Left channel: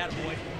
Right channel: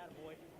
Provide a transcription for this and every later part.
Attaboy.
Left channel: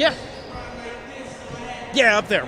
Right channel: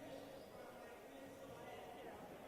Yeah. Yeah, up there.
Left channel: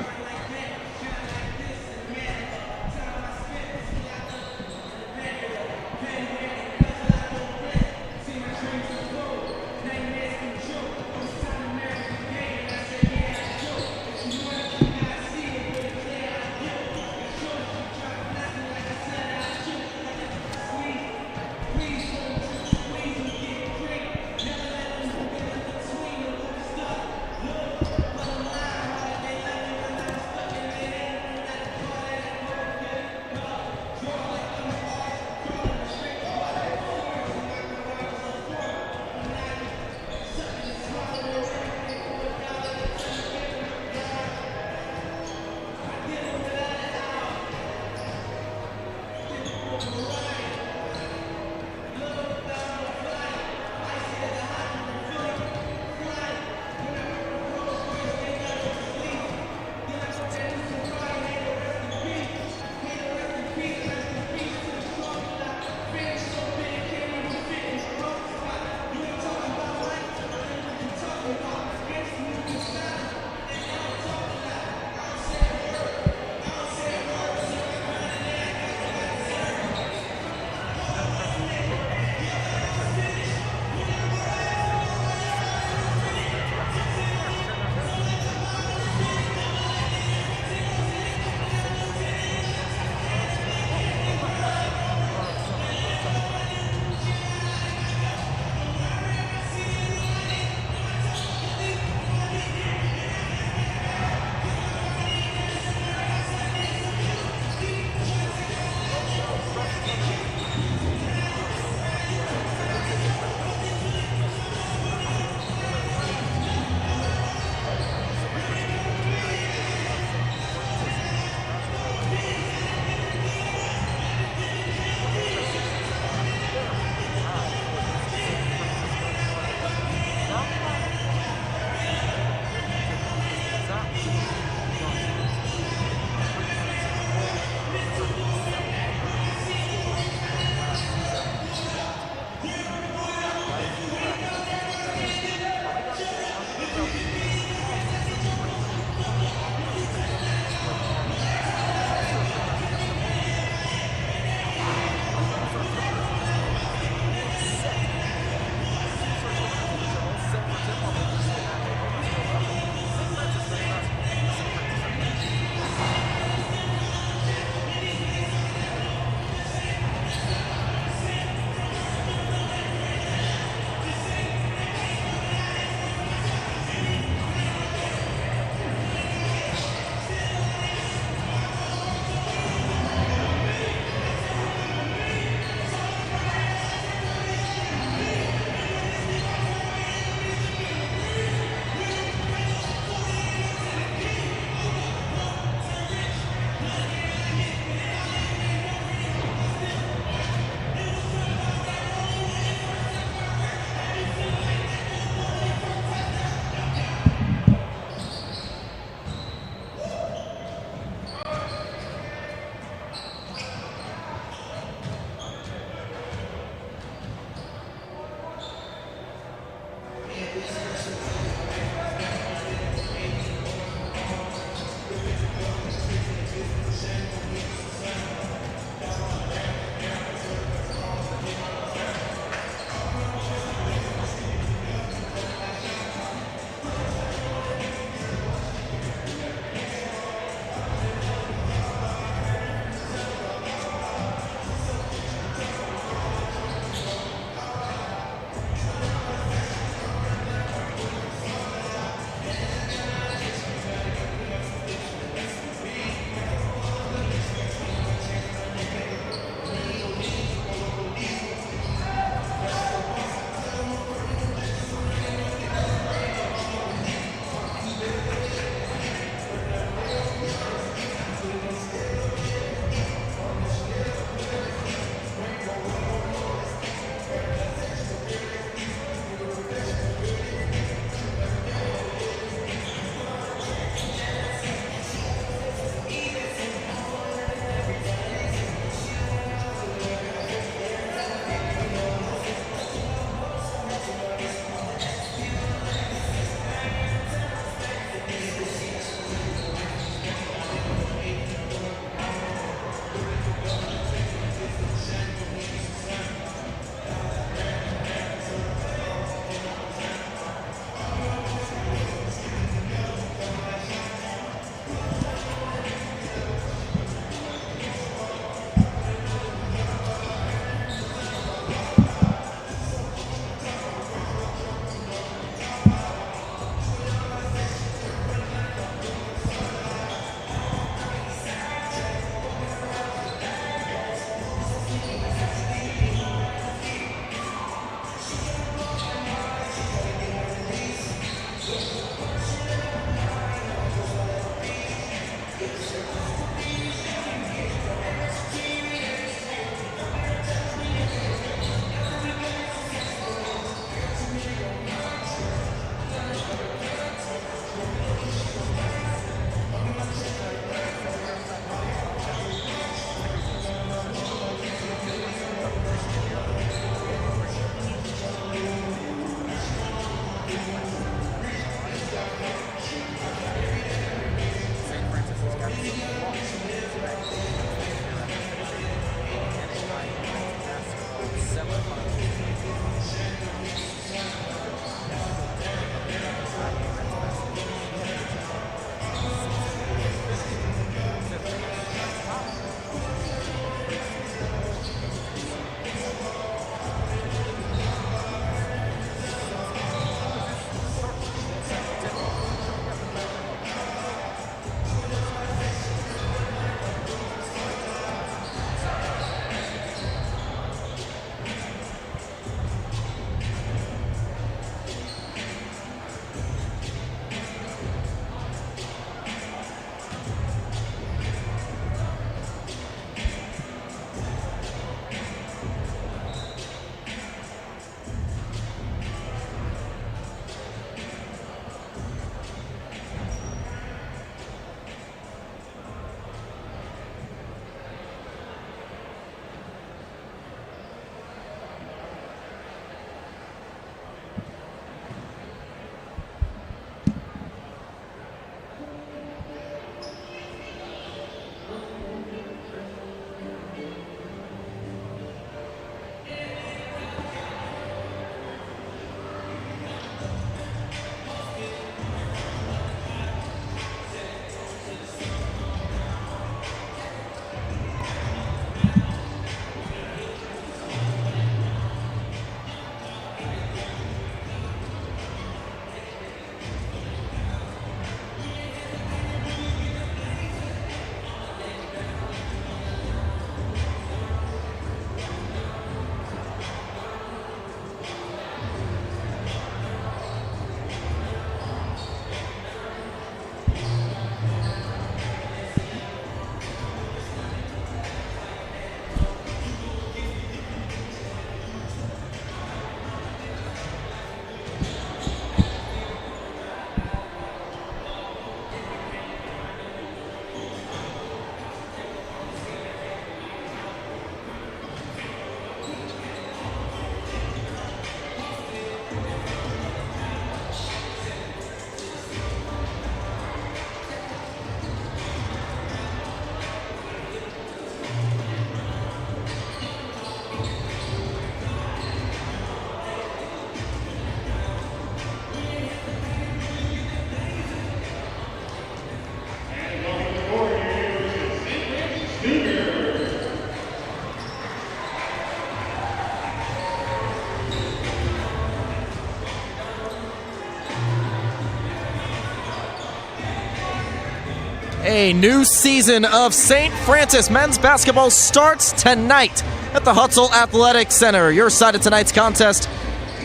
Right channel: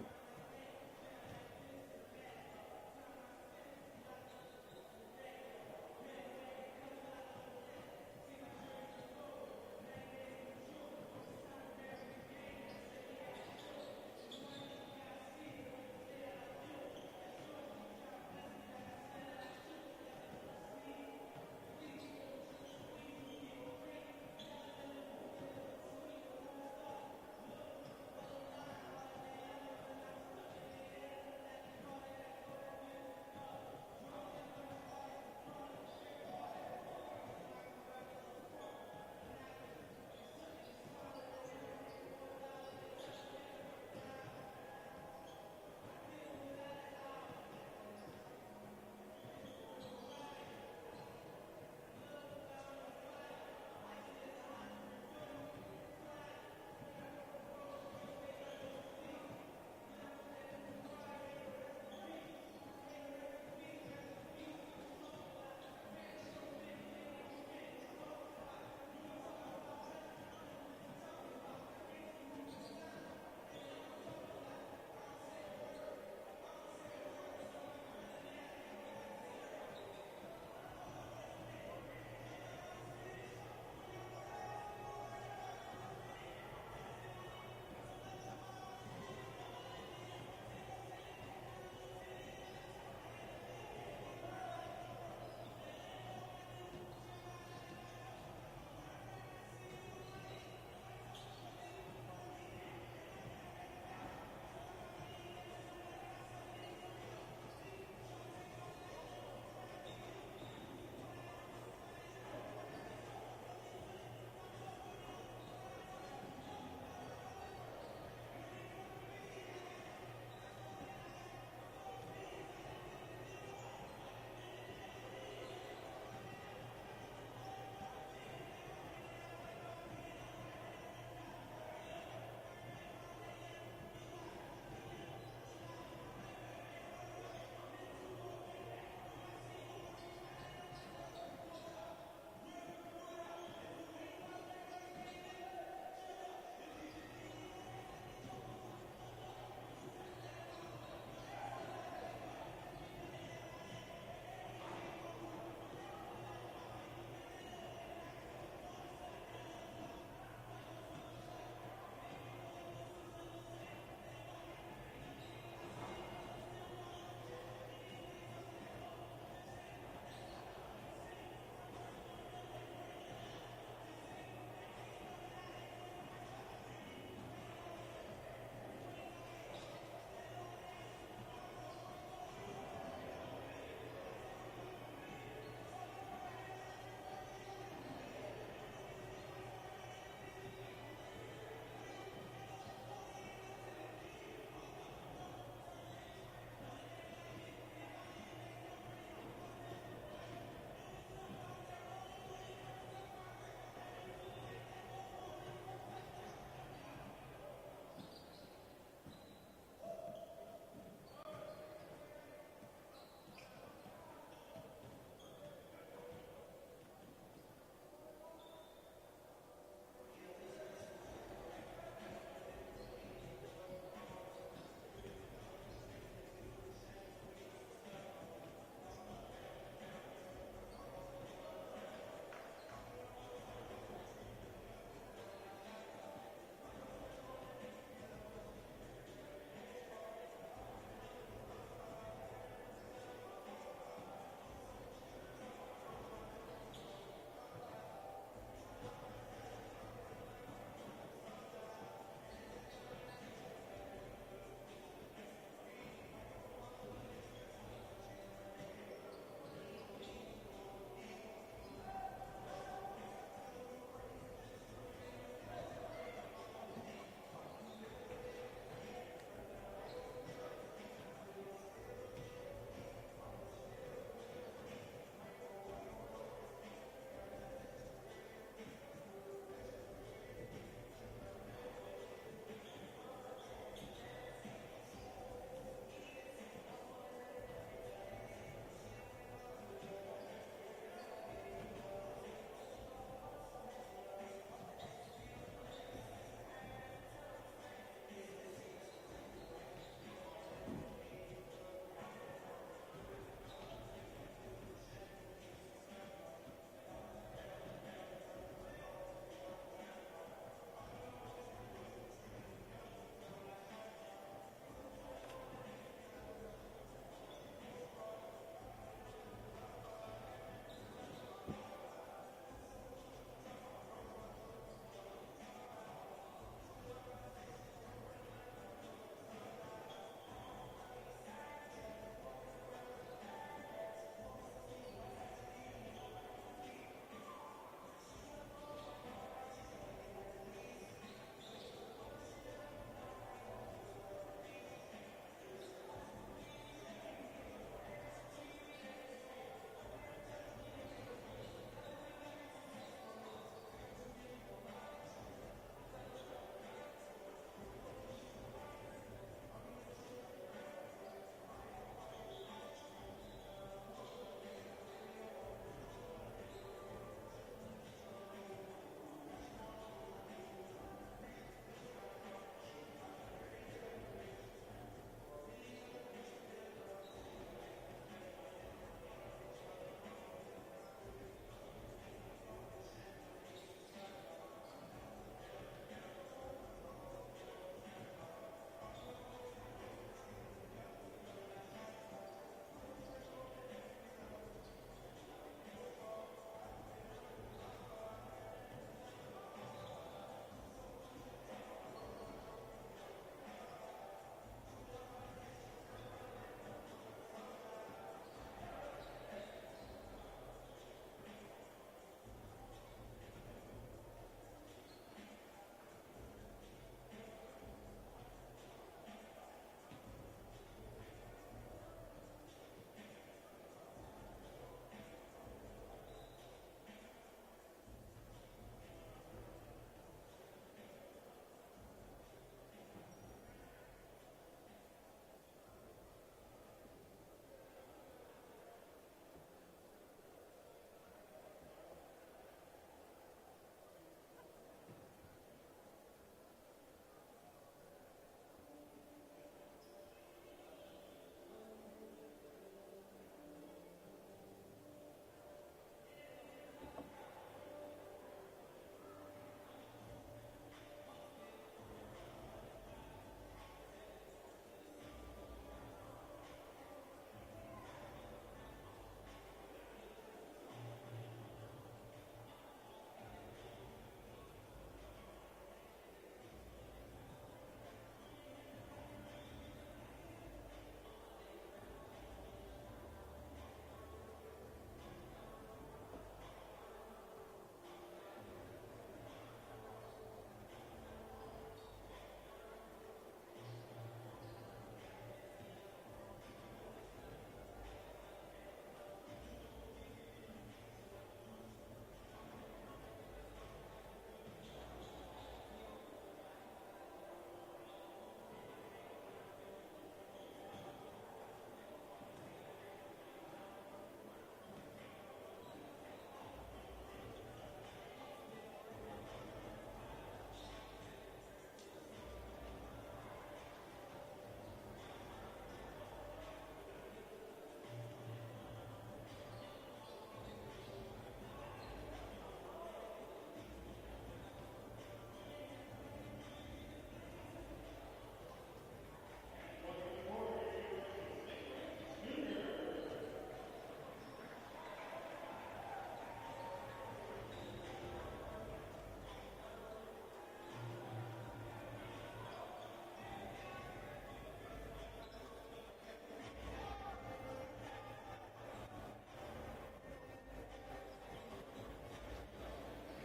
A new season of St. Francis men's basketball starts tonight at the Hutzel Athletic Center. Your side of tonight's contest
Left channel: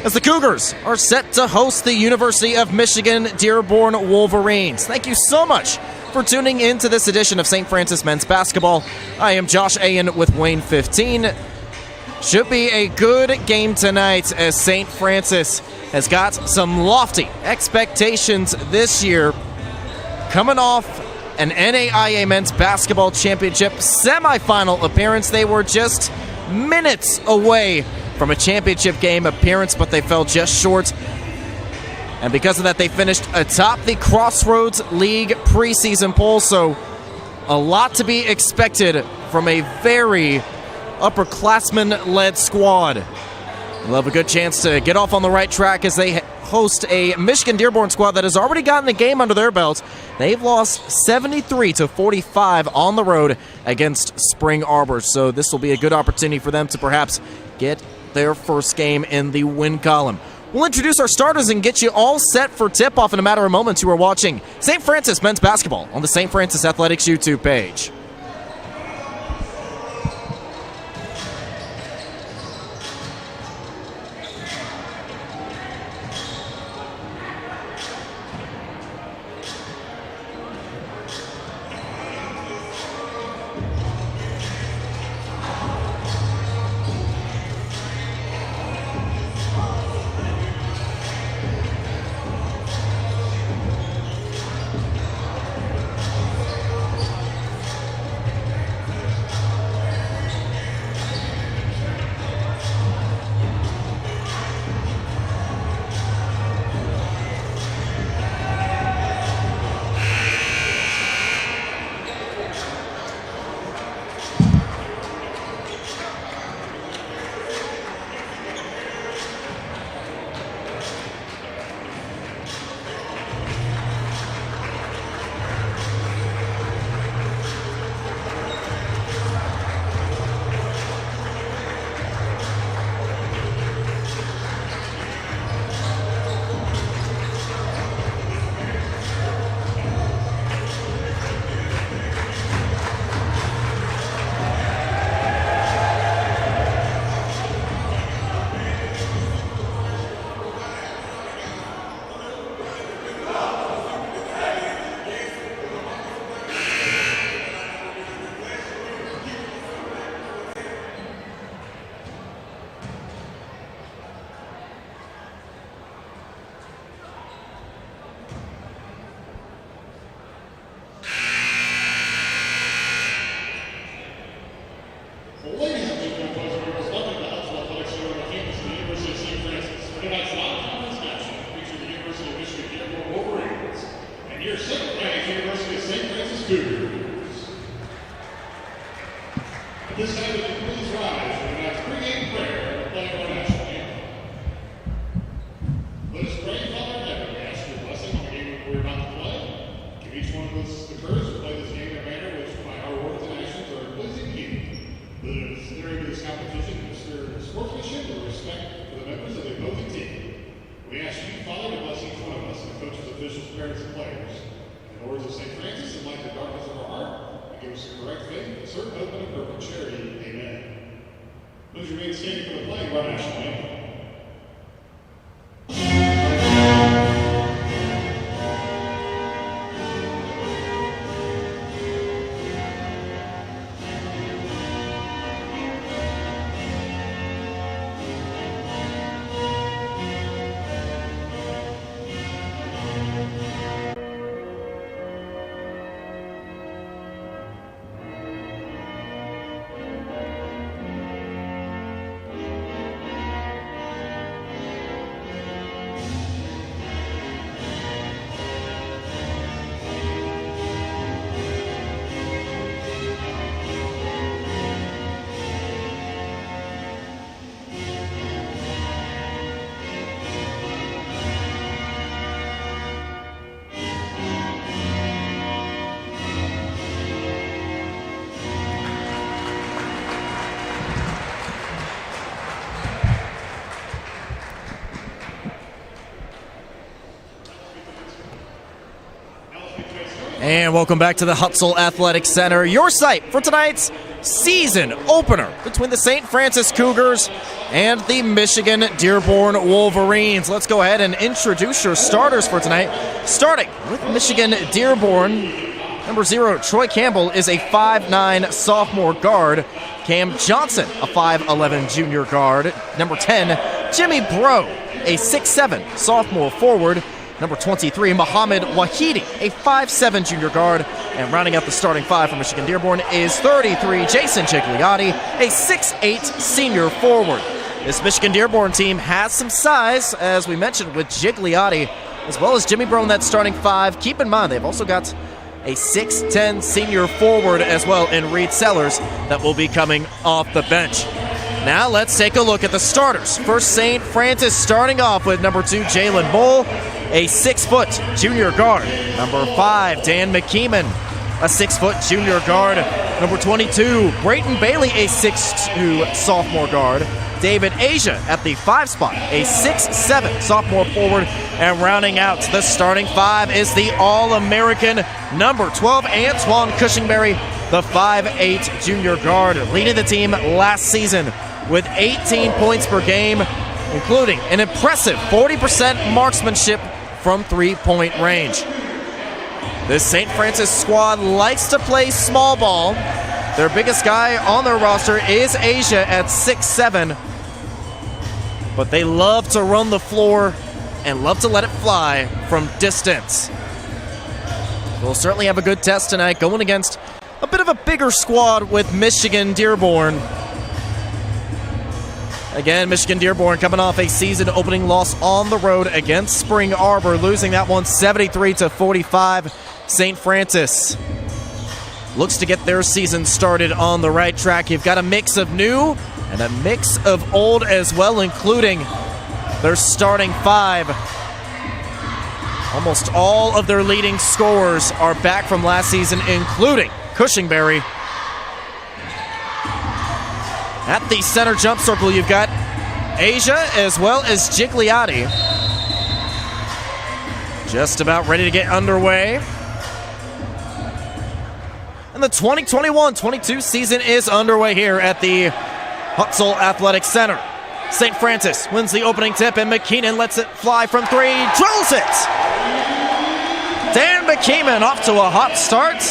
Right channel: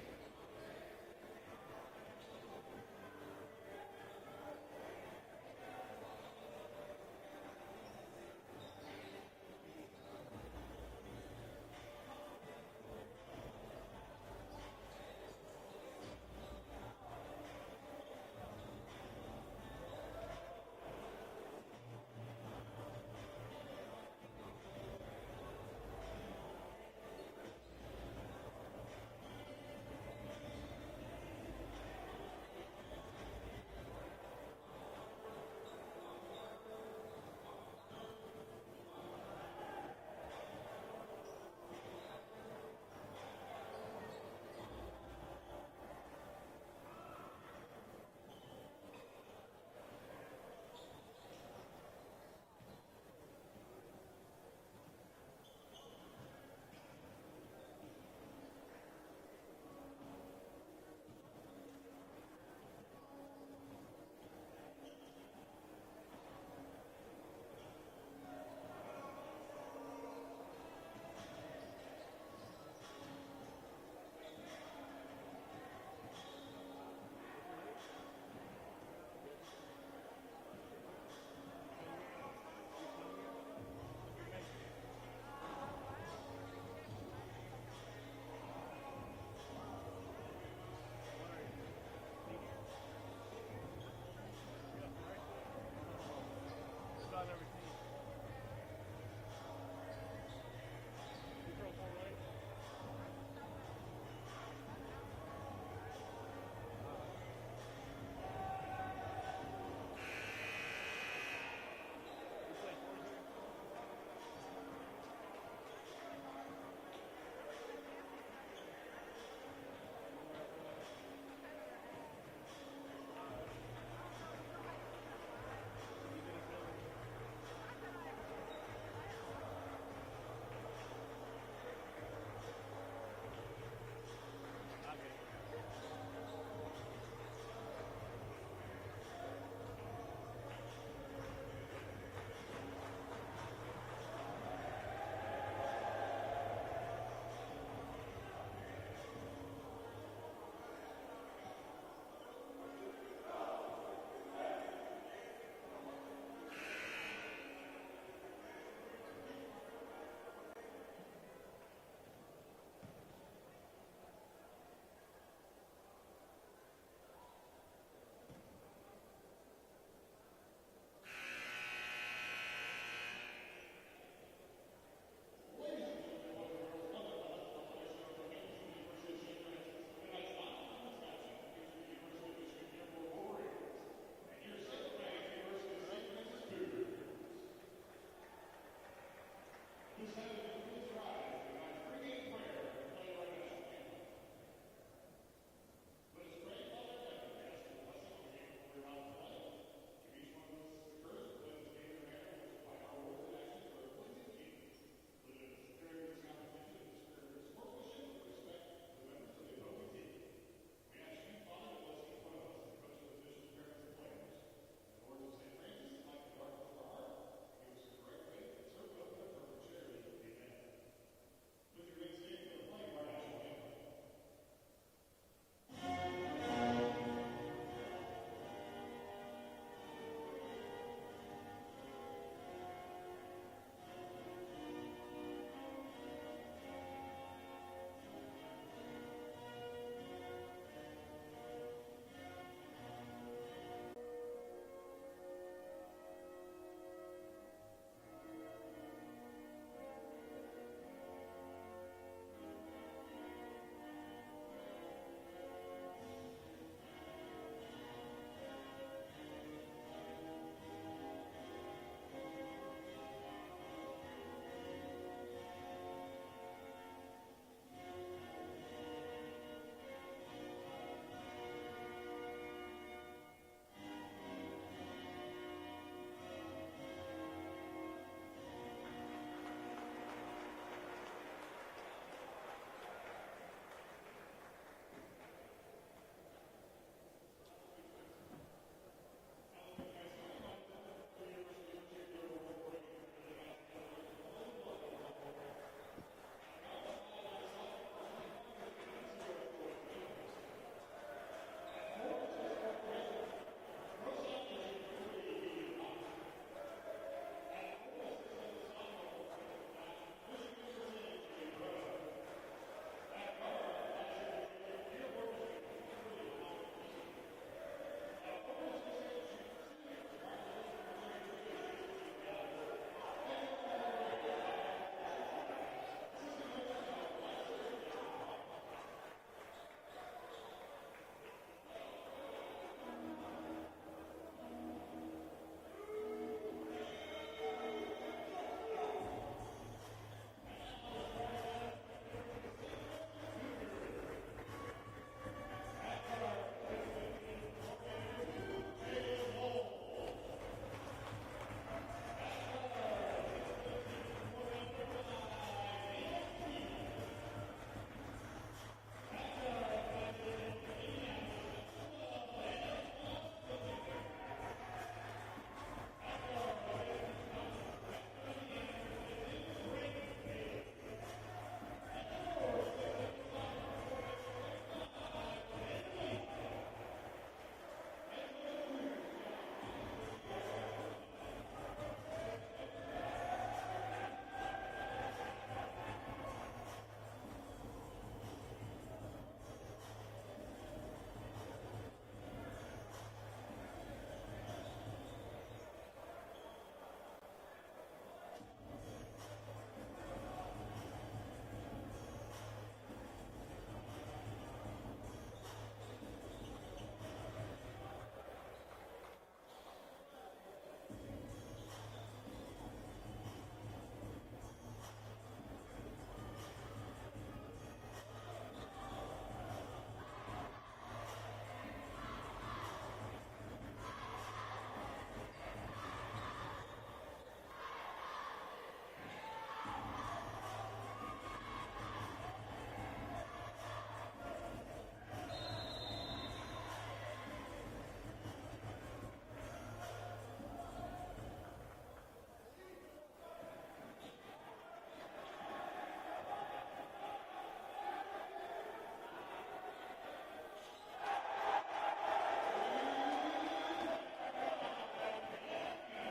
as the Cougars are set to host the University of Michigan Dearborn Wolverines. Thank you so much for tuning in to this edition of St. Francis men's basketball. I am Josh Ayen with Wayne 15. Should be a good game tonight as St. Francis has got some lofty expectations this year, coming off an NAIA men's basketball championship semifinal appearance. They were just minutes away from a championship game appearance, but they fell just short. And because of that, they finished atop the Crossroads League preseason poll. So a lot to be expected from a very upperclassman-led squad. They'll have a good chance to get off on the right track as they host a Michigan Dearborn squad that has already gotten a game under their belt. They've lost 73-45 on the road against Spring Arbor. So this will be a good opportunity for them to perhaps get their first game in the win column. We'll introduce our starters and get you all set for tip-off in a matter of moments. You are watching St. Francis men's basketball on the St. Francis Athletics YouTube page. And welcome back to the Hutzel Athletic Center, your site for tonight's season opener between the St. Francis Cougars and the Michigan Dearborn Wolverines. Let's go ahead and introduce your starters for tonight. Starting with Michigan Dearborn, number 0, Troy Campbell is a 5'9" sophomore guard. Cam Johnson, a 5'11" junior guard. Number 10, Jimmy Bro, a 6'7" sophomore forward. Number 23, Muhammad Wahidi, a 5'7" junior guard. And rounding out the starting five for Michigan Dearborn is 33, Jason Gigliotti, a 6'8" senior forward. This Michigan Dearborn team has some size, as we mentioned, with Gigliotti, as well as Jimmy Bro in that starting five. Keep in mind, they've also got a 6'10" senior forward as well in Reed Sellers that will be coming off the bench. Now let's take a look at the starters. First, St. Francis starting off with number 2, Jalen Bull, a 6-foot junior guard. Number 5, Dan McKeeman, a 6-foot junior guard. Number 22, Brayton Bailey, a 6'2" sophomore guard. David Asia at the 5 spot, a 6'7" sophomore forward. And rounding out the starting five is the All-American number 12, Antoine Cushingberry, the 5'8" junior guard, leading the team last season with 18 points per game, including an impressive 40% marksmanship from three-point range. This St. Francis squad likes to play small ball. Their biggest guy on their roster is Asia at 6'7", but they love to run the floor and love to let it fly from distance. We'll certainly have a good test tonight going against a bit of a bigger squad with Michigan Dearborn. Again, Michigan Dearborn coming off a season-opening loss on the road against Spring Arbor, losing that one 73-45. St. Francis looks to get their season started on the right track. You've got a mix of new and a mix of old as well, including their starting five. Almost all of their leading scorers are back from last season, including Cushingberry. At the center jump circle, you've got Asia as well as Gigliotti. Just about ready to get underway. And the 2021-22 season is underway here at the Hutzel Athletic Center. St. Francis wins the opening tip, and McKeenan lets it fly from 3, drills it! Dan McKeeman off to a hot start.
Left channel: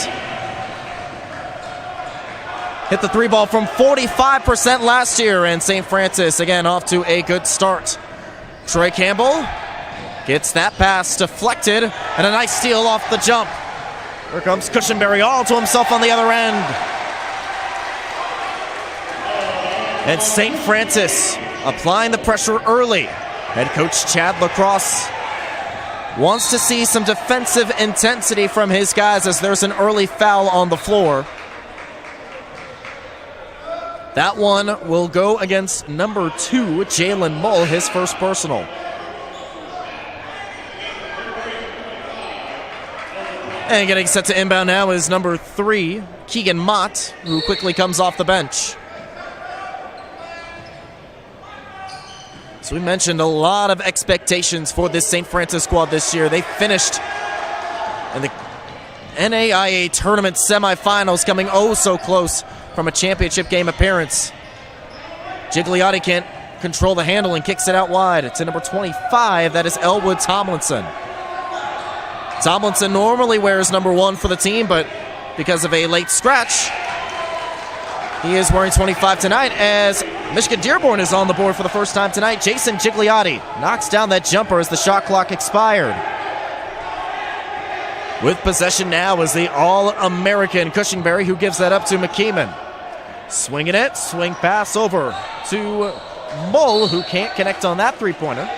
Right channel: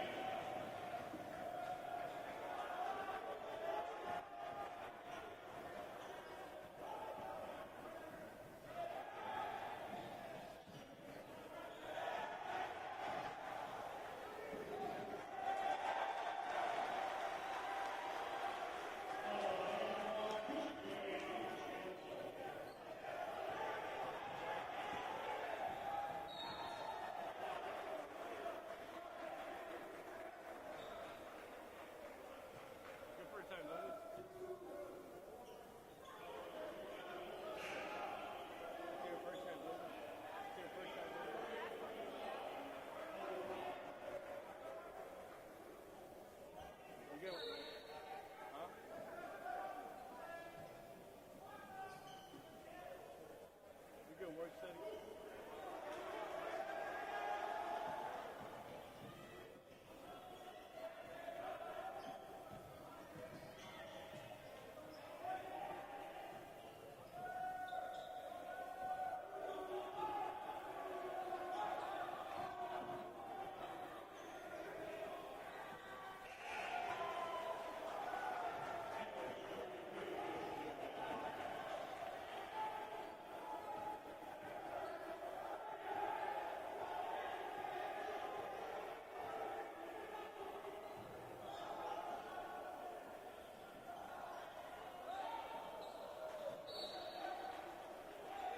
Hit the 3 ball from 45% last year, and St. Francis again off to a good start. Troy Campbell gets that pass deflected, and a nice steal off the jump. Here comes Cushingberry all to himself on the other end. And St. Francis applying the pressure early. Head coach Chad Lacrosse wants to see some defensive intensity from his guys as there's an early foul on the floor. That one will go against number 2, Jalen Mull, his first personal. And getting set to inbound now is number 3, Keegan Mott, who quickly comes off the bench. So we mentioned a lot of expectations for this St. Francis squad this year. They finished in the NAIA tournament semifinals, coming oh so close from a championship game appearance. Gigliotti can't control the handle and kicks it out wide to number 25. That is Elwood Tomlinson. Tomlinson normally wears number 1 for the team, but because of a late scratch, he is wearing 25 tonight as Michigan Dearborn is on the board for the first time tonight. Jason Gigliotti knocks down that jumper as the shot clock expired. With possession now is the All-American Cushingberry, who gives that up to McKeeman. Swinging it, swing pass over to Mull, who can't connect on that three-pointer.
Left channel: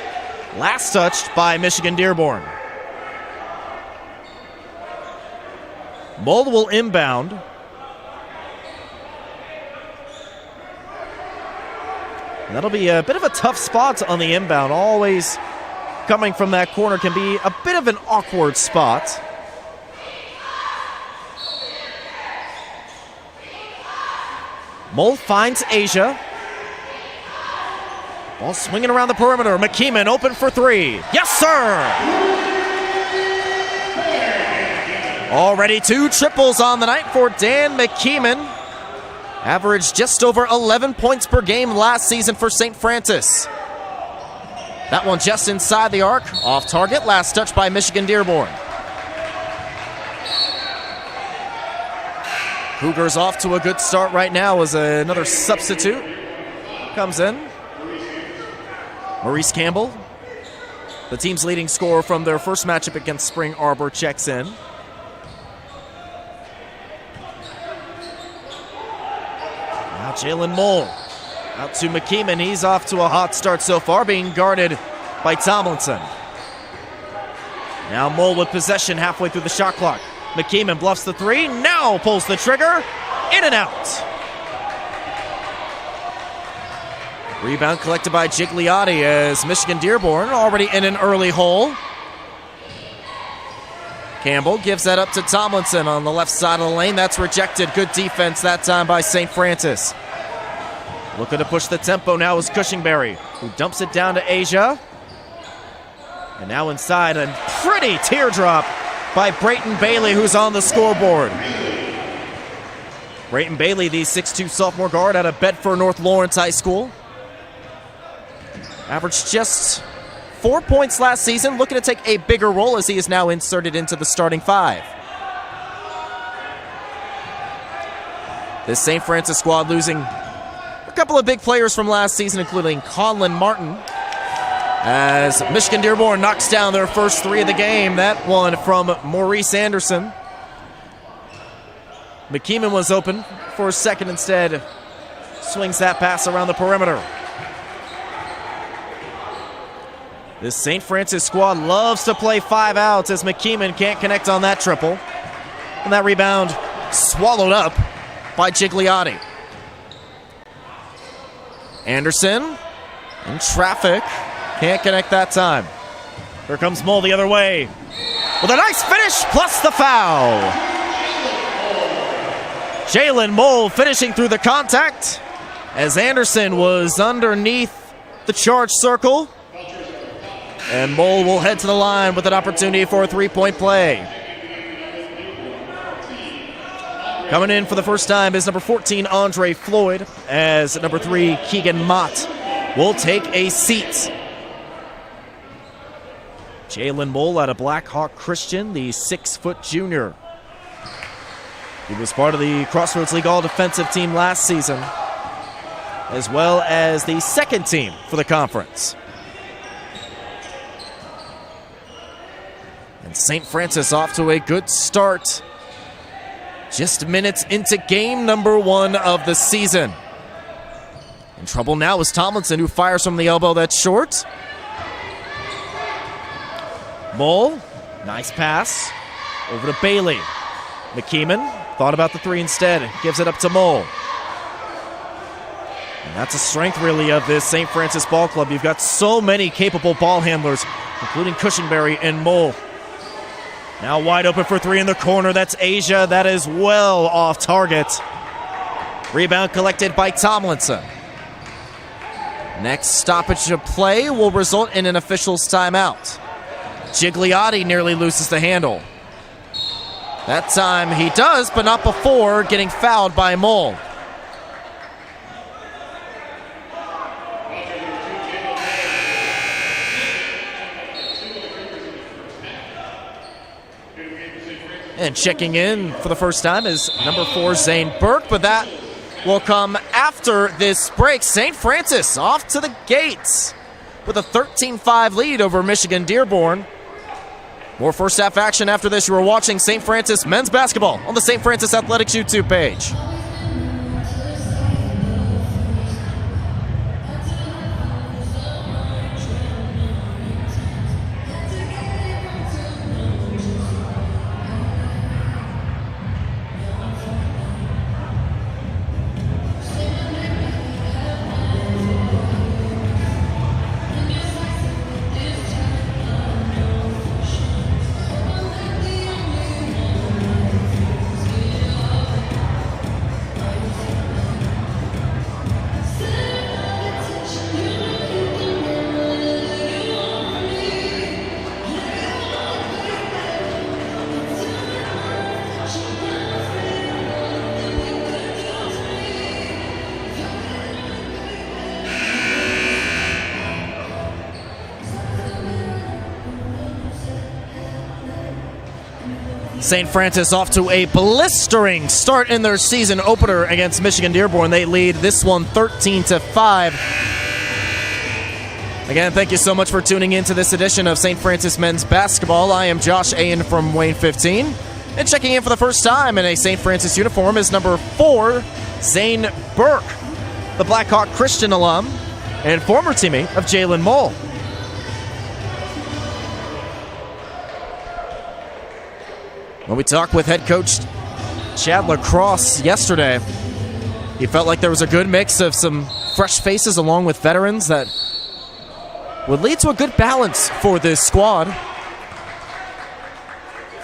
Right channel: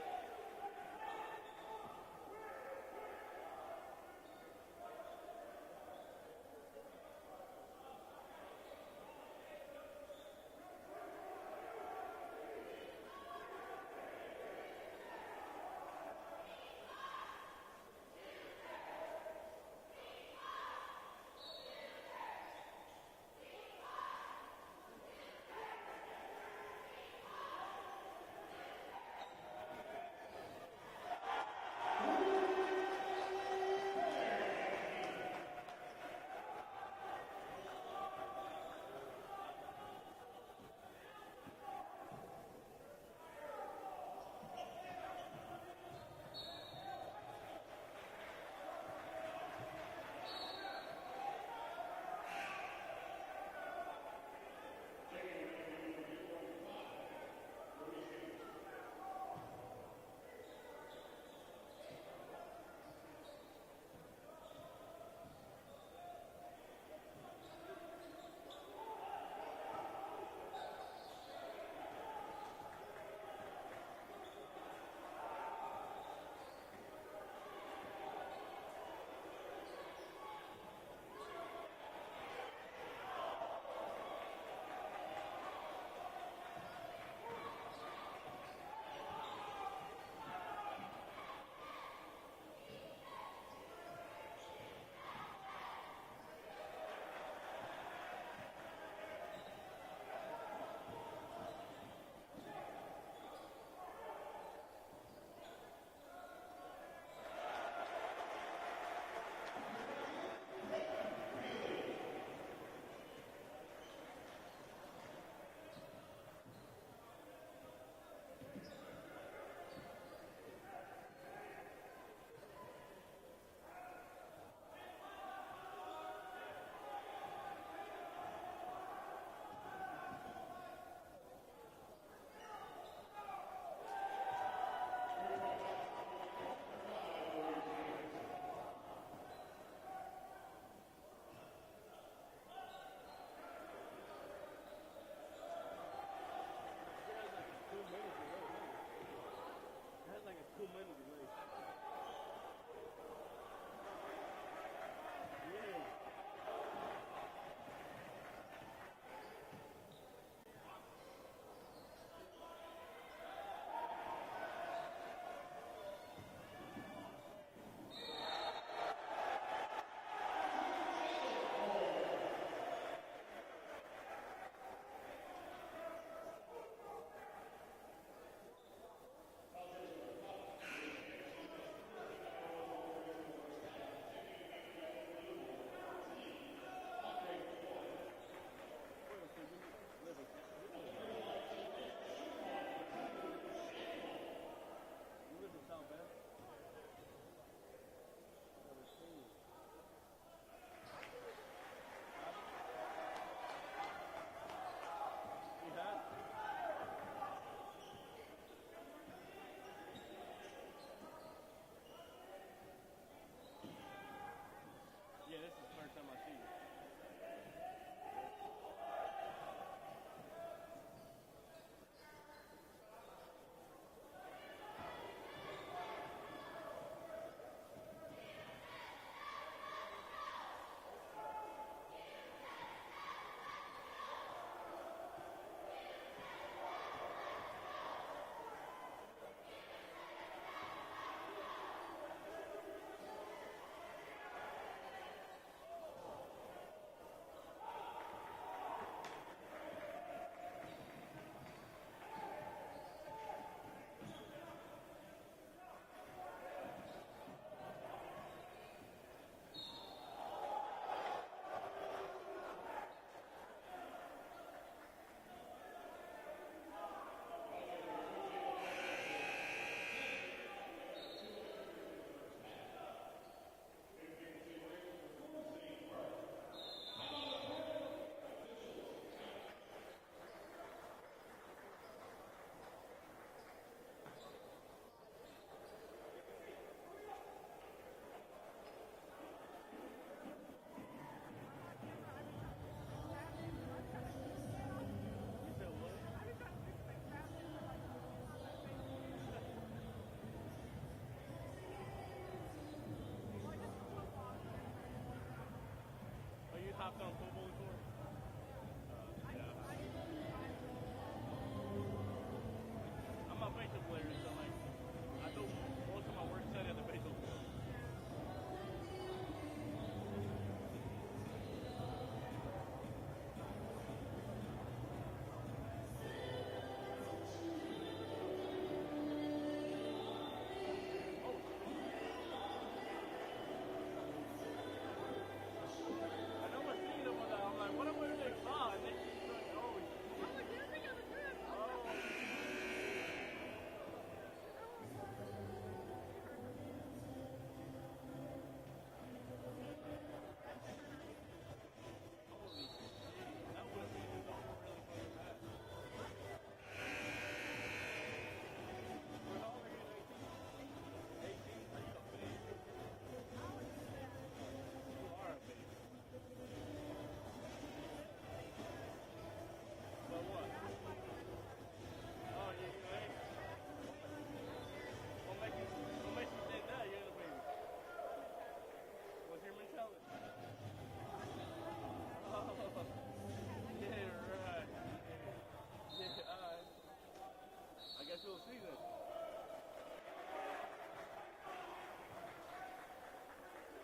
Last touched by Michigan Dearborn. Mull will inbound. And that'll be a bit of a tough spot on the inbound. Always coming from that corner can be a bit of an awkward spot. Mull finds Asia. Ball swinging around the perimeter. McKeeman open for 3. Yes, sir! Already 2 triples on the night for Dan McKeeman. Averaged just over 11 points per game last season for St. Francis. That one just inside the arc, off target, last touch by Michigan Dearborn. Cougars off to a good start right now as another substitute comes in. Maurice Campbell, the team's leading scorer from their first matchup against Spring Arbor, checks in. Now Jalen Mole out to McKeeman. He's off to a hot start so far, being guarded by Tomlinson. Now Mole with possession halfway through the shot clock. McKeeman bluffs the 3, now pulls the trigger, in and out. Rebound collected by Gigliotti as Michigan Dearborn already in an early hole. Campbell gives that up to Tomlinson on the left side of the lane. That's rejected. Good defense that time by St. Francis. Looking to push the tempo now is Cushingberry, who dumps it down to Asia. And now inside, a pretty teardrop by Brayton Bailey, who's on the scoreboard. Brayton Bailey, the 6'2 sophomore guard out of Bedford North Lawrence High School. Averaged just 4 points last season, looking to take a bigger role as he is now inserted into the starting 5. This St. Francis squad losing a couple of big players from last season, including Conlon Martin, as Michigan Dearborn knocks down their first 3 of the game. That one from Maurice Anderson. McKeeman was open for a second, instead swings that pass around the perimeter. This St. Francis squad loves to play 5 outs as McKeeman can't connect on that triple. And that rebound swallowed up by Gigliotti. Anderson in traffic, can't connect that time. Here comes Mole the other way with a nice finish plus the foul. Jalen Mole finishing through the contact as Anderson was underneath the charge circle. And Mole will head to the line with an opportunity for a 3-point play. Coming in for the first time is number 14, Andre Floyd, as number 3, Keegan Mott will take a seat. Jalen Mole out of Black Hawk Christian, the 6-foot junior. He was part of the Crossroads League All-Defensive team last season, as well as the second team for the conference. And St. Francis off to a good start. Just minutes into game number 1 of the season. In trouble now is Tomlinson, who fires from the elbow that's short. Mole, nice pass over to Bailey. McKeeman thought about the 3 instead, gives it up to Mole. And that's a strength really of this St. Francis ball club. You've got so many capable ball handlers, including Cushingberry and Mole. Now wide open for 3 in the corner. That's Asia. That is well off target. Rebound collected by Tomlinson. Next stoppage of play will result in an official's timeout. Gigliotti nearly loses the handle. That time he does, but not before getting fouled by Mole. And checking in for the first time is number 4, Zane Burke, but that will come after this break. St. Francis off to the gates with a 13-5 lead over Michigan Dearborn. More first half action after this. You are watching St. Francis men's basketball on the St. Francis Athletics YouTube page. St. Francis off to a blistering start in their season opener against Michigan Dearborn. They lead this one 13-5. Again, thank you so much for tuning in to this edition of St. Francis men's basketball. I am Josh Ayen from Wayne 15. And checking in for the first time in a St. Francis uniform is number 4, Zane Burke, the Blackhawk Christian alum and former teammate of Jalen Mole. When we talked with head coach Chad LaCrosse yesterday, he felt like there was a good mix of some fresh faces along with veterans that would lead to a good balance for this squad.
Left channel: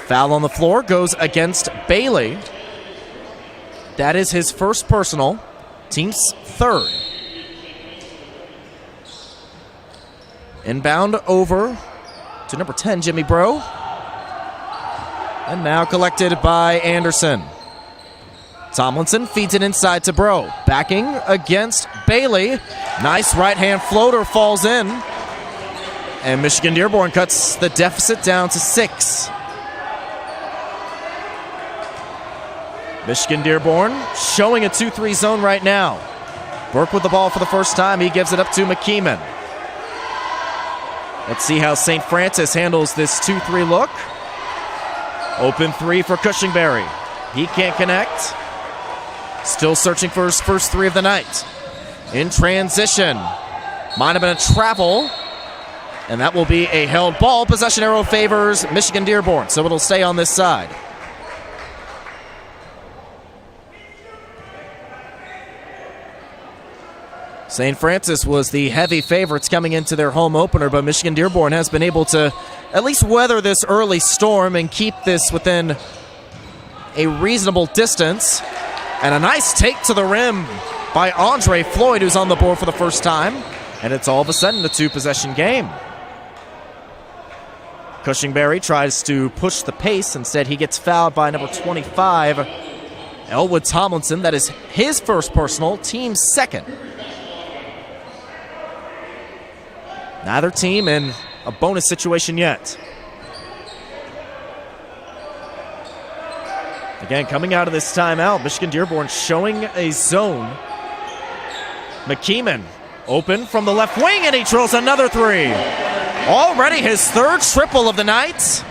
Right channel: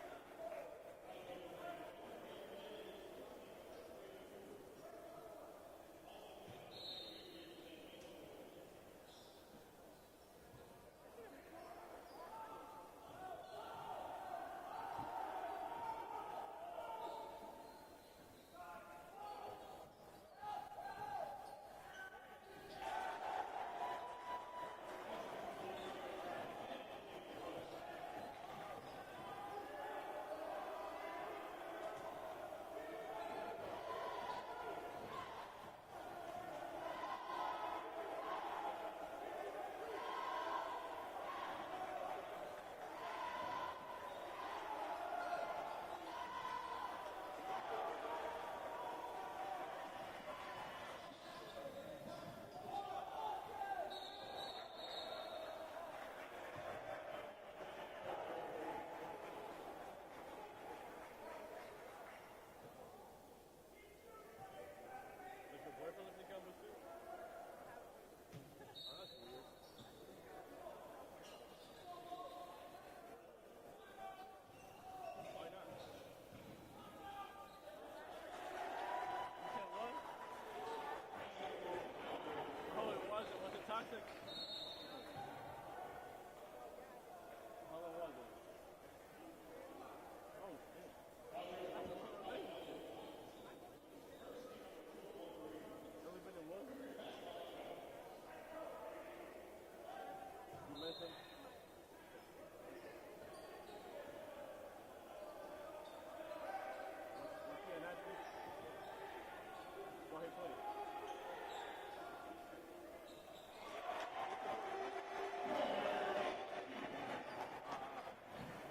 Foul on the floor goes against Bailey. That is his first personal, team's third. Inbound over to number 10, Jimmy Bro. And now collected by Anderson. Tomlinson feeds it inside to Bro. Backing against Bailey. Nice right-hand floater falls in. And Michigan Dearborn cuts the deficit down to 6. Michigan Dearborn showing a 2-3 zone right now. Burke with the ball for the first time. He gives it up to McKeeman. Let's see how St. Francis handles this 2-3 look. Open 3 for Cushingberry. He can't connect. Still searching for his first 3 of the night. In transition. Might have been a travel. And that will be a held ball. Possession arrow favors Michigan Dearborn, so it'll stay on this side. St. Francis was the heavy favorites coming into their home opener, but Michigan Dearborn has been able to at least weather this early storm and keep this within a reasonable distance. And a nice take to the rim by Andre Floyd, who's on the board for the first time. And it's all of a sudden a 2-possession game. Cushingberry tries to push the pace. Instead, he gets fouled by number 25, Elwood Tomlinson. That is his first personal, team's second. Neither team in a bonus situation yet. Again, coming out of this timeout, Michigan Dearborn showing a zone. McKeeman open from the left wing, and he drills another 3. Already his third triple of the night.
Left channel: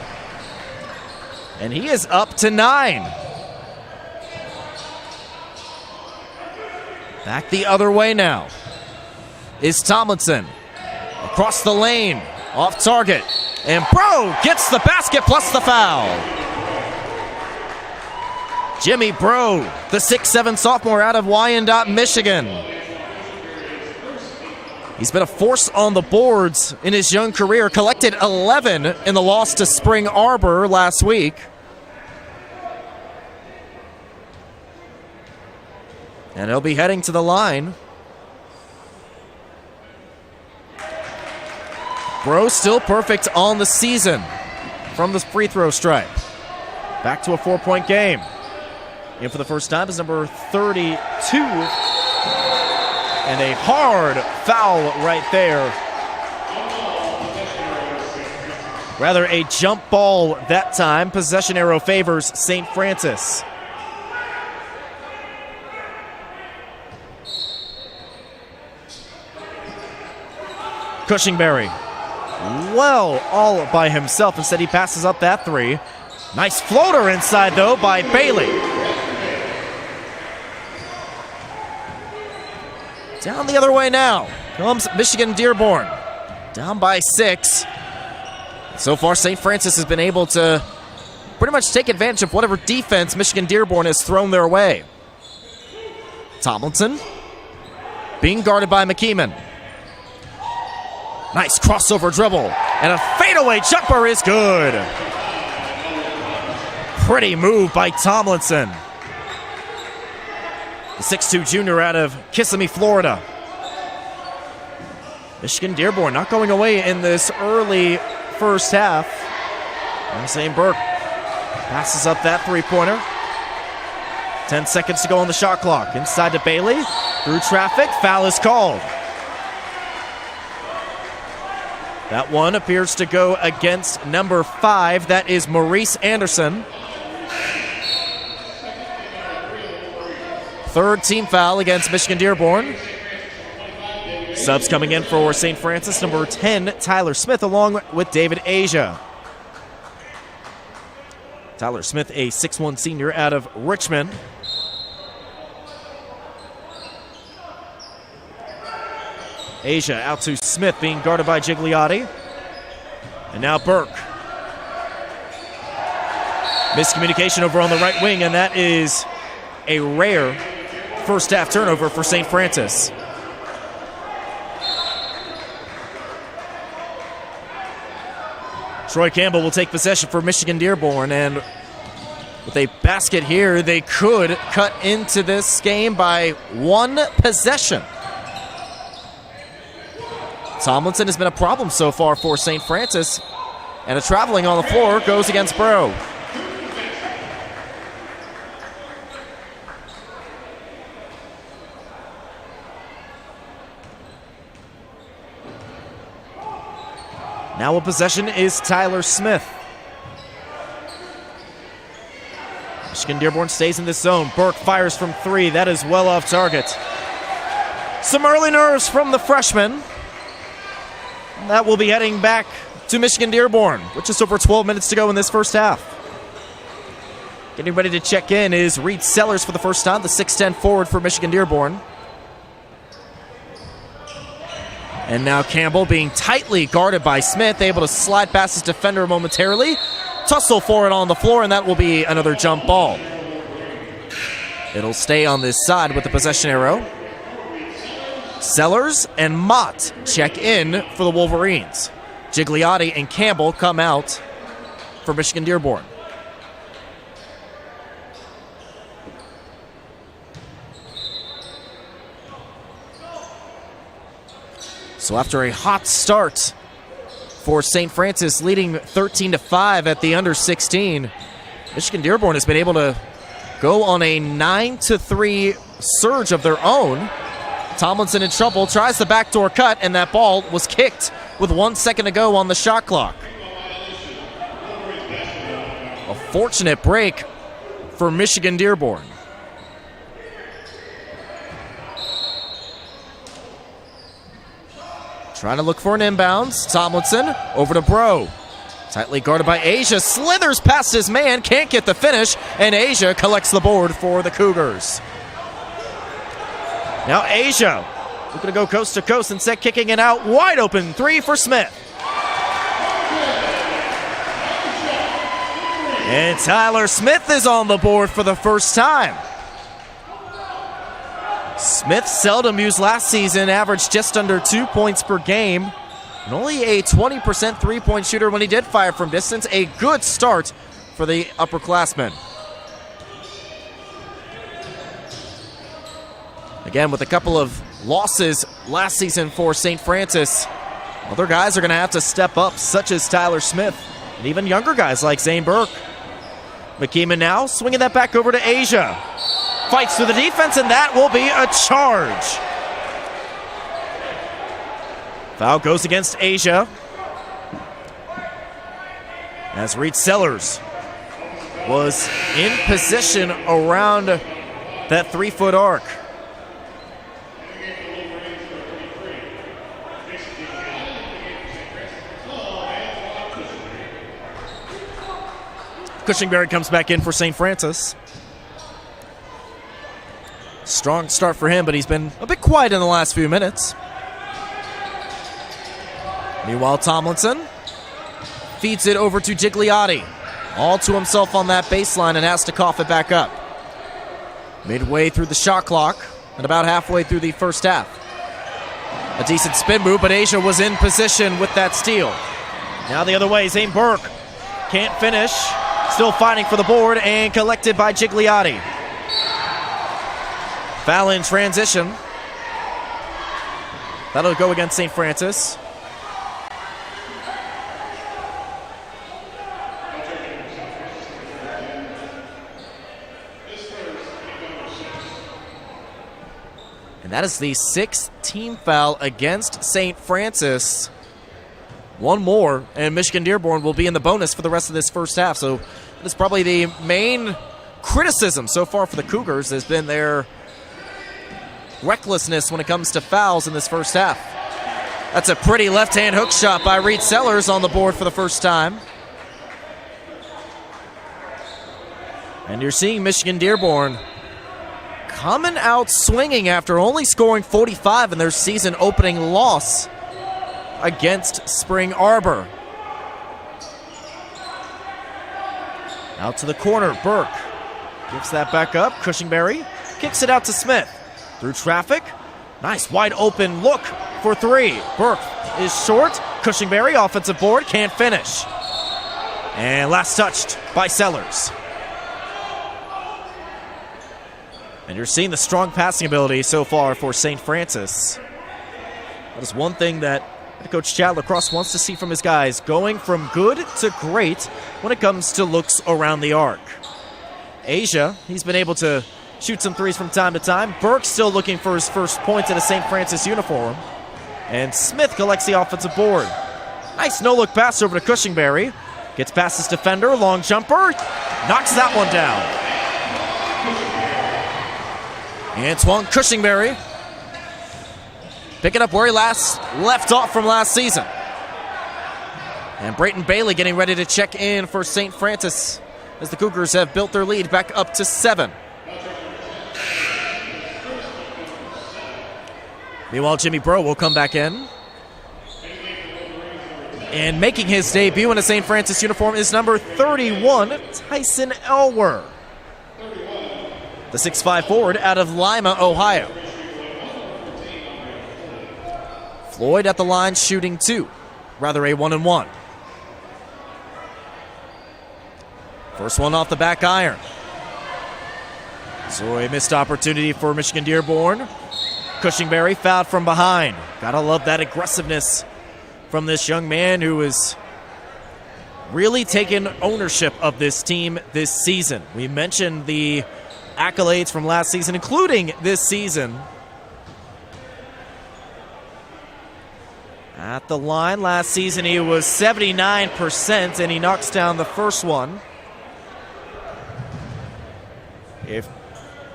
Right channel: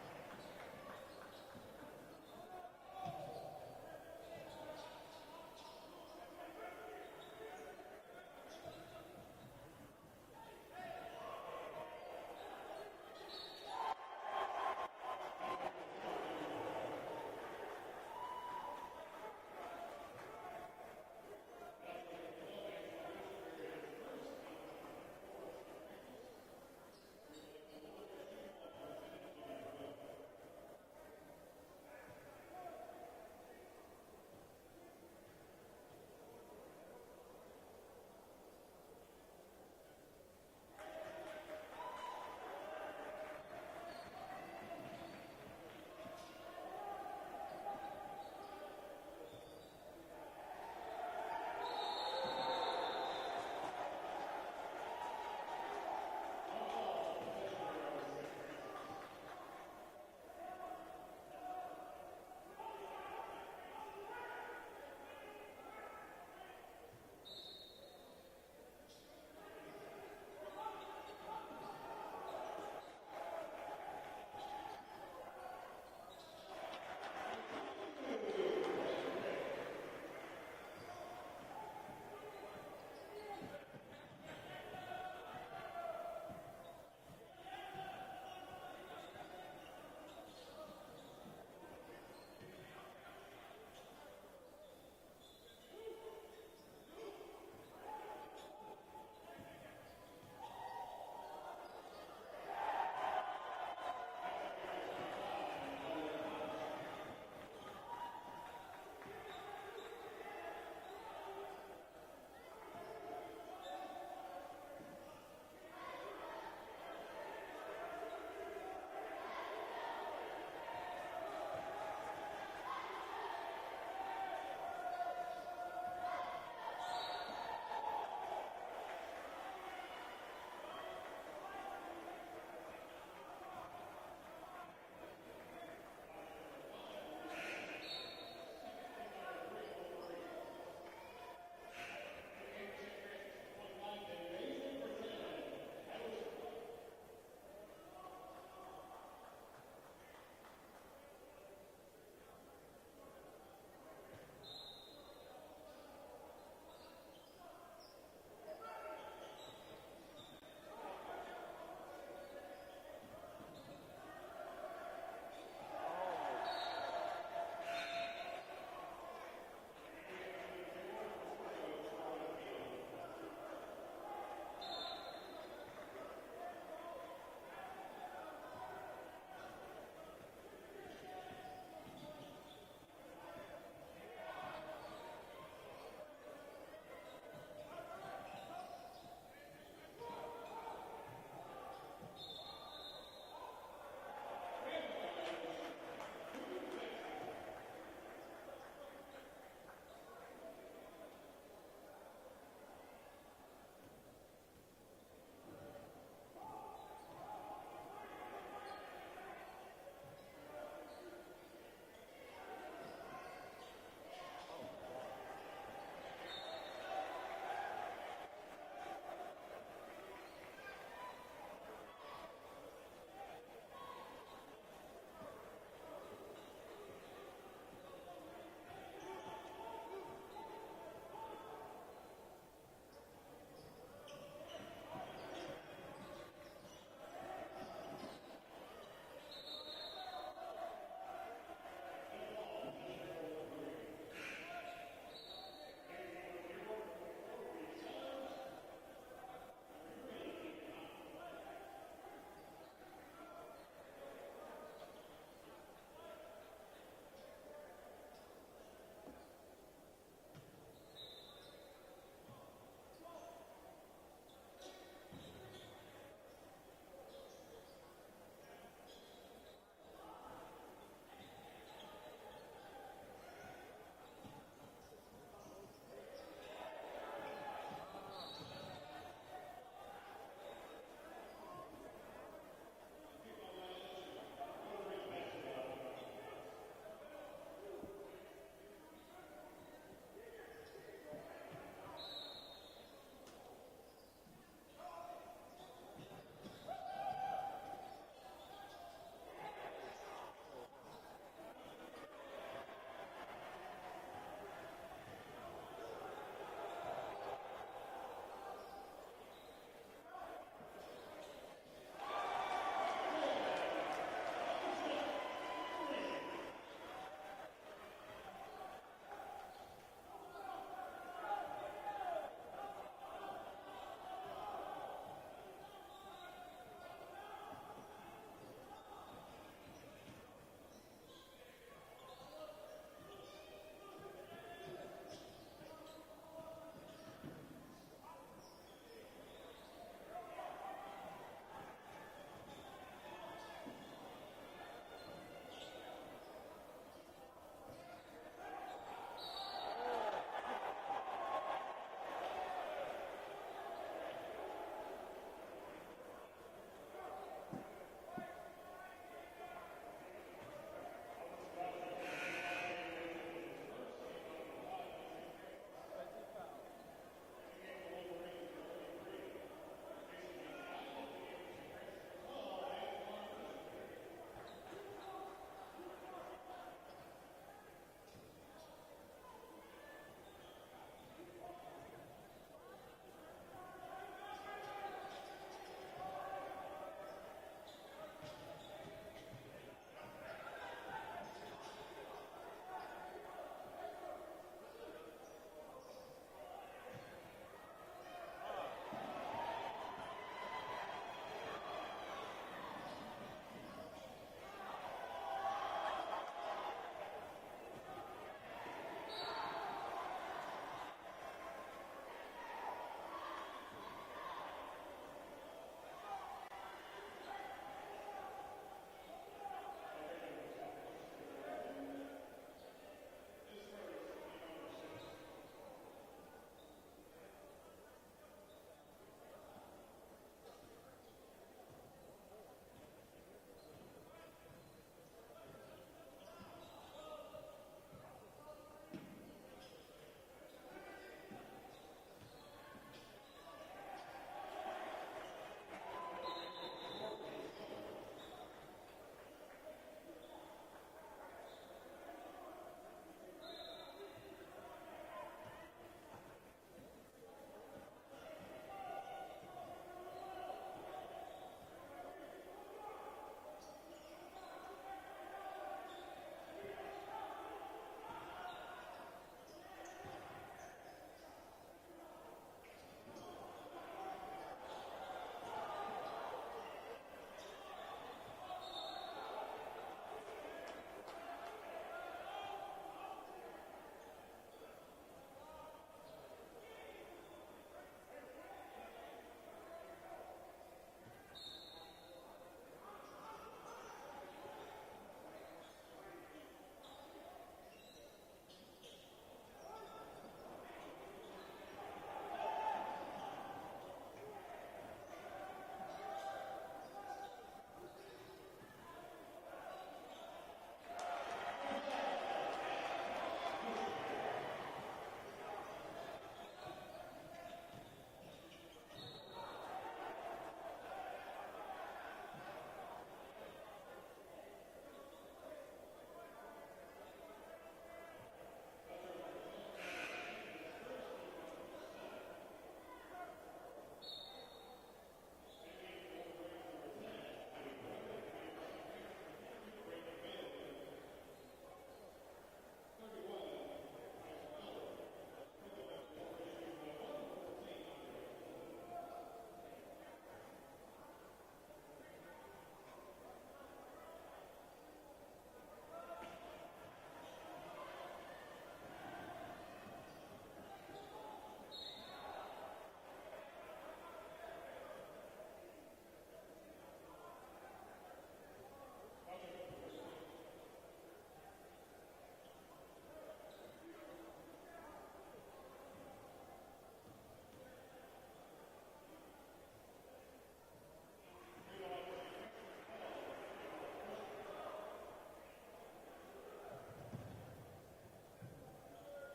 And he is up to 9. Back the other way now is Tomlinson. Across the lane, off target, and Bro gets the basket plus the foul. Jimmy Bro, the 6'7" sophomore out of Wyandotte, Michigan. He's been a force on the boards in his young career, collected 11 in the loss to Spring Arbor last week. And he'll be heading to the line. Bro still perfect on the season from the free throw stripe. Back to a 4-point game. In for the first time is number 32. And a hard foul right there. Rather a jump ball that time. Possession arrow favors St. Francis. Cushingberry. Well, all by himself. Instead, he passes up that 3. Nice floater inside, though, by Bailey. Down the other way now comes Michigan Dearborn. Down by 6. So far, St. Francis has been able to pretty much take advantage of whatever defense Michigan Dearborn has thrown their way. Tomlinson being guarded by McKeeman. Nice crossover dribble, and a fadeaway jumper is good. Pretty move by Tomlinson. The 6'2" junior out of Kissimmee, Florida. Michigan Dearborn not going away in this early first half. And Zane Burke passes up that 3-pointer. 10 seconds to go on the shot clock. Inside to Bailey. Through traffic, foul is called. That one appears to go against number 5. That is Maurice Anderson. Third team foul against Michigan Dearborn. Subs coming in for St. Francis, number 10, Tyler Smith, along with David Asia. Tyler Smith, a 6'1 senior out of Richmond. Asia out to Smith, being guarded by Gigliotti. And now Burke. Miscommunication over on the right wing, and that is a rare first half turnover for St. Francis. Troy Campbell will take possession for Michigan Dearborn, and with a basket here, they could cut into this game by one possession. Tomlinson has been a problem so far for St. Francis, and a traveling on the floor goes against Bro. Now a possession is Tyler Smith. Michigan Dearborn stays in this zone. Burke fires from three. That is well off target. Some early nerves from the freshman. That will be heading back to Michigan Dearborn with just over 12 minutes to go in this first half. Getting ready to check in is Reed Sellers for the first time, the 6'10 forward for Michigan Dearborn. And now Campbell being tightly guarded by Smith, able to slide past his defender momentarily. Tussle for it on the floor, and that will be another jump ball. It'll stay on this side with the possession arrow. Sellers and Mott check in for the Wolverines. Gigliotti and Campbell come out for Michigan Dearborn. So after a hot start for St. Francis, leading 13-5 at the under 16, Michigan Dearborn has been able to go on a 9-3 surge of their own. Tomlinson in trouble, tries the backdoor cut, and that ball was kicked with 1 second to go on the shot clock. A fortunate break for Michigan Dearborn. Trying to look for an inbounds. Tomlinson over to Bro. Tightly guarded by Asia. Slithers past his man. Can't get the finish. And Asia collects the board for the Cougars. Now Asia looking to go coast to coast and set kicking it out. Wide open three for Smith. And Tyler Smith is on the board for the first time. Smith, seldom used last season, averaged just under 2 points per game. And only a 20% three-point shooter when he did fire from distance. A good start for the upperclassmen. Again, with a couple of losses last season for St. Francis, other guys are going to have to step up, such as Tyler Smith, and even younger guys like Zane Burke. McKeeman now swinging that back over to Asia. Fights through the defense, and that will be a charge. Foul goes against Asia. As Reed Sellers was in position around that 3-foot arc. Cushingberry comes back in for St. Francis. Strong start for him, but he's been a bit quiet in the last few minutes. Meanwhile, Tomlinson feeds it over to Gigliotti. All to himself on that baseline and has to cough it back up. Midway through the shot clock and about halfway through the first half. A decent spin move, but Asia was in position with that steal. Now the other way, Zane Burke can't finish. Still fighting for the board and collected by Gigliotti. Foul in transition. That'll go against St. Francis. And that is the 6th team foul against St. Francis. One more, and Michigan Dearborn will be in the bonus for the rest of this first half. So that's probably the main criticism so far for the Cougars has been their recklessness when it comes to fouls in this first half. That's a pretty left-hand hook shot by Reed Sellers on the board for the first time. And you're seeing Michigan Dearborn coming out swinging after only scoring 45 in their season opening loss against Spring Arbor. Out to the corner, Burke gives that back up. Cushingberry kicks it out to Smith. Through traffic, nice wide open look for three. Burke is short. Cushingberry, offensive board, can't finish. And last touched by Sellers. And you're seeing the strong passing ability so far for St. Francis. That is one thing that Coach Chad Lacrosse wants to see from his guys, going from good to great when it comes to looks around the arc. Asia, he's been able to shoot some threes from time to time. Burke still looking for his first points in a St. Francis uniform. And Smith collects the offensive board. Nice no-look pass over to Cushingberry. Gets past his defender, long jumper, knocks that one down. Antoine Cushingberry picking up where he left off from last season. And Brayton Bailey getting ready to check in for St. Francis as the Cougars have built their lead back up to 7. Meanwhile, Jimmy Breaux will come back in. And making his debut in a St. Francis uniform is number 31, Tyson Elwer. The 6'5" forward out of Lima, Ohio. Floyd at the line shooting 2, rather a 1-and-1. First one off the back iron. So a missed opportunity for Michigan Dearborn. Cushingberry fouled from behind. Gotta love that aggressiveness from this young man who is really taking ownership of this team this season. We mentioned the accolades from last season, including this season. At the line last season, he was 79%, and he knocks down the first one. If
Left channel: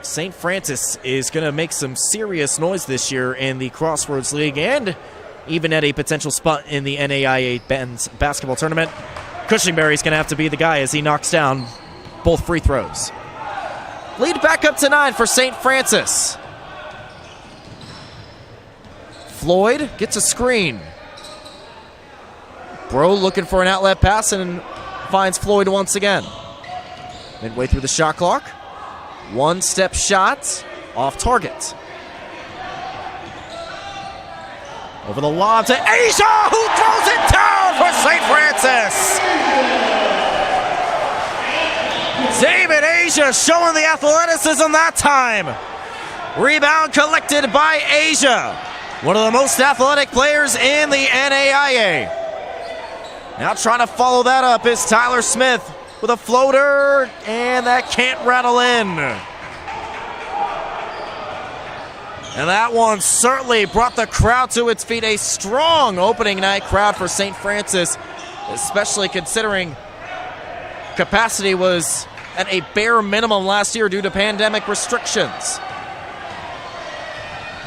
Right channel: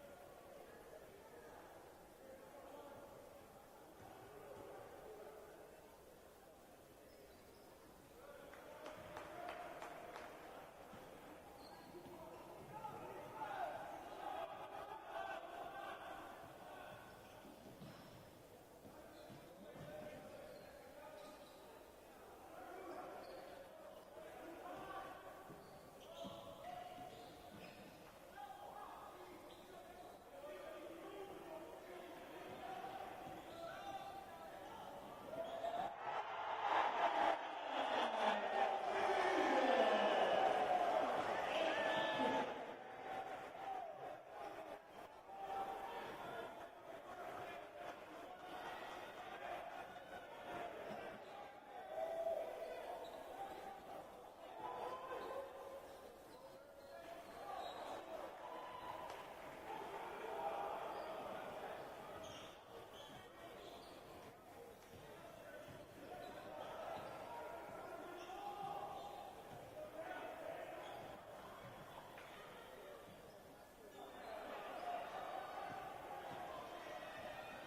St. Francis is going to make some serious noise this year in the Crossroads League and even at a potential spot in the NAIA men's basketball tournament, Cushingberry's going to have to be the guy as he knocks down both free throws. Lead back up to 9 for St. Francis. Floyd gets a screen. Breaux looking for an outlet pass and finds Floyd once again. Midway through the shot clock. One-step shot off target. Over the lob to Asia, who throws it down for St. Francis. David Asia showing the athleticism that time. Rebound collected by Asia, one of the most athletic players in the NAIA. Now trying to follow that up is Tyler Smith with a floater, and that can't rattle in. And that one certainly brought the crowd to its feet. A strong opening night crowd for St. Francis, especially considering capacity was at a bare minimum last year due to pandemic restrictions.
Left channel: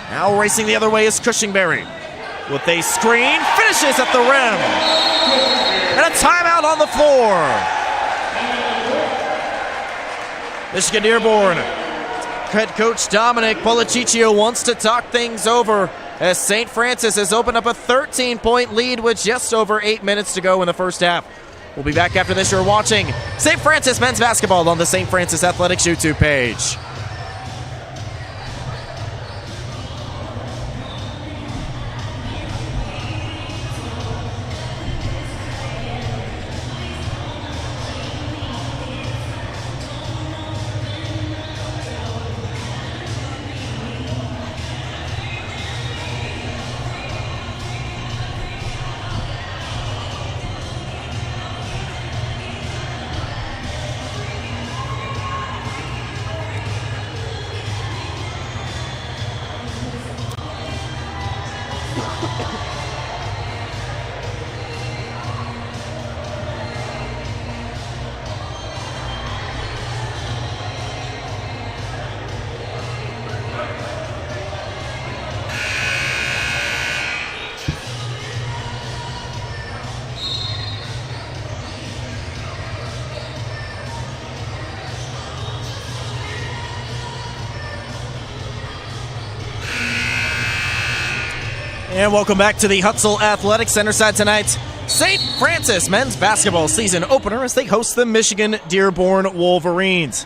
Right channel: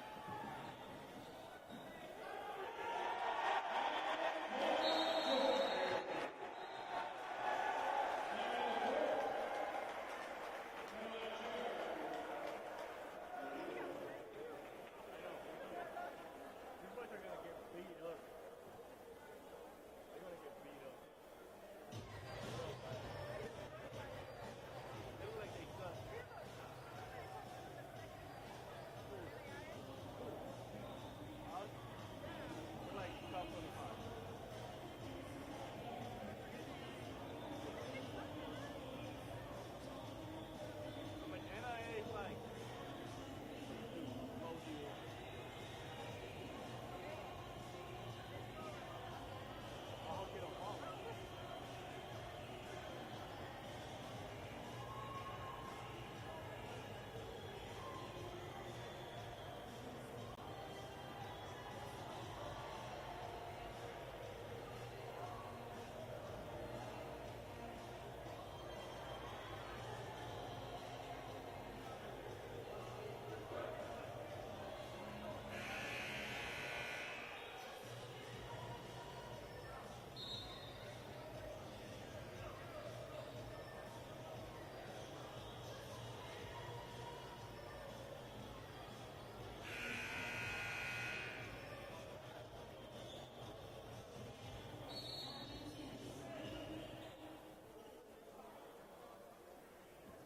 Now racing the other way is Cushingberry with a screen, finishes at the rim. And a timeout on the floor. Michigan Dearborn head coach Dominic Policiccio wants to talk things over as St. Francis has opened up a 13-point lead with just over 8 minutes to go in the first half. We'll be back after this. You're watching St. Francis men's basketball on the St. Francis Athletics YouTube page. And welcome back to the Hutzel Athletic Center side tonight. St. Francis men's basketball season opener as they host the Michigan Dearborn Wolverines.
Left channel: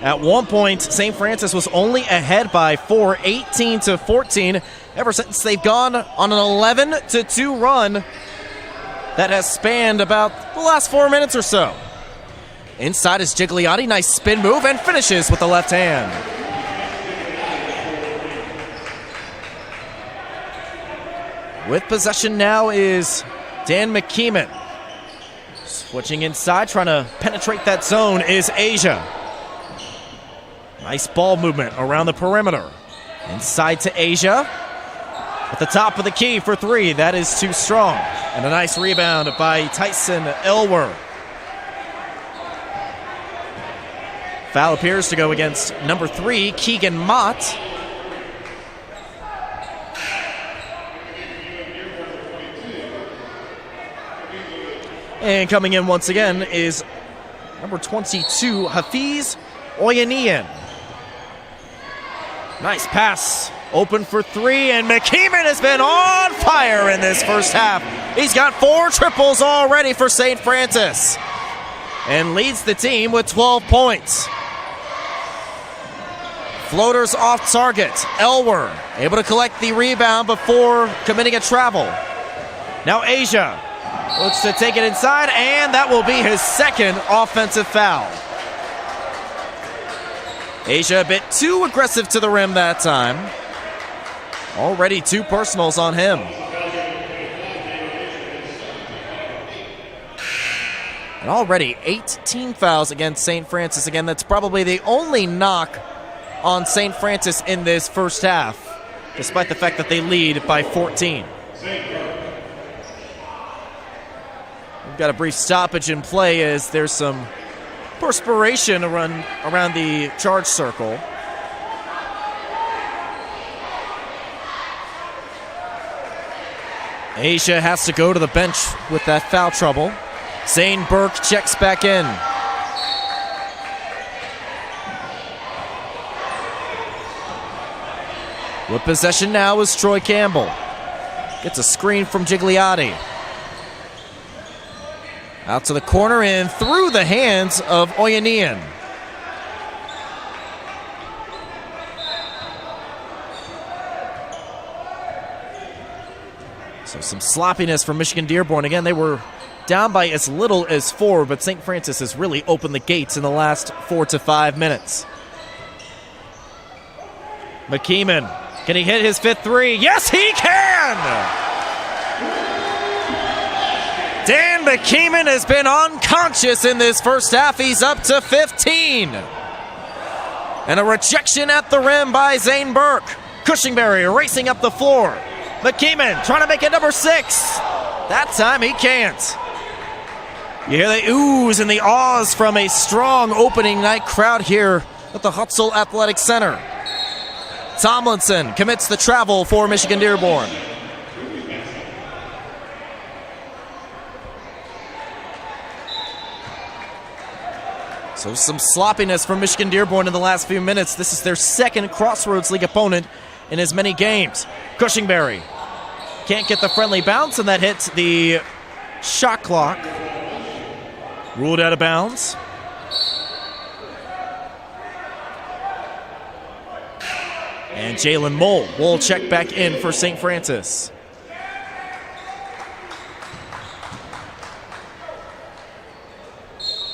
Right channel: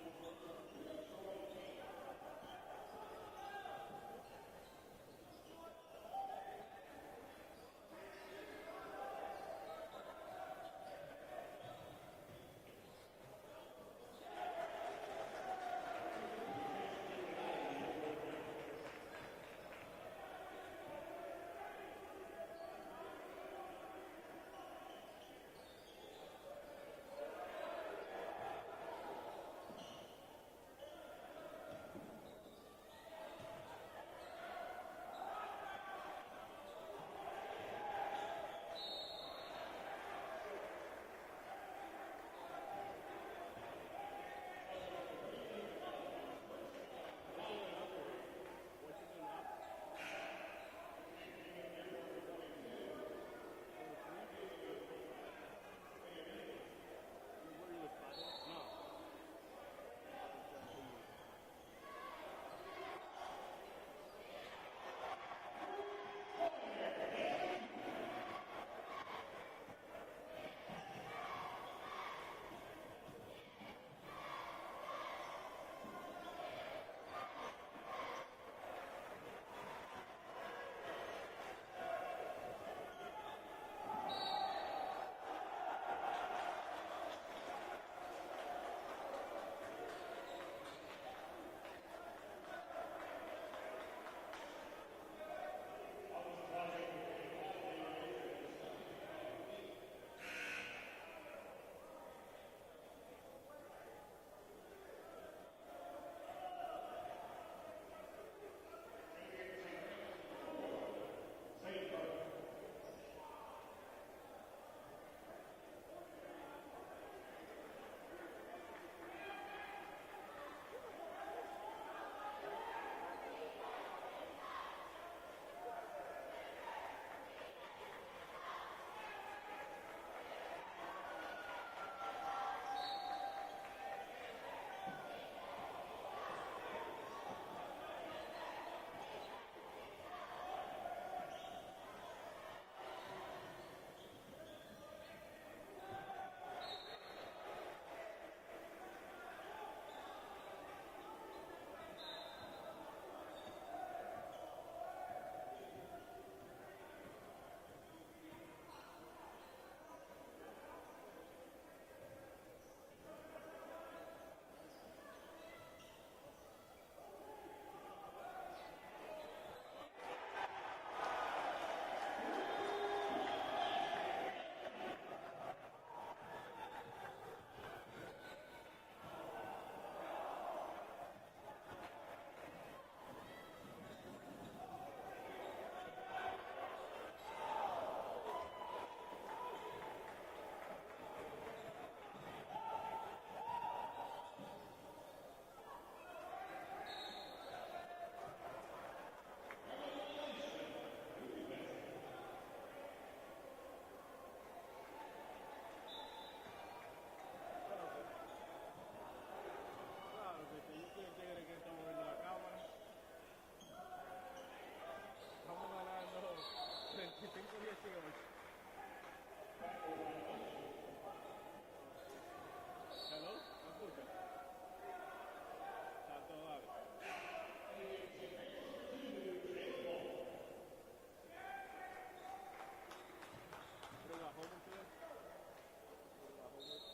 At one point, St. Francis was only ahead by 4, 18-14. Ever since they've gone on an 11-2 run that has spanned about the last 4 minutes or so. Inside is Gigliotti, nice spin move, and finishes with the left hand. With possession now is Dan McKeeman. Switching inside, trying to penetrate that zone is Asia. Nice ball movement around the perimeter. Inside to Asia. At the top of the key for three, that is too strong. And a nice rebound by Tyson Elwer. Foul appears to go against number 3, Keegan Mott. And coming in once again is number 22, Hafiz Oyanian. Nice pass, open for three, and McKeeman has been on fire in this first half. He's got 4 triples already for St. Francis and leads the team with 12 points. Floaters off target. Elwer able to collect the rebound before committing a travel. Now Asia looks to take it inside, and that will be his second offensive foul. Asia a bit too aggressive to the rim that time. Already 2 personals on him. And already 18 fouls against St. Francis. Again, that's probably the only knock on St. Francis in this first half, despite the fact that they lead by 14. We've got a brief stoppage in play as there's some perspiration around the charge circle. Asia has to go to the bench with that foul trouble. Zane Burke checks back in. With possession now is Troy Campbell. Gets a screen from Gigliotti. Out to the corner and through the hands of Oyanian. So some sloppiness from Michigan Dearborn. Again, they were down by as little as 4, but St. Francis has really opened the gates in the last 4 to 5 minutes. McKeeman, can he hit his 5th three? Yes, he can! Dan McKeeman has been unconscious in this first half. He's up to 15. And a rejection at the rim by Zane Burke. Cushingberry racing up the floor. McKeeman trying to make it number 6. That time he can't. You hear the oohs and the ahs from a strong opening night crowd here at the Hutzel Athletic Center. Tomlinson commits the travel for Michigan Dearborn. So some sloppiness from Michigan Dearborn in the last few minutes. This is their second Crossroads League opponent in as many games. Cushingberry can't get the friendly bounce, and that hits the shot clock. Ruled out of bounds. And Jalen Mole will check back in for St. Francis.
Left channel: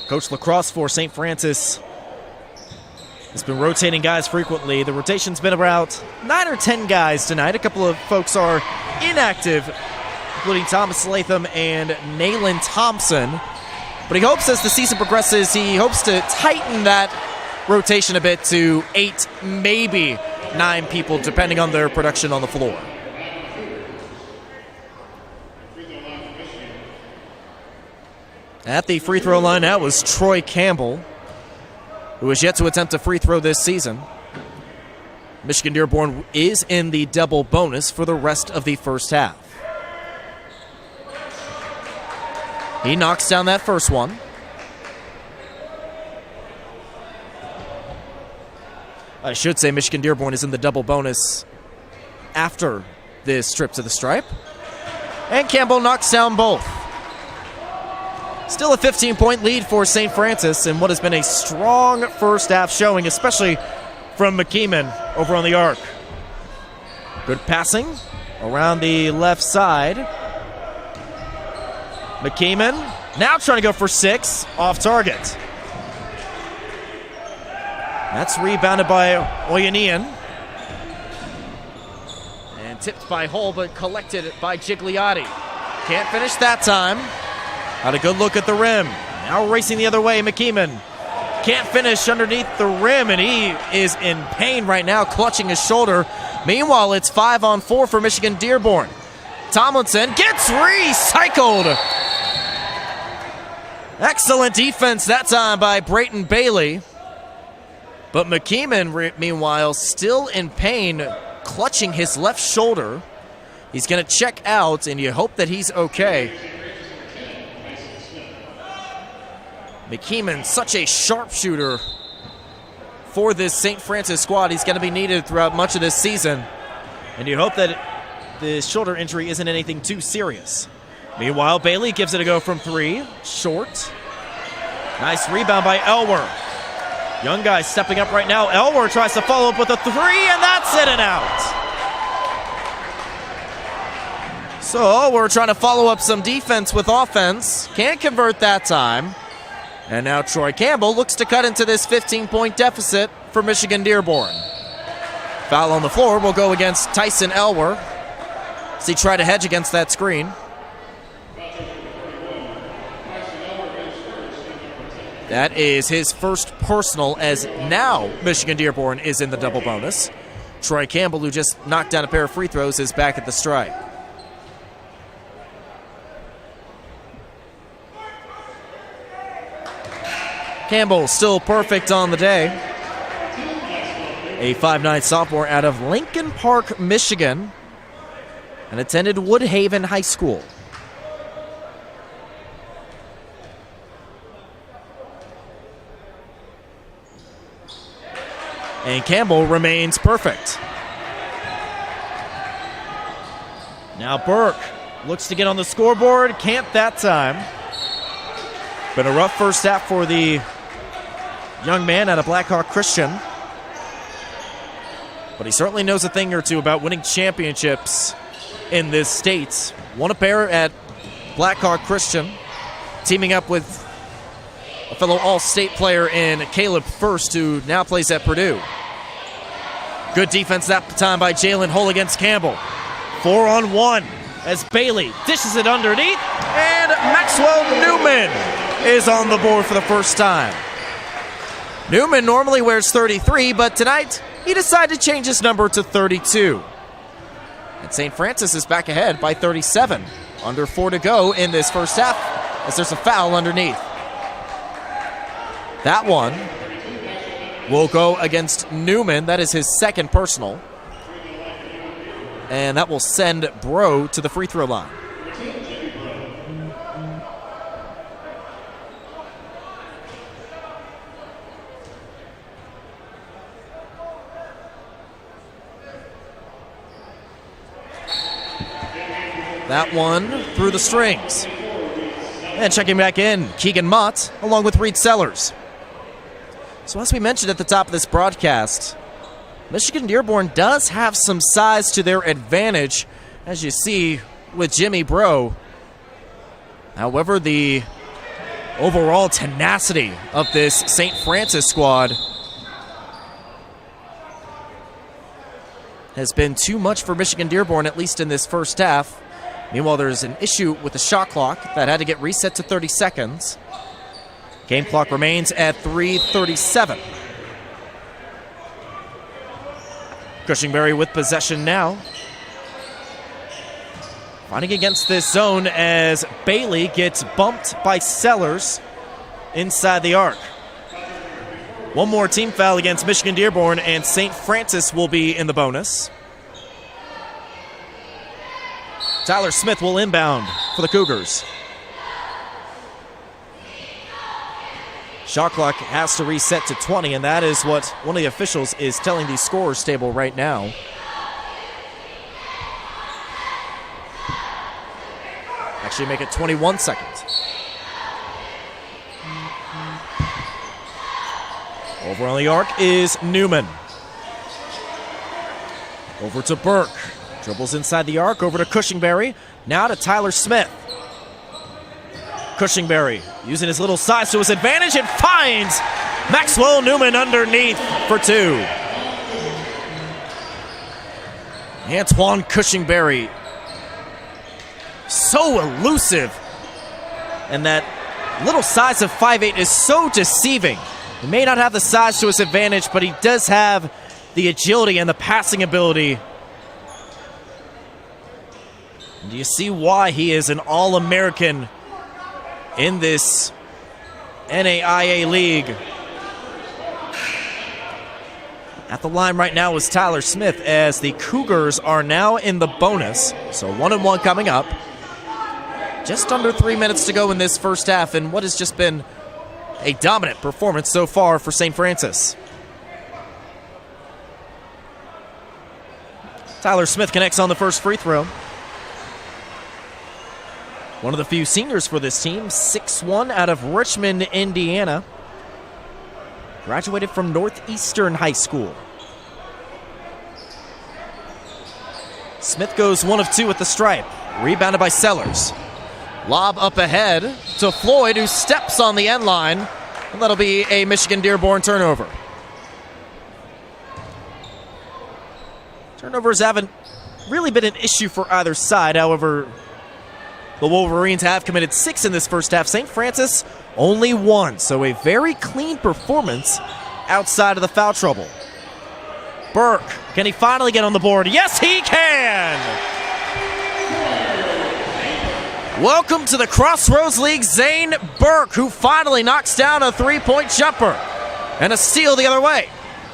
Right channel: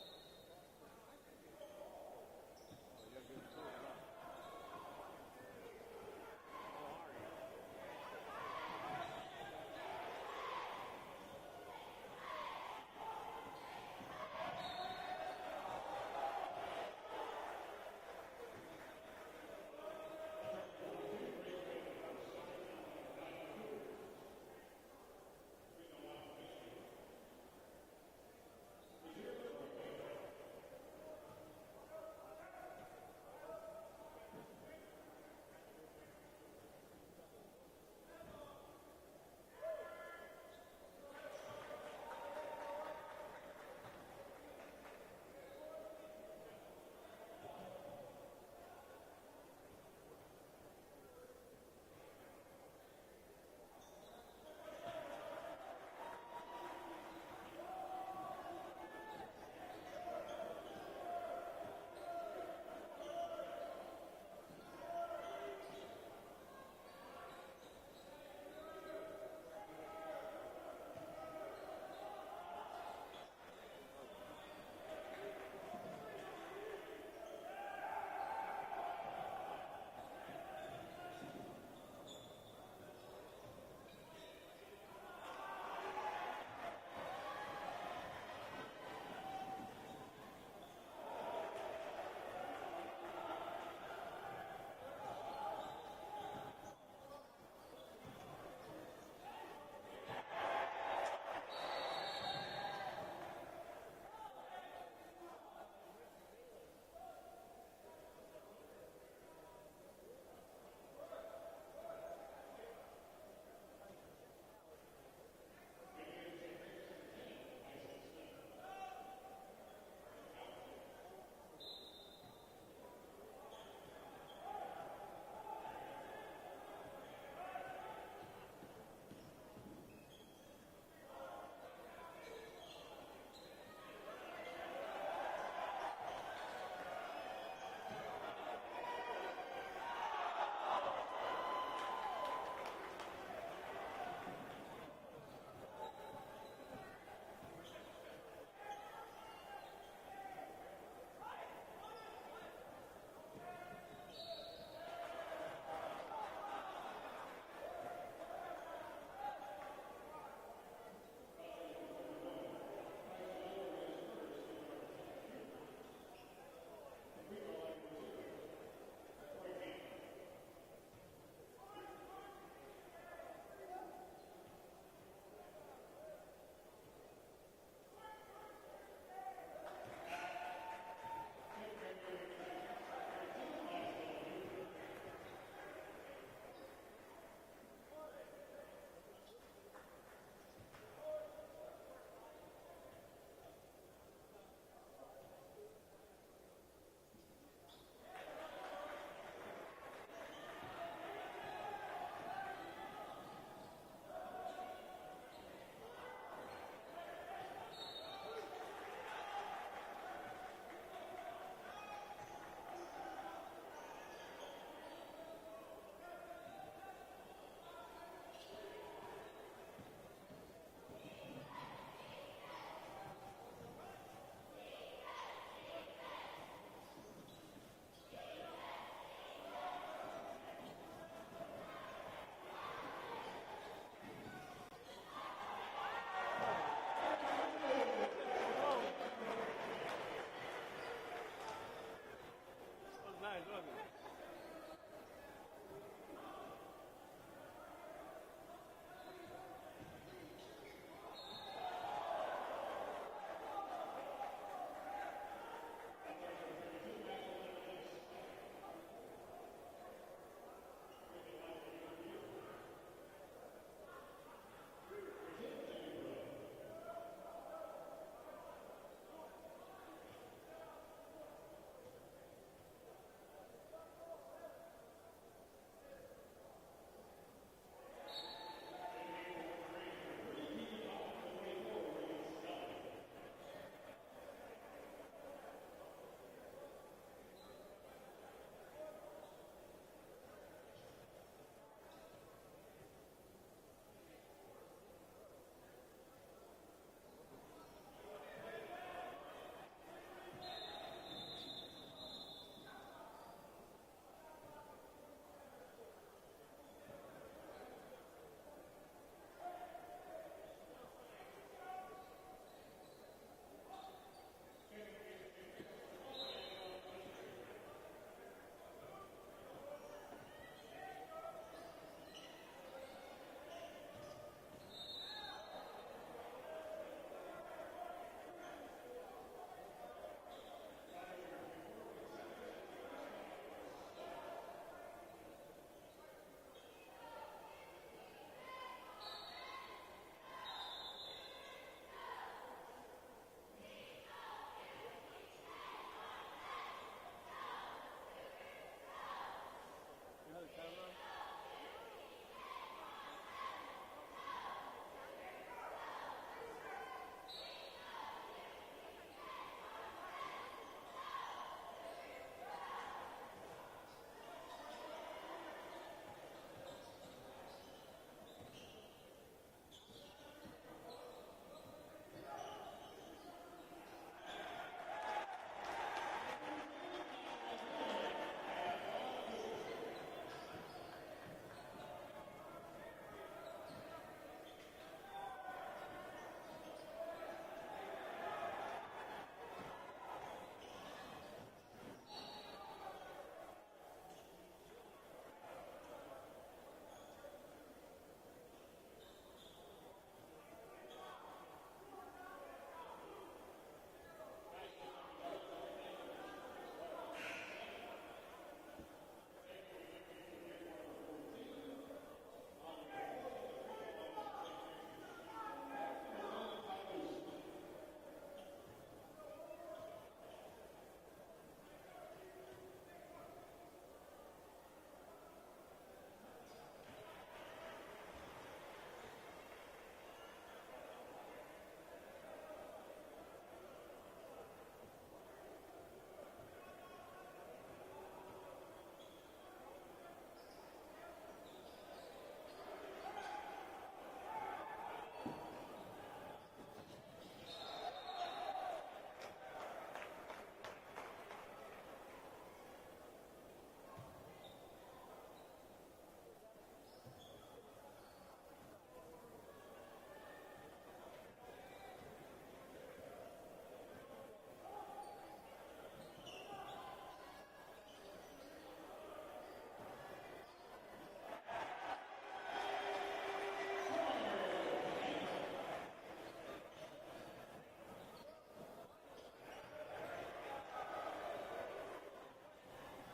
Coach Lacrosse for St. Francis has been rotating guys frequently. The rotation's been about 9 or 10 guys tonight. A couple of folks are inactive, including Thomas Latham and Nayland Thompson. But he hopes as the season progresses, he hopes to tighten that rotation a bit to 8, maybe 9 people, depending on their production on the floor. At the free throw line now was Troy Campbell, who has yet to attempt a free throw this season. Michigan Dearborn is in the double bonus for the rest of the first half. He knocks down that first one. I should say Michigan Dearborn is in the double bonus after this trip to the stripe. And Campbell knocks down both. Still a 15-point lead for St. Francis in what has been a strong first half showing, especially from McKeeman over on the arc. Good passing around the left side. McKeeman now trying to go for 6, off target. That's rebounded by Oyanian. And tipped by Hull, but collected by Gigliotti. Can't finish that time. Had a good look at the rim. Now racing the other way, McKeeman. Can't finish underneath the rim, and he is in pain right now, clutching his shoulder. Meanwhile, it's 5-on-4 for Michigan Dearborn. Tomlinson gets recycled. Excellent defense that time by Brayton Bailey. But McKeeman, meanwhile, still in pain, clutching his left shoulder. He's going to check out, and you hope that he's okay. McKeeman, such a sharpshooter for this St. Francis squad. He's going to be needed throughout much of this season. And you hope that the shoulder injury isn't anything too serious. Meanwhile, Bailey gives it a go from 3. Short. Nice rebound by Elwer. Young guy stepping up right now. Elwer tries to follow up with a 3, and that's in and out. So we're trying to follow up some defense with offense. Can't convert that time. And now Troy Campbell looks to cut into this 15-point deficit for Michigan Dearborn. Foul on the floor will go against Tyson Elwer as he tried to hedge against that screen. That is his first personal, as now Michigan Dearborn is in the double bonus. Troy Campbell, who just knocked down a pair of free throws, is back at the stripe. Campbell still perfect on the day. A 5'9" sophomore out of Lincoln Park, Michigan, and attended Woodhaven High School. And Campbell remains perfect. Now Burke looks to get on the scoreboard. Can't that time. Been a rough first half for the young man out of Blackhawk Christian. But he certainly knows a thing or two about winning championships in this state. Won a pair at Blackhawk Christian, teaming up with a fellow All-State player in Caleb First, who now plays at Purdue. Good defense that time by Jalen Hull against Campbell. 4-on-1 as Bailey dishes it underneath, and Maxwell Newman is on the board for the first time. Newman normally wears 33, but tonight he decided to change his number to 32. And St. Francis is back ahead by 37. Under 4 to go in this first half as there's a foul underneath. That one will go against Newman. That is his second personal. And that will send Bro to the free throw line. That one through the strings. And checking back in, Keegan Mott along with Reed Sellers. So as we mentioned at the top of this broadcast, Michigan Dearborn does have some size to their advantage, as you see with Jimmy Bro. However, the overall tenacity of this St. Francis squad has been too much for Michigan Dearborn, at least in this first half. Meanwhile, there's an issue with the shot clock that had to get reset to 30 seconds. Game clock remains at 3:37. Cushingberry with possession now. Fighting against this zone as Bailey gets bumped by Sellers inside the arc. One more team foul against Michigan Dearborn, and St. Francis will be in the bonus. Tyler Smith will inbound for the Cougars. Shot clock has to reset to 20, and that is what one of the officials is telling the scorer's table right now. actually make it 21 seconds. Over on the arc is Newman. Over to Burke. Dribbles inside the arc, over to Cushingberry. Now to Tyler Smith. Cushingberry using his little size to his advantage and finds Maxwell Newman underneath for two. Antoine Cushingberry, so elusive. And that little size of 5'8" is so deceiving. He may not have the size to his advantage, but he does have the agility and the passing ability. And do you see why he is an All-American in this NAIA league? At the line right now is Tyler Smith, as the Cougars are now in the bonus. So 1-1 coming up. Just under 3 minutes to go in this first half, and what has just been a dominant performance so far for St. Francis. Tyler Smith connects on the first free throw. One of the few seniors for this team, 6'1", out of Richmond, Indiana. Graduated from Northeastern High School. Smith goes 1 of 2 at the stripe. Rebounded by Sellers. Lob up ahead to Floyd, who steps on the end line. And that'll be a Michigan Dearborn turnover. Turnovers haven't really been an issue for either side. However, the Wolverines have committed 6 in this first half. St. Francis only 1. So a very clean performance outside of the foul trouble. Burke, can he finally get on the board? Yes, he can! Welcome to the Crossroads League, Zane Burke, who finally knocks down a three-point jumper. And a steal the other way.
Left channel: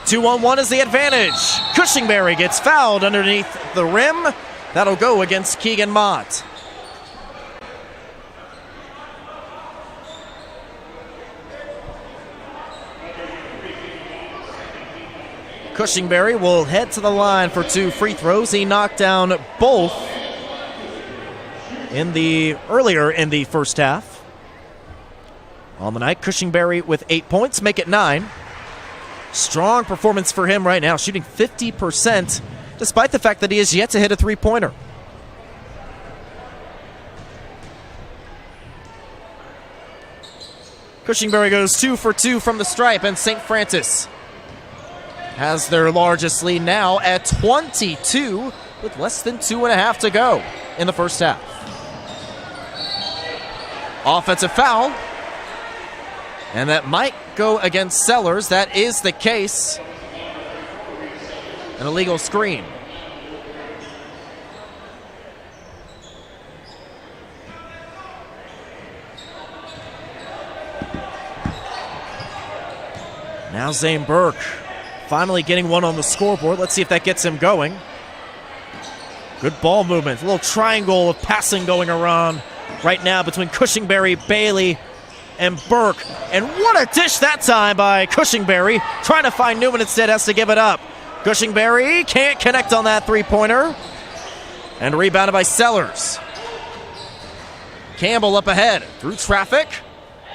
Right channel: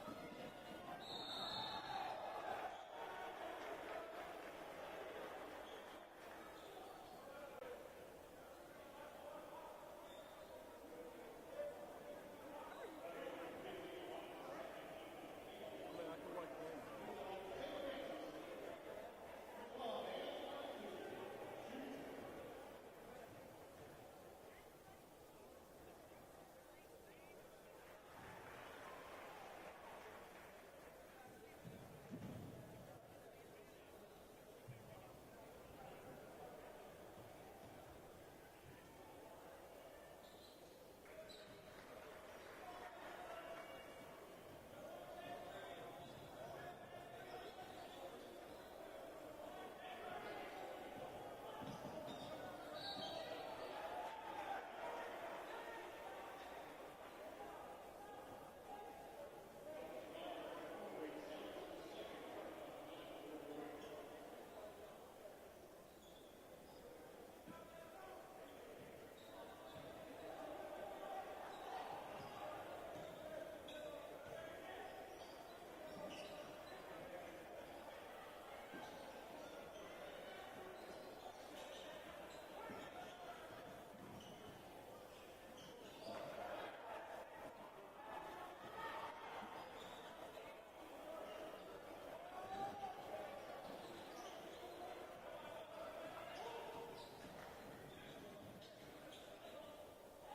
2-on-1 is the advantage. Cushingberry gets fouled underneath the rim. That'll go against Keegan Mott. Cushingberry will head to the line for 2 free throws. He knocked down both earlier in the first half. On the night, Cushingberry with 8 points, make it 9. Strong performance for him right now, shooting 50%, despite the fact that he has yet to hit a three-pointer. Cushingberry goes 2 for 2 from the stripe, and St. Francis has their largest lead now at 22 with less than 2.5 to go in the first half. Offensive foul, and that might go against Sellers. That is the case. An illegal screen. Now Zane Burke finally getting one on the scoreboard. Let's see if that gets him going. Good ball movement. A little triangle of passing going around right now between Cushingberry, Bailey, and Burke. And what a dish that time by Cushingberry. Trying to find Newman instead, has to give it up. Cushingberry can't connect on that three-pointer. And rebounded by Sellers. Campbell up ahead through traffic.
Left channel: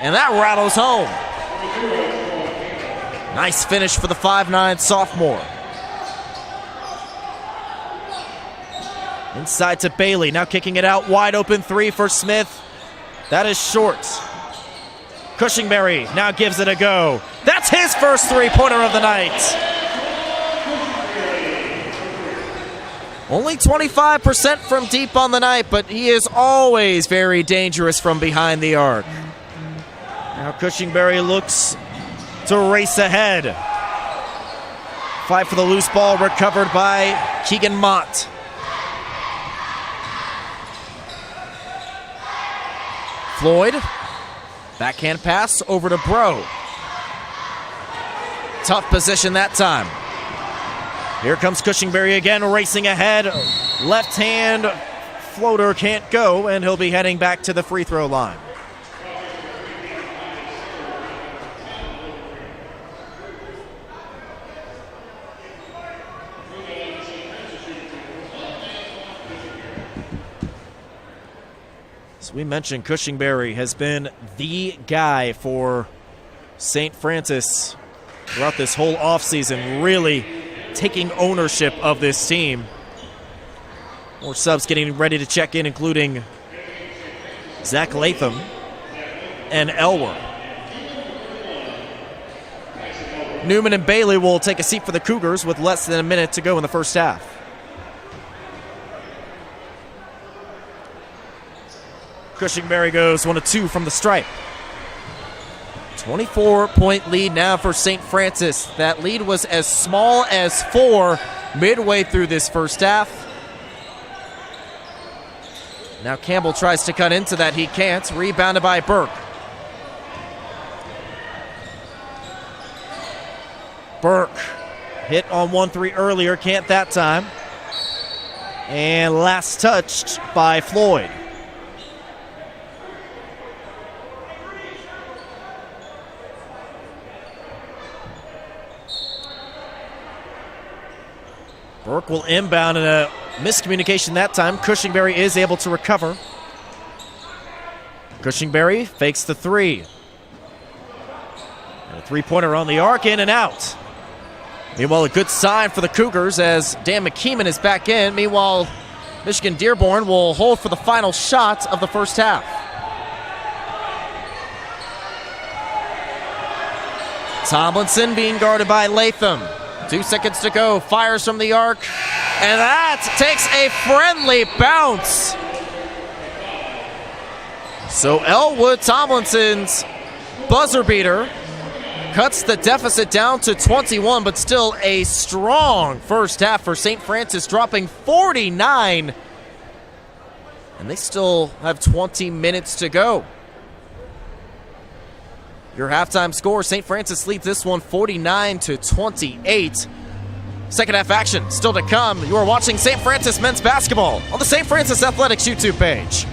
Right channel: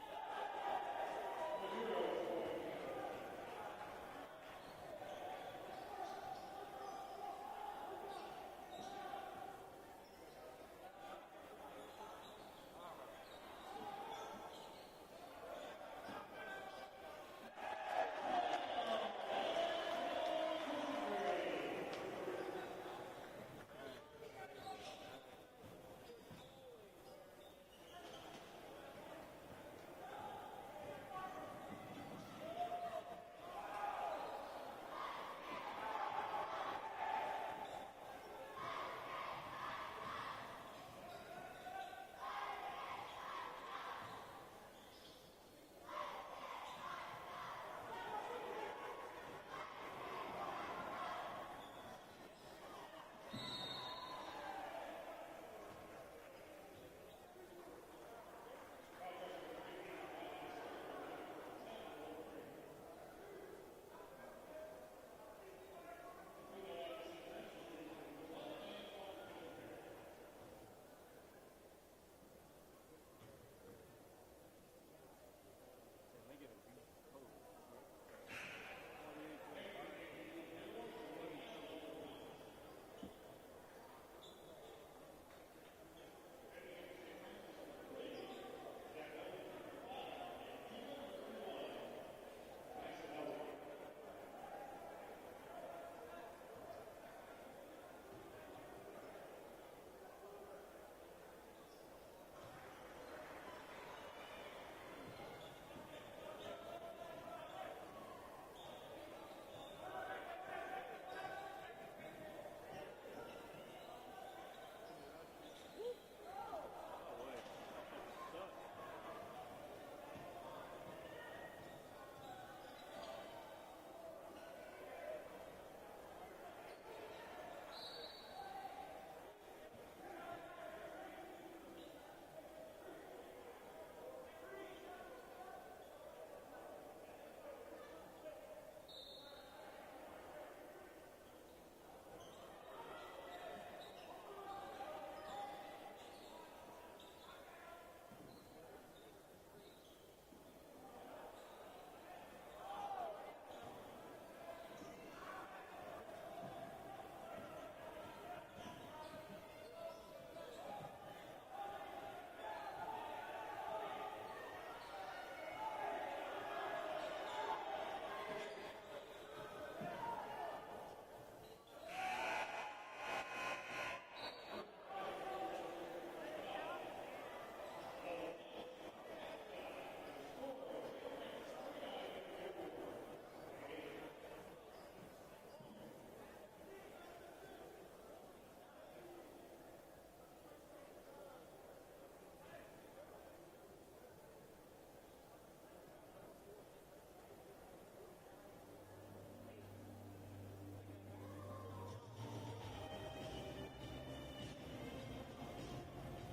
And that rattles home. Nice finish for the 5'9" sophomore. Inside to Bailey, now kicking it out. Wide open 3 for Smith. That is short. Cushingberry now gives it a go. That's his first three-pointer of the night. Only 25% from deep on the night, but he is always very dangerous from behind the arc. Now Cushingberry looks to race ahead. Fight for the loose ball, recovered by Keegan Mott. Floyd, backhand pass over to Bro. Tough position that time. Here comes Cushingberry again, racing ahead. Left hand floater can't go, and he'll be heading back to the free throw line. As we mentioned, Cushingberry has been the guy for St. Francis throughout this whole offseason, really taking ownership of this team. More subs getting ready to check in, including Zach Latham and Elwer. Newman and Bailey will take a seat for the Cougars with less than a minute to go in the first half. Cushingberry goes 1 of 2 from the stripe. 24-point lead now for St. Francis. That lead was as small as 4 midway through this first half. Now Campbell tries to cut into that. He can't. Rebounded by Burke. Burke hit on 1-3 earlier. Can't that time. And last touched by Floyd. Burke will inbound in a miscommunication that time. Cushingberry is able to recover. Cushingberry fakes the 3. And a 3-pointer on the arc, in and out. Meanwhile, a good sign for the Cougars as Dan McKeeman is back in. Meanwhile, Michigan Dearborn will hold for the final shot of the first half. Tomlinson being guarded by Latham. 2 seconds to go, fires from the arc, and that takes a friendly bounce. So Elwood Tomlinson's buzzer beater cuts the deficit down to 21, but still a strong first half for St. Francis, dropping 49. And they still have 20 minutes to go. Your halftime score, St. Francis leads this one 49-28. Second half action still to come. You are watching St. Francis men's basketball on the St. Francis Athletics YouTube page.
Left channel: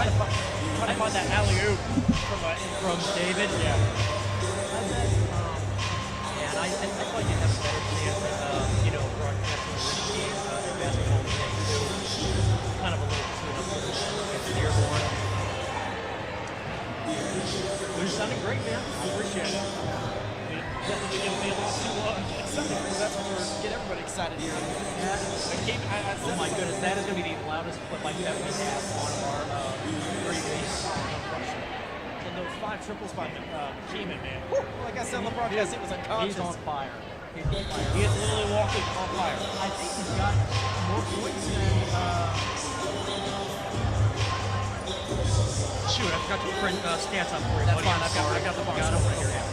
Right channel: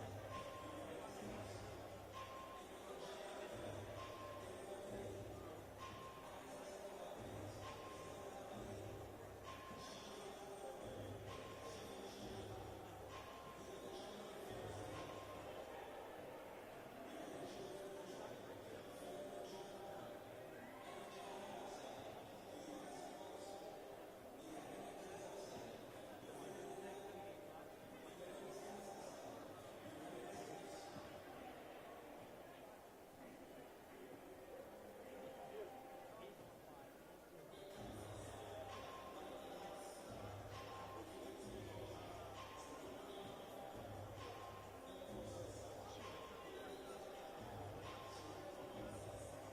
trying to find that alley-oop from David. Yeah. And I thought you'd have a better chance at, broadcasting the game in basketball today, too. Kind of a little tune-up against Dearborn. You're sounding great, man. I appreciate it. Definitely going to be a lot to get something, because that's what we're get everybody excited here. Oh my goodness, that is going to be the loudest clip like that we have on our previous function. And those 5 triples by Keeman, man. Woo! Like I said on the broadcast, it was unconscious. He's on fire. He's on fire. He is literally walking on fire. I think he's got more points than shoot, I forgot to print stats up for you. That's fine. I got the box over here. Yeah.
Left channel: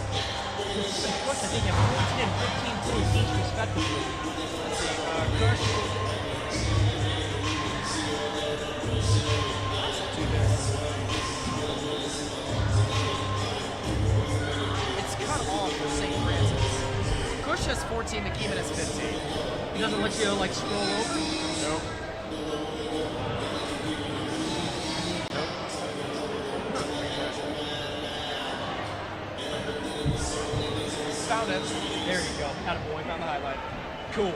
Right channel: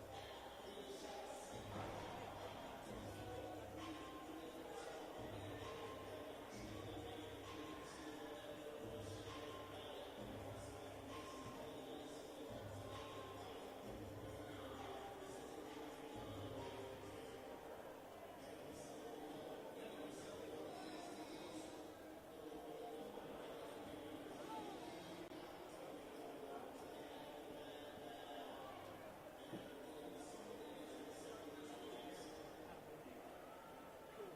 Plus, I think they have 14 and 15 points each, respectively. Let's see. Kirsch. It's cut off for St. Francis. Kirsch has 14, McKeeman has 15. He doesn't let you, like, scroll over? Nope. Found it. There you go. Attaboy. Found the highlight. Cool.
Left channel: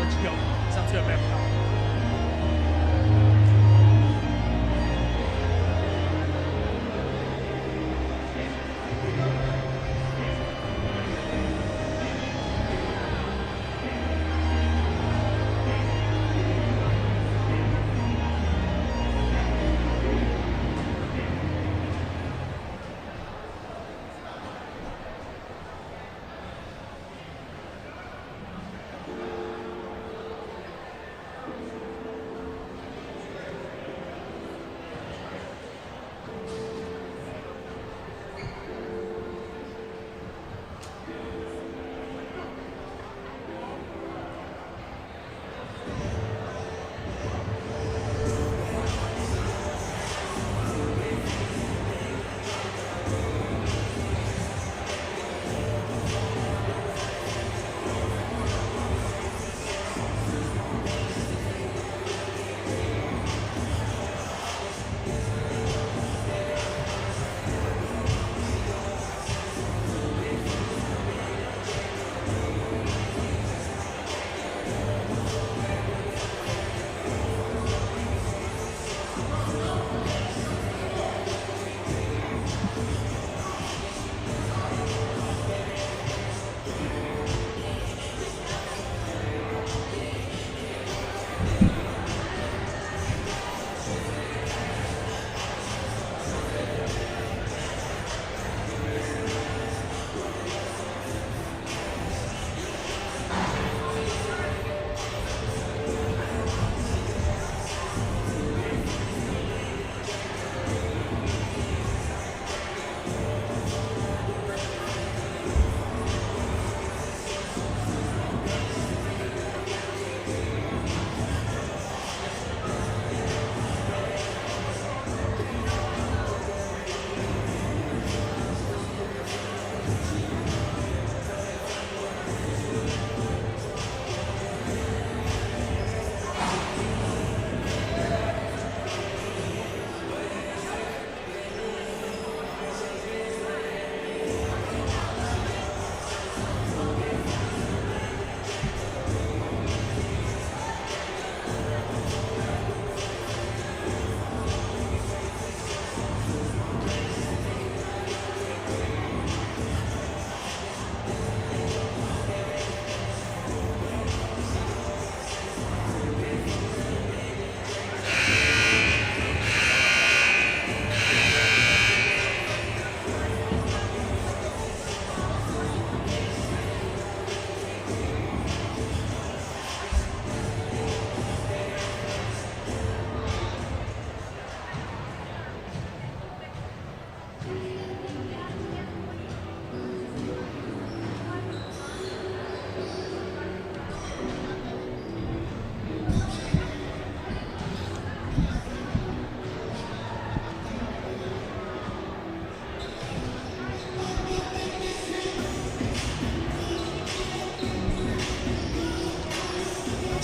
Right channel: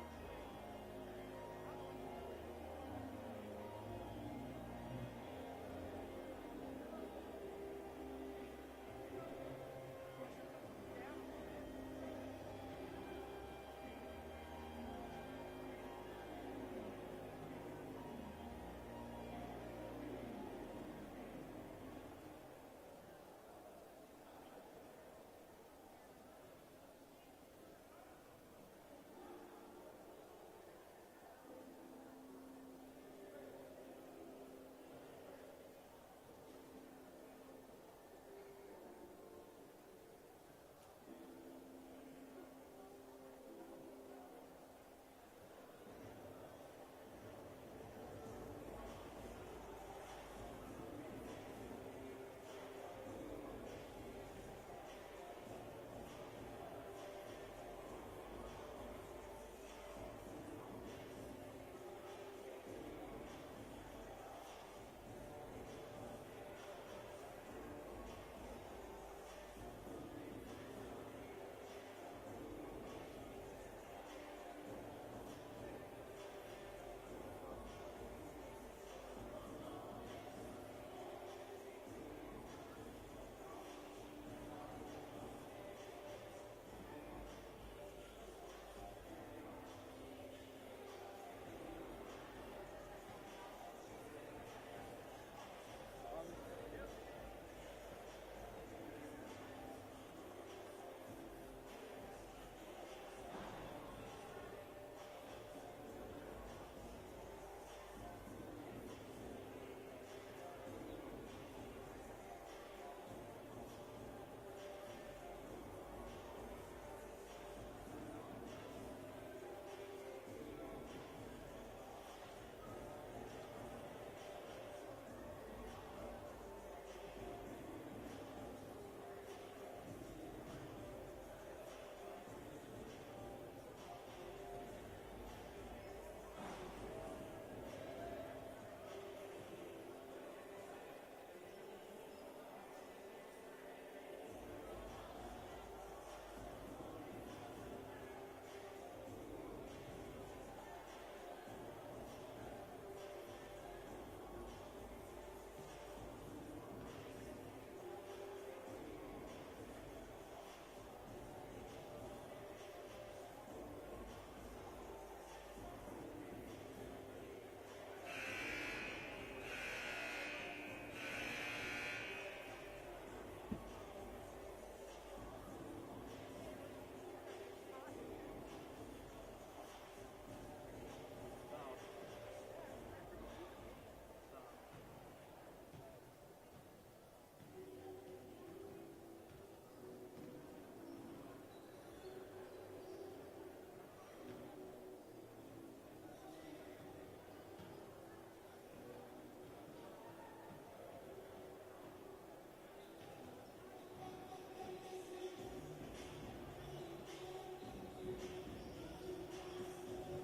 Let's go. Sounds good, man.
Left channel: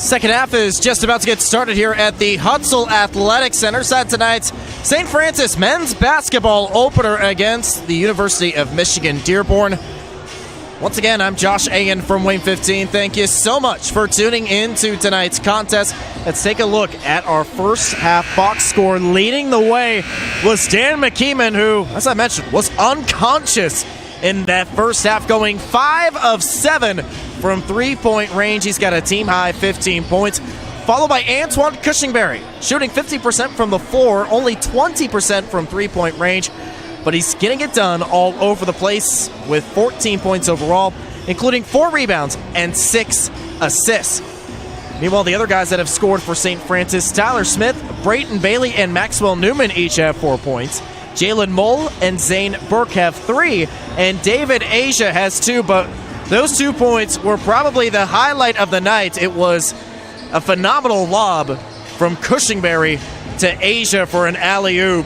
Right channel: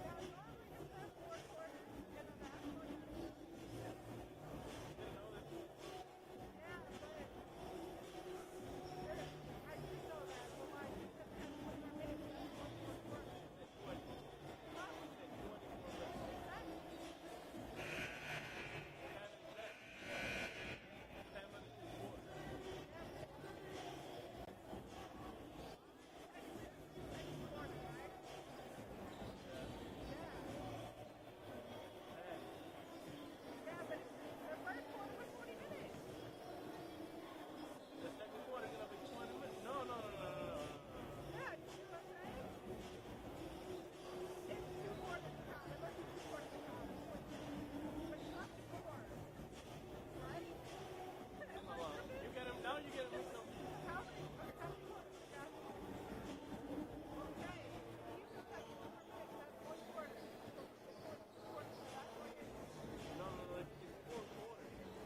Second half is just about to get started here at the Hutzel Athletic Center. Set tonight's St. Francis men's basketball opener against the University of Michigan Dearborn. Once again, I'm Josh Ayen from Wayne 15. Thank you so much for tuning in to tonight's contest. Let's take a look at our first half box score. Leading the way was Dan McKeeman, who, as I mentioned, was unconscious in that first half, going 5 of 7 from three-point range. He's got a team-high 15 points, followed by Antoine Cushingberry, shooting 50% from the floor, only 20% from three-point range, but he's getting it done all over the place with 14 points overall, including 4 rebounds and 6 assists. Meanwhile, the other guys that have scored for St. Francis, Tyler Smith, Brayton Bailey, and Maxwell Newman each have 4 points. Jalen Mull and Zane Burke have 3, and David Asia has 2, but those 2 points were probably the highlight of the night. It was a phenomenal lob from Cushingberry to Asia for an alley-oop,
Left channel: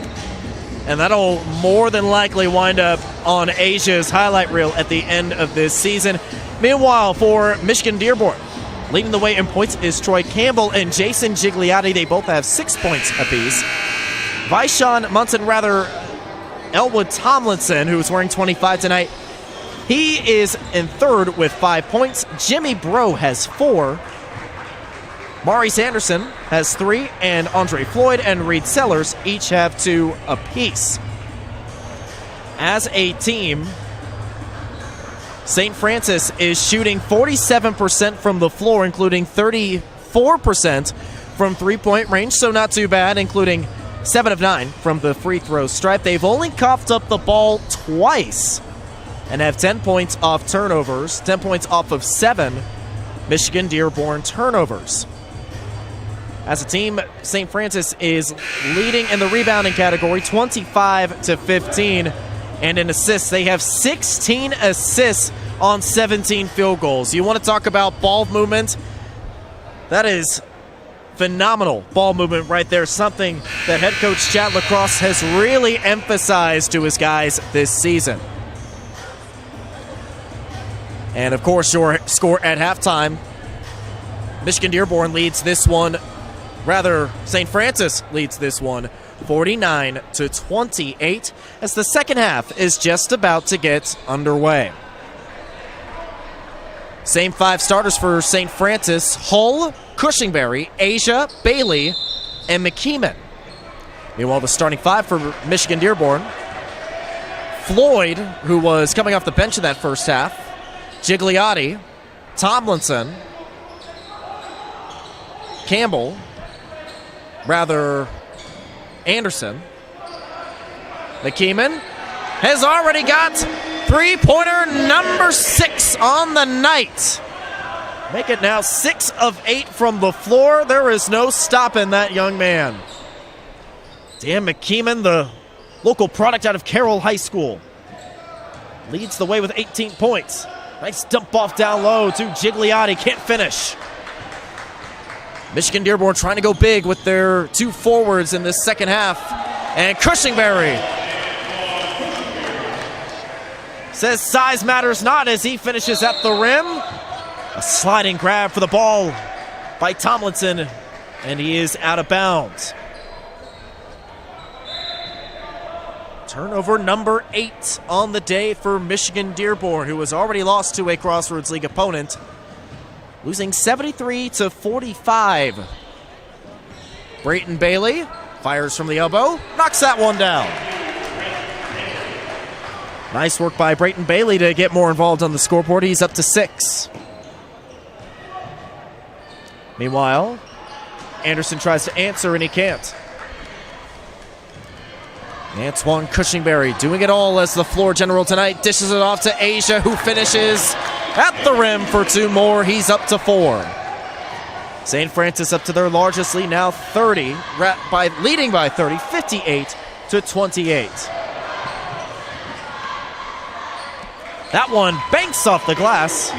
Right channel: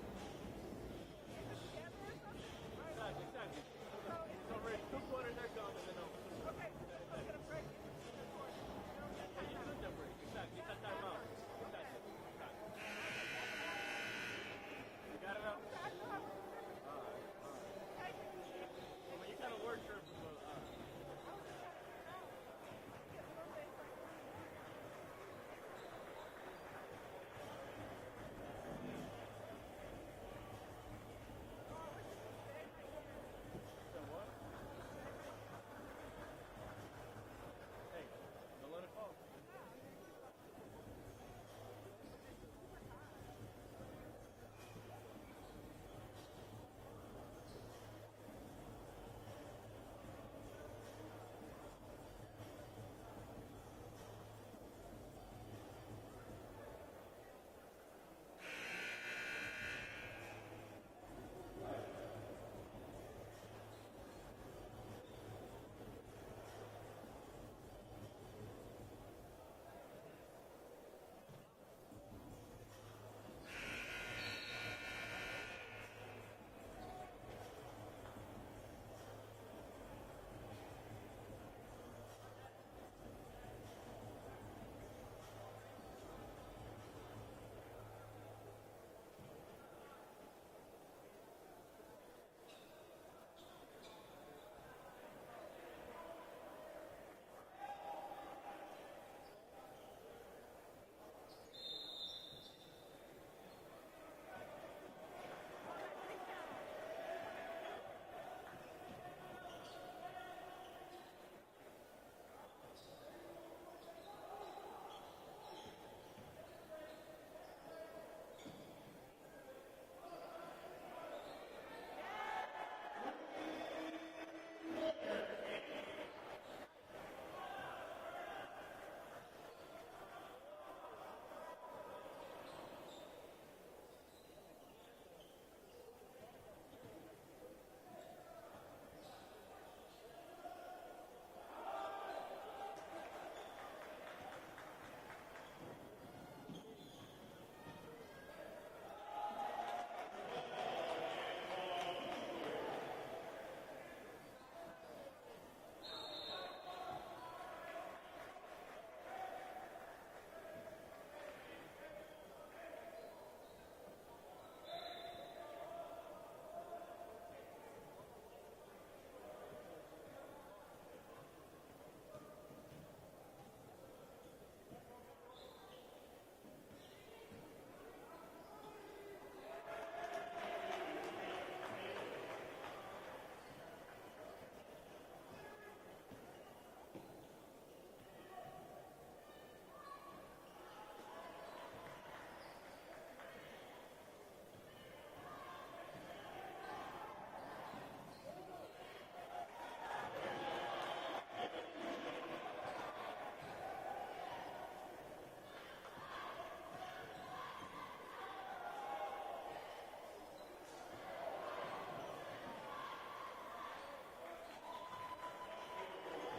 and that'll more than likely wind up on Asia's highlight reel at the end of this season. Meanwhile, for Michigan Dearborn, leading the way in points is Troy Campbell and Jason Gigliotti. They both have 6 points apiece. Vishon Munson, Elwood Tomlinson, who's wearing 25 tonight, he is in third with 5 points. Jimmy Bro has 4. Maurice Anderson has 3, and Andre Floyd and Reed Sellers each have 2 apiece. As a team, St. Francis is shooting 47% from the floor, including 34% from three-point range, so not too bad, including 7 of 9 from the free throw stripe. They've only coughed up the ball twice and have 10 points off turnovers, 10 points off of 7 Michigan Dearborn turnovers. As a team, St. Francis is leading in the rebounding category, 25-15, and in assists, they have 16 assists on 17 field goals. You want to talk about ball movement? That is phenomenal ball movement right there, something that head coach Chad Lacrosse has really emphasized to his guys this season. And of course, your score at halftime, Michigan Dearborn leads this one, St. Francis leads this one 49-28 as the second half is just about to get underway. Same 5 starters for St. Francis: Hull, Cushingberry, Asia, Bailey, and McKeeman. Meanwhile, the starting 5 for Michigan Dearborn: Floyd, who was coming off the bench in that first half, Gigliotti, Tomlinson, Campbell, Anderson. McKeeman has already got three-pointer number 6 on the night. Make it now 6 of 8 from the floor. There is no stopping that young man. Dan McKeeman, the local product out of Carroll High School, leads the way with 18 points. Nice dump off down low to Gigliotti, can't finish. Michigan Dearborn trying to go big with their 2 forwards in this second half. And Cushingberry says size matters not as he finishes at the rim. A sliding grab for the ball by Tomlinson, and he is out of bounds. Turnover number 8 on the day for Michigan Dearborn, who has already lost to a Crossroads League opponent, losing 73-45. Brayton Bailey fires from the elbow, knocks that one down. Nice work by Brayton Bailey to get more involved on the scoreboard. He's up to 6. Meanwhile, Anderson tries to answer and he can't. Antoine Cushingberry doing it all as the floor general tonight. Dishes it off to Asia, who finishes at the rim for 2 more. He's up to 4. St. Francis up to their largest lead now, 30, leading by 30, 58-28. That one banks off the glass.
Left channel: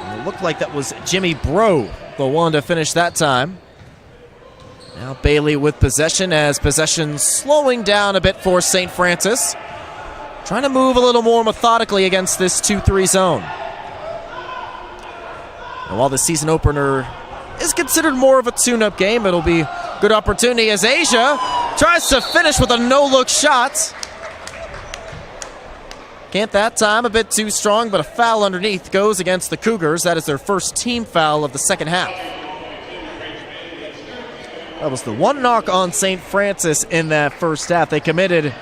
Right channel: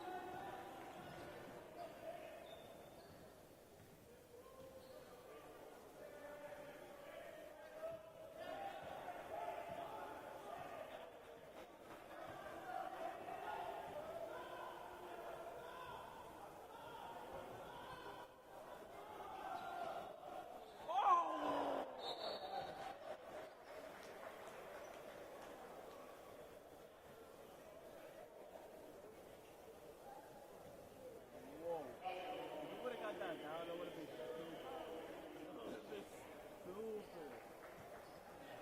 And it looked like that was Jimmy Bro, the one to finish that time. Now Bailey with possession, as possession slowing down a bit for St. Francis. Trying to move a little more methodically against this 2-3 zone. And while the season opener is considered more of a tune-up game, it'll be a good opportunity as Asia tries to finish with a no-look shot. Can't that time, a bit too strong, but a foul underneath goes against the Cougars. That is their first team foul of the second half. That was the one knock on St. Francis in that first half. They committed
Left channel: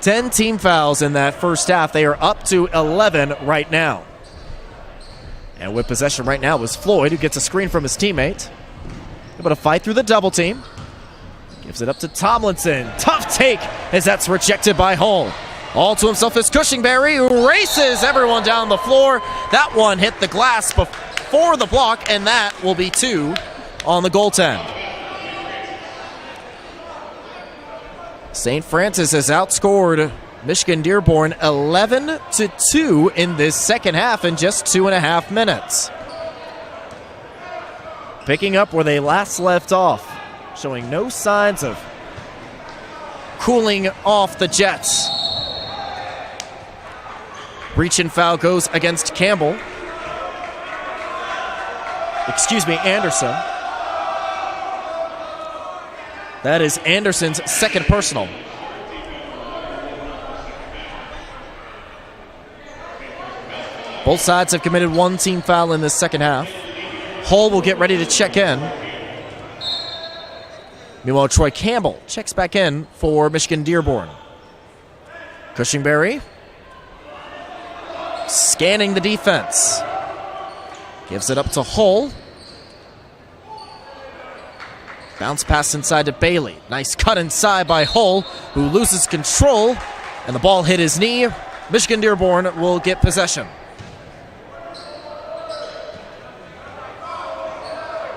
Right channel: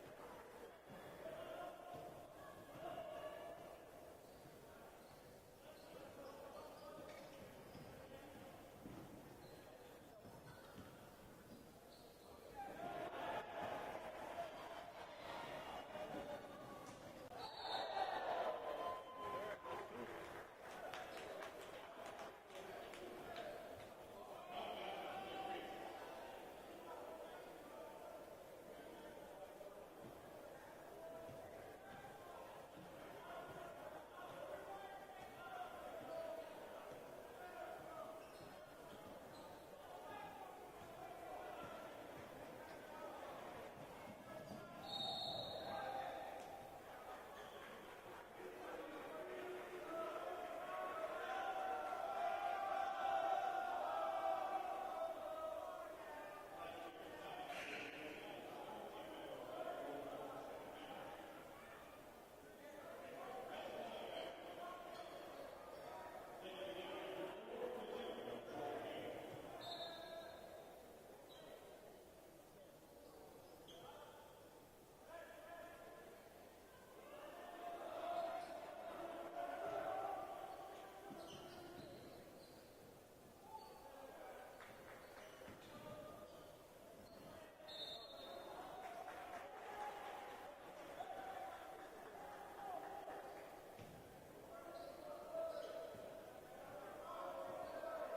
10 team fouls in that first half. They are up to 11 right now. And with possession right now was Floyd, who gets a screen from his teammate. Able to fight through the double team. Gives it up to Tomlinson. Tough take as that's rejected by Hull. All to himself is Cushingberry, who races everyone down the floor. That one hit the glass before the block, and that will be 2 on the goaltend. St. Francis has outscored Michigan Dearborn 11-2 in this second half in just 2.5 minutes. Picking up where they last left off, showing no signs of cooling off the Jets. Reach and foul goes against Campbell. Anderson. That is Anderson's second personal. Both sides have committed 1 team foul in this second half. Hull will get ready to check in. Meanwhile, Troy Campbell checks back in for Michigan Dearborn. Cushingberry scanning the defense. Gives it up to Hull. Bounce pass inside to Bailey. Nice cut inside by Hull, who loses control, and the ball hit his knee. Michigan Dearborn will get possession.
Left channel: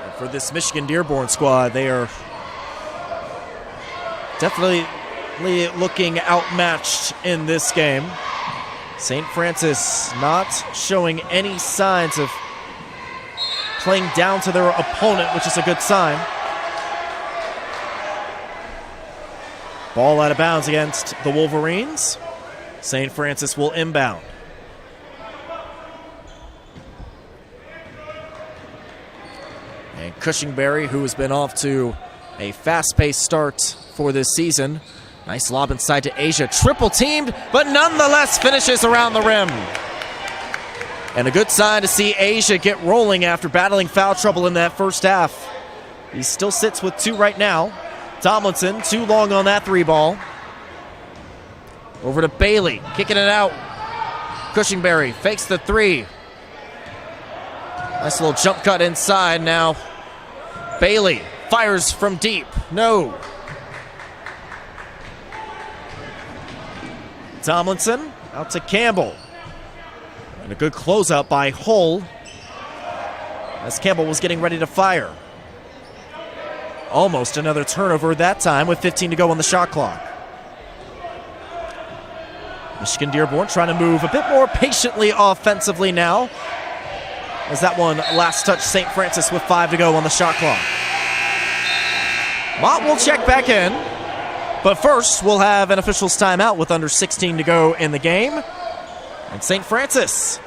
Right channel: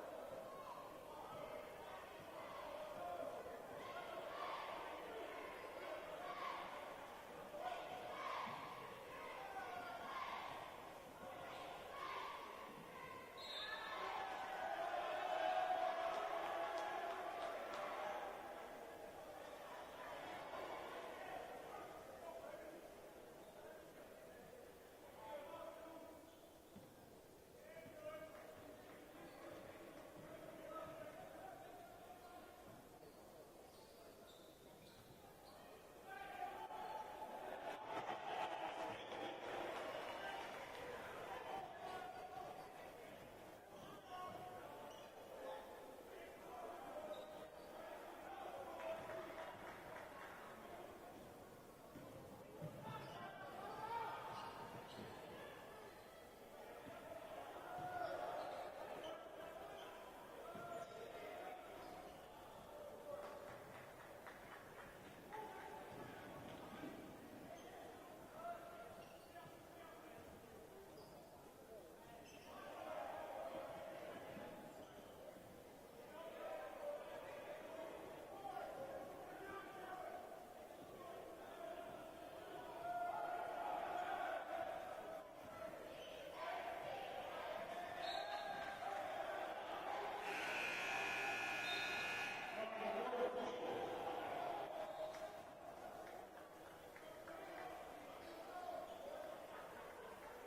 And for this Michigan Dearborn squad, they are definitely looking outmatched in this game. St. Francis not showing any signs of playing down to their opponent, which is a good sign. Ball out of bounds against the Wolverines. St. Francis will inbound. And Cushingberry, who has been off to a fast-paced start for this season. Nice lob inside to Asia. Triple teamed, but nonetheless finishes around the rim. And a good sign to see Asia get rolling after battling foul trouble in that first half. He still sits with 2 right now. Tomlinson, too long on that 3 ball. Over to Bailey, kicking it out. Cushingberry fakes the 3. Nice little jump cut inside now. Bailey fires from deep. No. Tomlinson out to Campbell. And a good closeout by Hull as Campbell was getting ready to fire. Almost another turnover that time with 15 to go on the shot clock. Michigan Dearborn trying to move a bit more patiently offensively now, as that one last touch St. Francis with 5 to go on the shot clock. Mott will check back in, but first we'll have an official's timeout with under 16 to go in the game. And St. Francis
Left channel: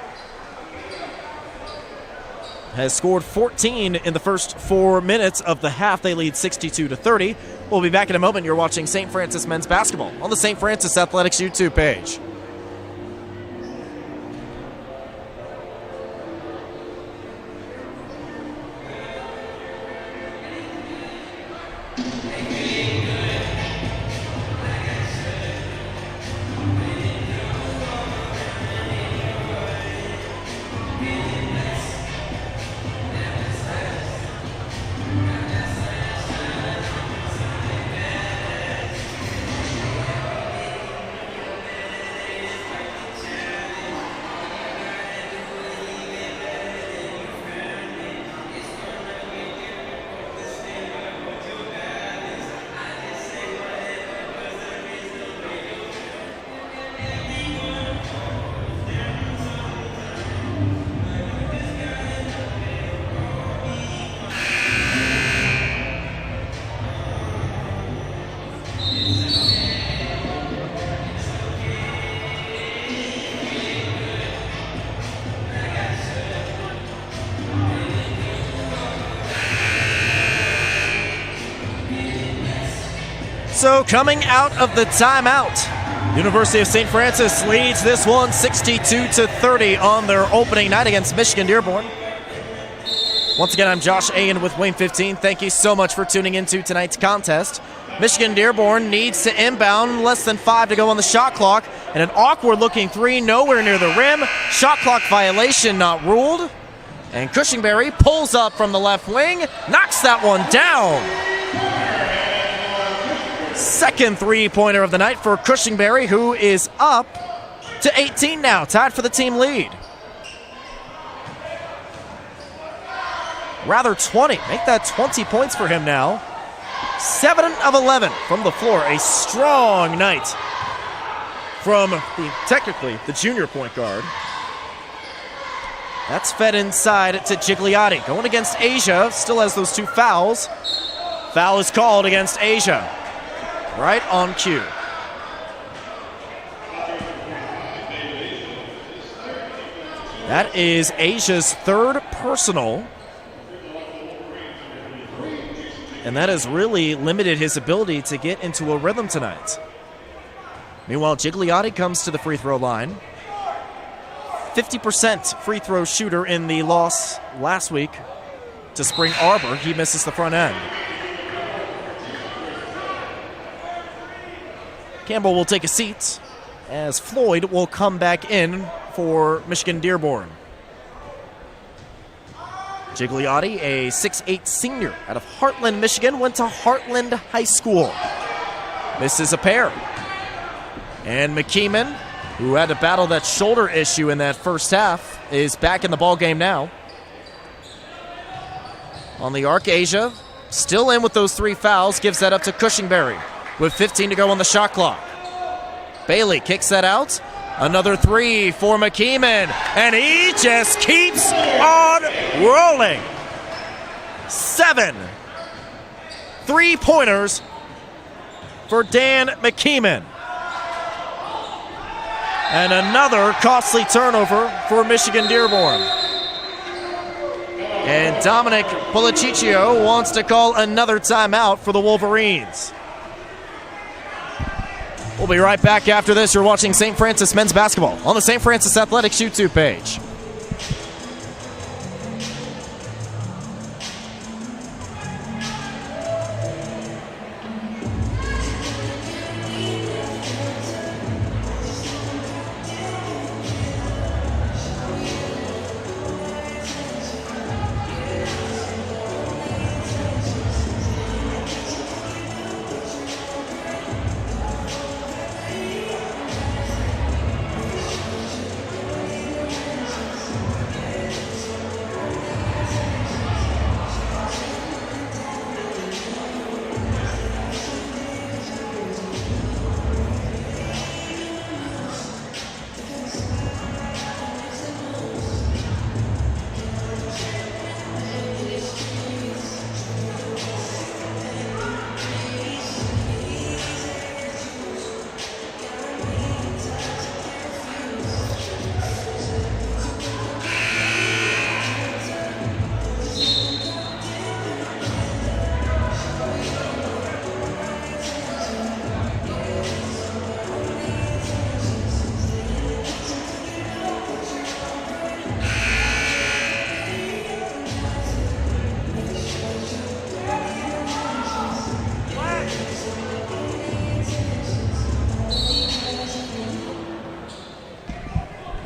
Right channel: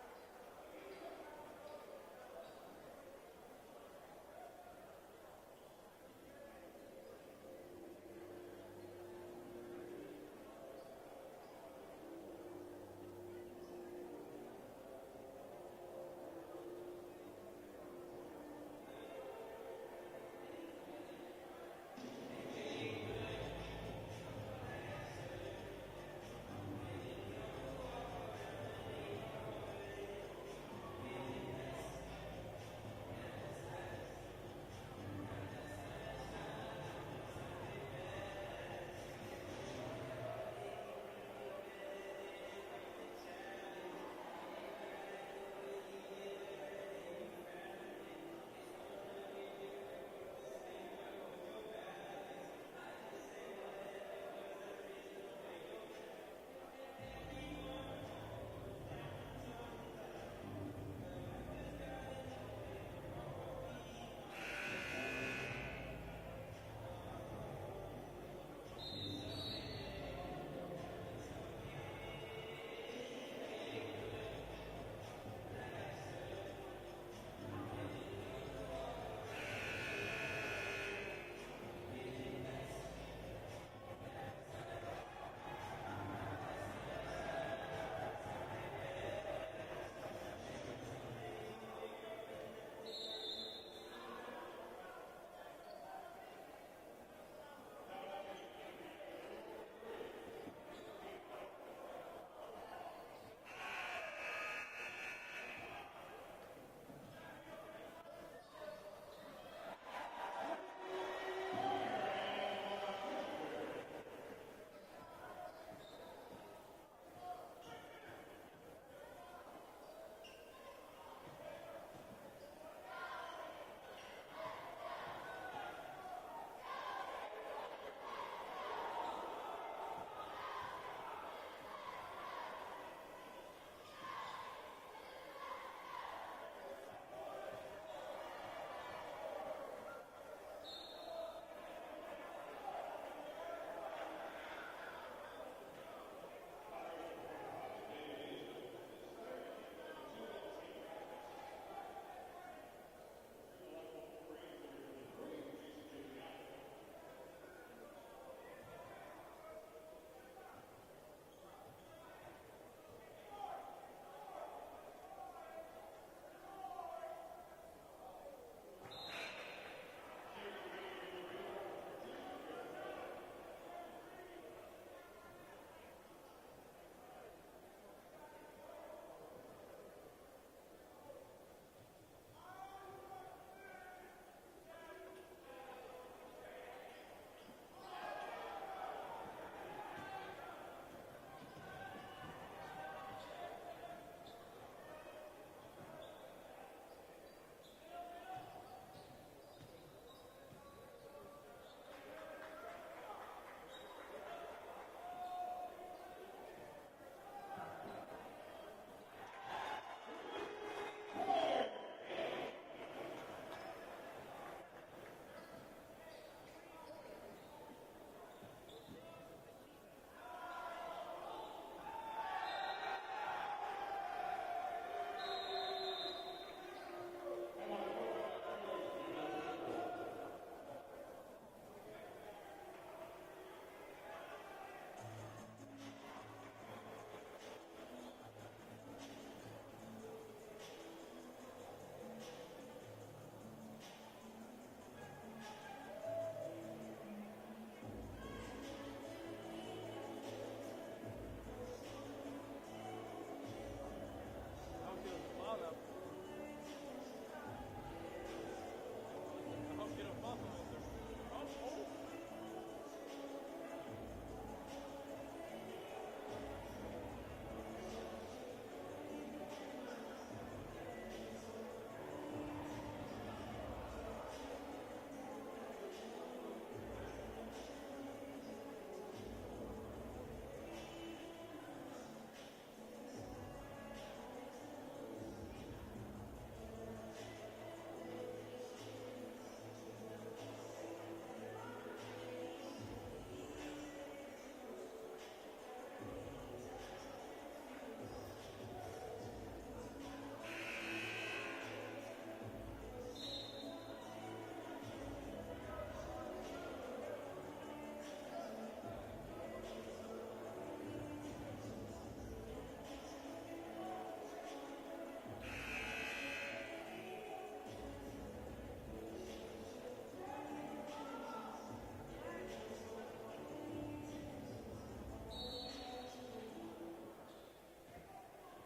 has scored 14 in the first 4 minutes of the half. They lead 62-30. We'll be back in a moment. You're watching St. Francis men's basketball on the St. Francis Athletics YouTube page. So coming out of the timeout, University of St. Francis leads this one 62-30 on their opening night against Michigan Dearborn. Once again, I'm Josh Ayen with Wayne 15. Thank you so much for tuning into tonight's contest. Michigan Dearborn needs to inbound, less than 5 to go on the shot clock, and an awkward-looking three nowhere near the rim. Shot clock violation not ruled. And Cushingberry pulls up from the left wing, knocks that one down. Second three-pointer of the night for Cushingberry, who is up to 18 now, tied for the team lead. Rather 20, make that 20 points for him now. 7 of 11 from the floor, a strong night from technically the junior point guard. That's fed inside to Gigliotti, going against Asia, still has those 2 fouls. Foul is called against Asia. Right on cue. That is Asia's 3rd personal. And that has really limited his ability to get into a rhythm tonight. Meanwhile, Gigliotti comes to the free throw line. 50% free throw shooter in the loss last week to Spring Arbor. He misses the front end. Campbell will take a seat as Floyd will come back in for Michigan Dearborn. Gigliotti, a 6'8 senior out of Heartland, Michigan, went to Heartland High School. Misses a pair. And McKeeman, who had to battle that shoulder issue in that first half, is back in the ball game now. On the arc, Asia still in with those 3 fouls, gives that up to Cushingberry with 15 to go on the shot clock. Bailey kicks that out. Another 3 for McKeeman, and he just keeps on rolling. 7 3-pointers for Dan McKeeman. And another costly turnover for Michigan Dearborn. And Dominic Policiccio wants to call another timeout for the Wolverines. We'll be right back after this. You're watching St. Francis men's basketball on the St. Francis Athletics YouTube page.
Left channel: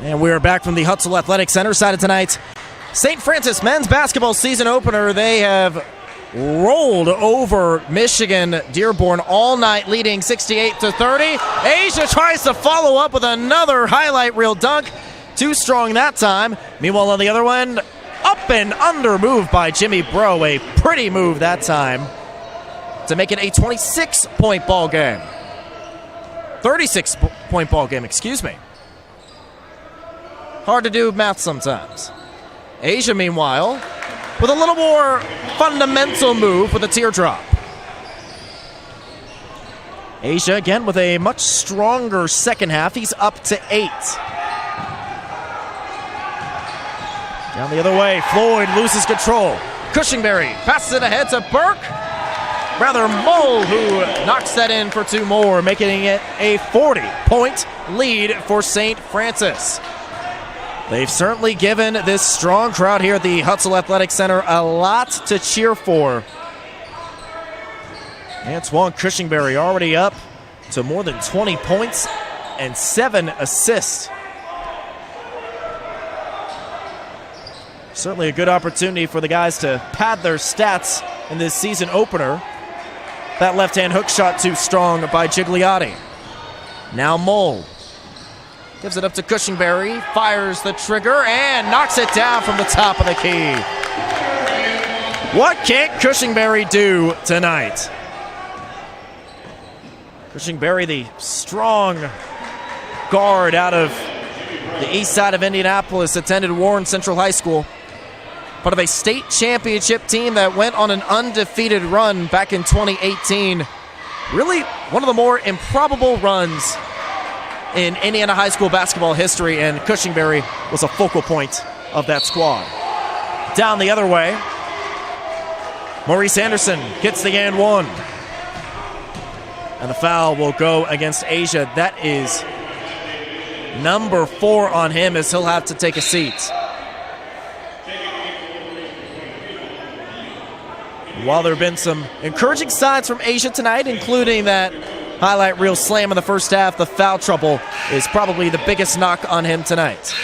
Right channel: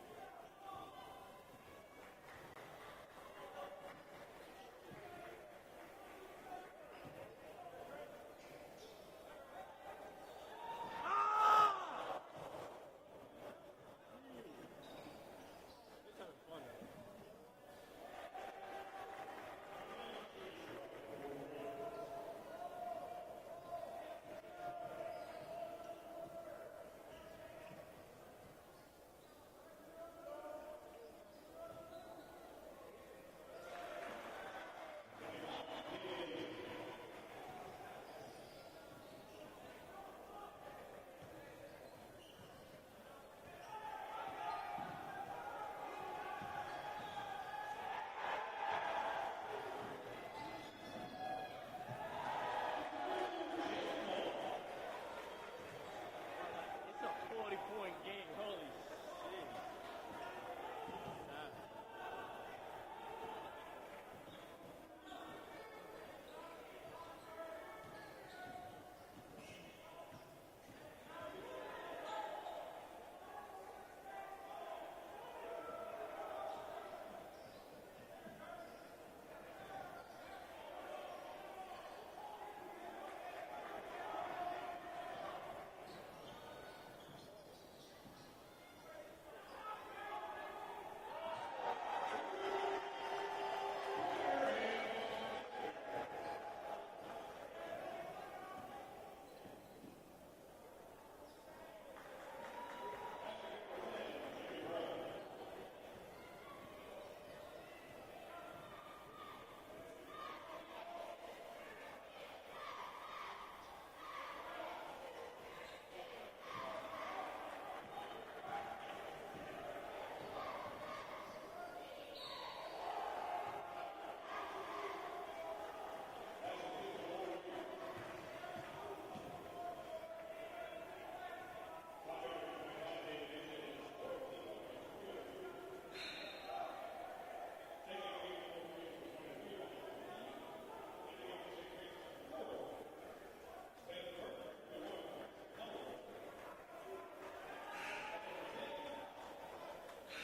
And we are back from the Hutzel Athletic Center side of tonight's St. Francis men's basketball season opener. They have rolled over Michigan Dearborn all night, leading 68-30. Asia tries to follow up with another highlight reel dunk. Too strong that time. Meanwhile, on the other one, up and under move by Jimmy Bro. A pretty move that time to make it a 26-point ball game. 36-point ball game, excuse me. Hard to do math sometimes. Asia, meanwhile, with a little more fundamental move with a teardrop. Asia, again, with a much stronger second half. He's up to 8. Down the other way, Floyd loses control. Cushingberry passes it ahead to Burke. rather Mole, who knocks that in for 2 more, making it a 40-point lead for St. Francis. They've certainly given this strong crowd here at the Hutzel Athletic Center a lot to cheer for. Antoine Cushingberry already up to more than 20 points and 7 assists. Certainly a good opportunity for the guys to pad their stats in this season opener. That left-hand hook shot too strong by Gigliotti. Now Mole gives it up to Cushingberry, fires the trigger, and knocks it down from the top of the key. What can't Cushingberry do tonight? Cushingberry, the strong guard out of the east side of Indianapolis, attended Warren Central High School. Part of a state championship team that went on an undefeated run back in 2018. Really one of the more improbable runs in Indiana high school basketball history, and Cushingberry was a focal point of that squad. Down the other way, Maurice Anderson gets the and 1. And the foul will go against Asia. That is number 4 on him, as he'll have to take a seat. While there have been some encouraging signs from Asia tonight, including that highlight reel slam in the first half, the foul trouble is probably the biggest knock on him tonight.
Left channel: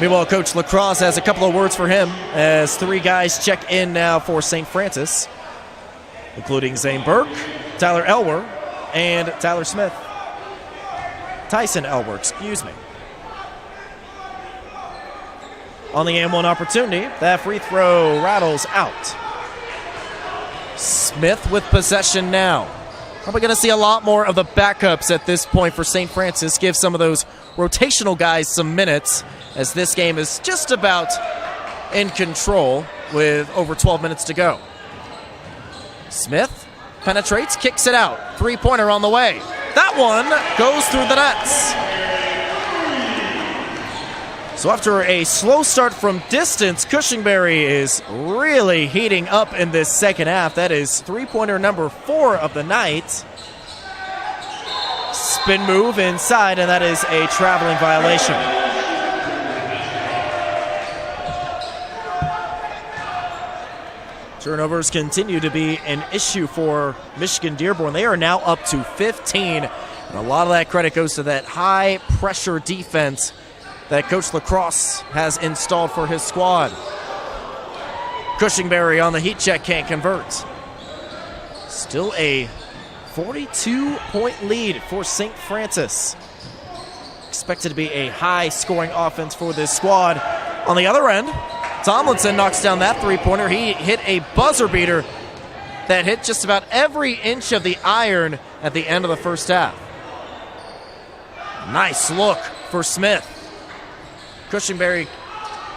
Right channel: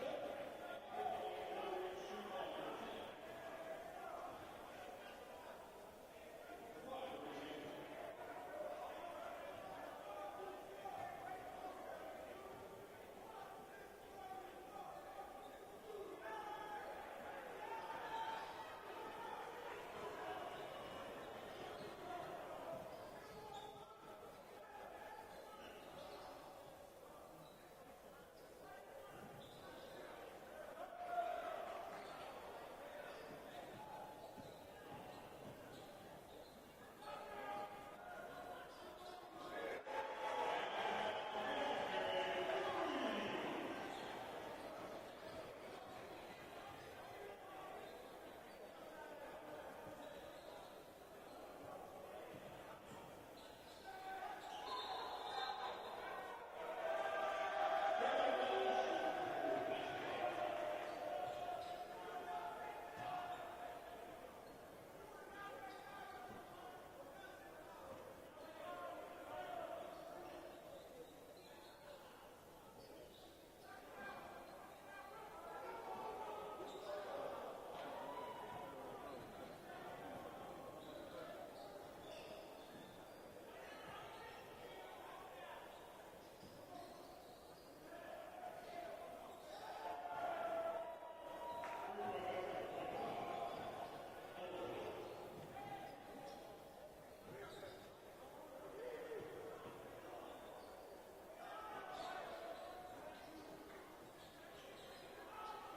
Meanwhile, Coach Lacrosse has a couple of words for him as 3 guys check in now for St. Francis, including Zane Burke, Tyler Elwer, and Tyler Smith. Tyson Elwer, excuse me. On the and 1 opportunity, that free throw rattles out. Smith with possession now. Probably going to see a lot more of the backups at this point for St. Francis. Give some of those rotational guys some minutes, as this game is just about in control with over 12 minutes to go. Smith penetrates, kicks it out. 3-pointer on the way. That one goes through the nets. So after a slow start from distance, Cushingberry is really heating up in this second half. That is 3-pointer number 4 of the night. Spin move inside, and that is a traveling violation. Turnovers continue to be an issue for Michigan Dearborn. They are now up to 15, and a lot of that credit goes to that high-pressure defense that Coach Lacrosse has installed for his squad. Cushingberry on the heat check, can't convert. Still a 42-point lead for St. Francis. Expected to be a high-scoring offense for this squad. On the other end, Tomlinson knocks down that 3-pointer. He hit a buzzer beater that hit just about every inch of the iron at the end of the first half. Nice look for Smith. Cushingberry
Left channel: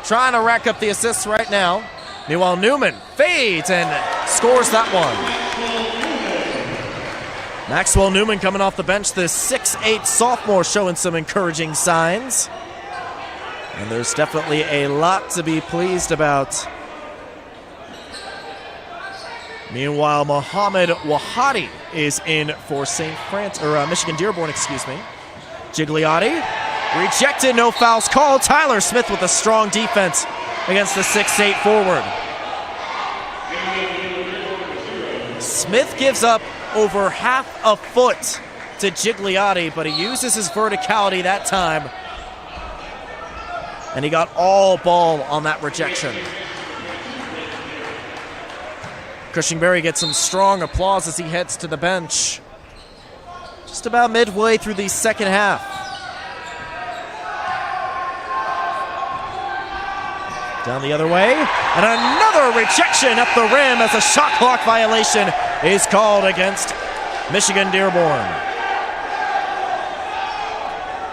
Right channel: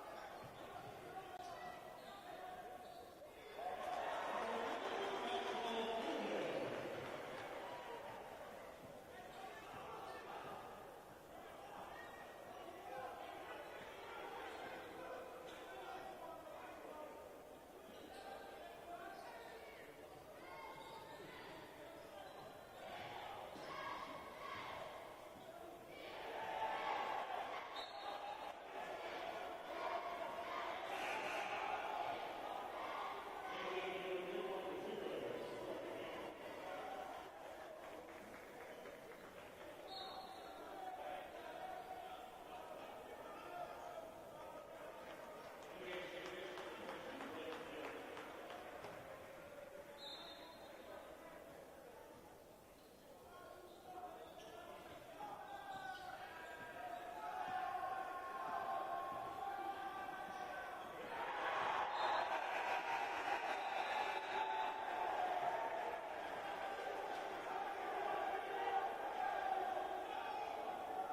trying to rack up the assists right now. Meanwhile, Newman fades and scores that one. Maxwell Newman coming off the bench, the 6'8 sophomore, showing some encouraging signs. And there's definitely a lot to be pleased about. Meanwhile, Mohamed Wahadi is in for Michigan Dearborn, excuse me. Gigliotti rejected, no fouls called. Tyler Smith with a strong defense against the 6'8 forward. Smith gives up over half a foot to Gigliotti, but he uses his verticality that time. And he got all ball on that rejection. Cushingberry gets some strong applause as he heads to the bench. Just about midway through the second half. Down the other way, and another rejection at the rim as a shot clock violation is called against Michigan Dearborn.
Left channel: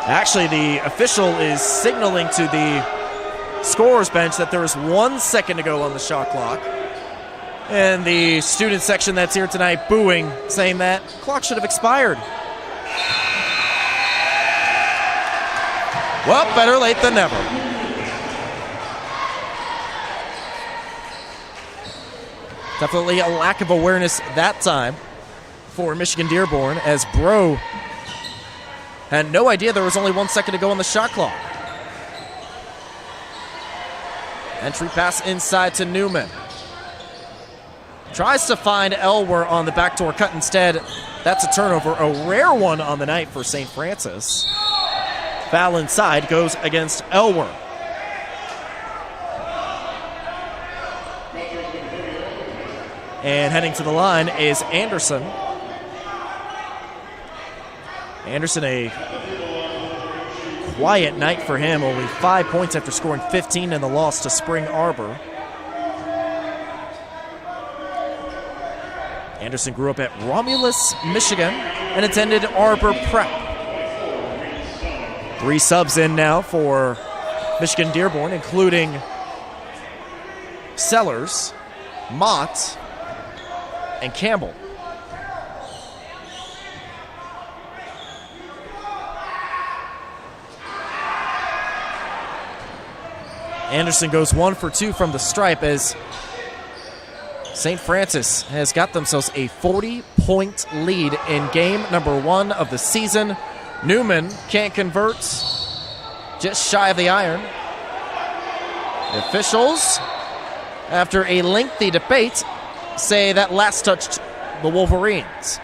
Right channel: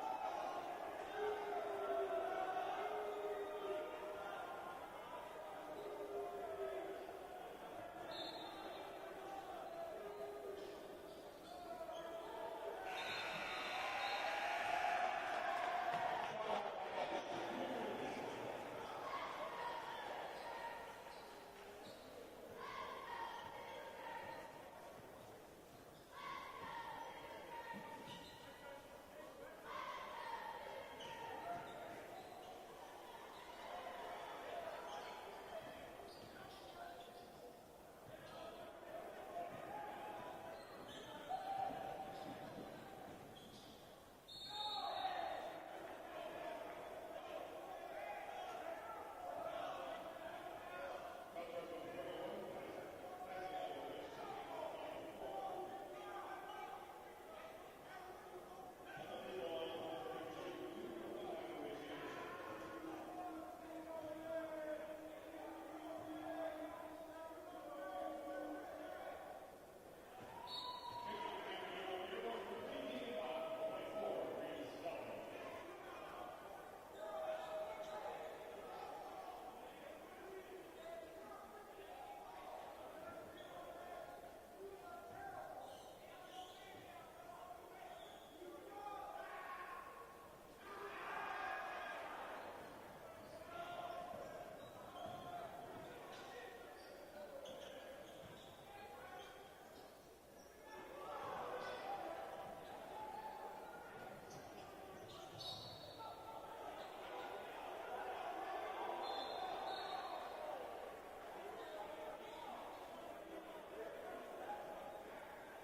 Actually, the official is signaling to the scorer's bench that there is 1 second to go on the shot clock. And the student section that's here tonight booing, saying that clock should have expired. Well, better late than never. Definitely a lack of awareness that time for Michigan Dearborn, as Bro had no idea there was only 1 second to go on the shot clock. Entry pass inside to Newman. Tries to find Elwer on the backdoor cut instead. That's a turnover, a rare one on the night for St. Francis. Foul inside goes against Elwer. And heading to the line is Anderson. Anderson, a quiet night for him, only 5 points after scoring 15 in the loss to Spring Arbor. Anderson grew up at Romulus, Michigan, and attended Arbor Prep. 3 subs in now for Michigan Dearborn, including Sellers, Mott, and Campbell. Anderson goes 1 for 2 from the stripe as St. Francis has got themselves a 40-point lead in game number 1 of the season. Newman can't convert, just shy of the iron. The officials, after a lengthy debate, say that last touched the Wolverines.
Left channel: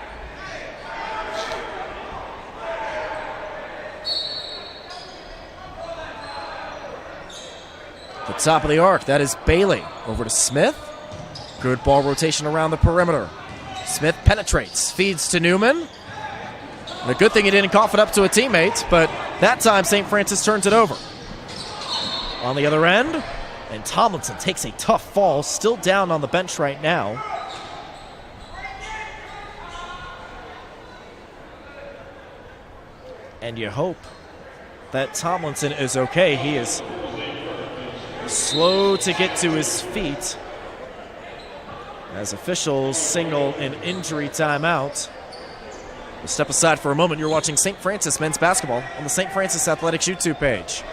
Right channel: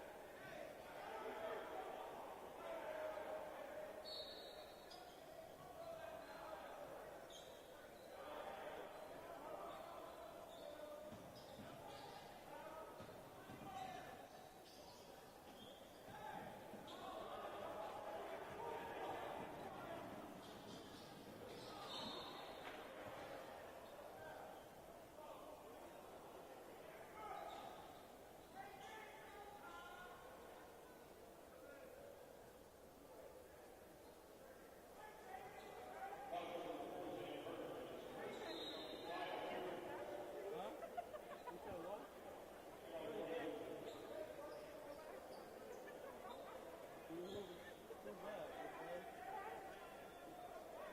The top of the arc, that is Bailey. Over to Smith. Good ball rotation around the perimeter. Smith penetrates, feeds to Newman. And a good thing he didn't cough it up to a teammate, but that time St. Francis turns it over. On the other end, and Tomlinson takes a tough fall, still down on the bench right now. And you hope that Tomlinson is okay. He is slow to get to his feet as officials signal an injury timeout. We'll step aside for a moment. You're watching St. Francis men's basketball on the St. Francis Athletics YouTube page.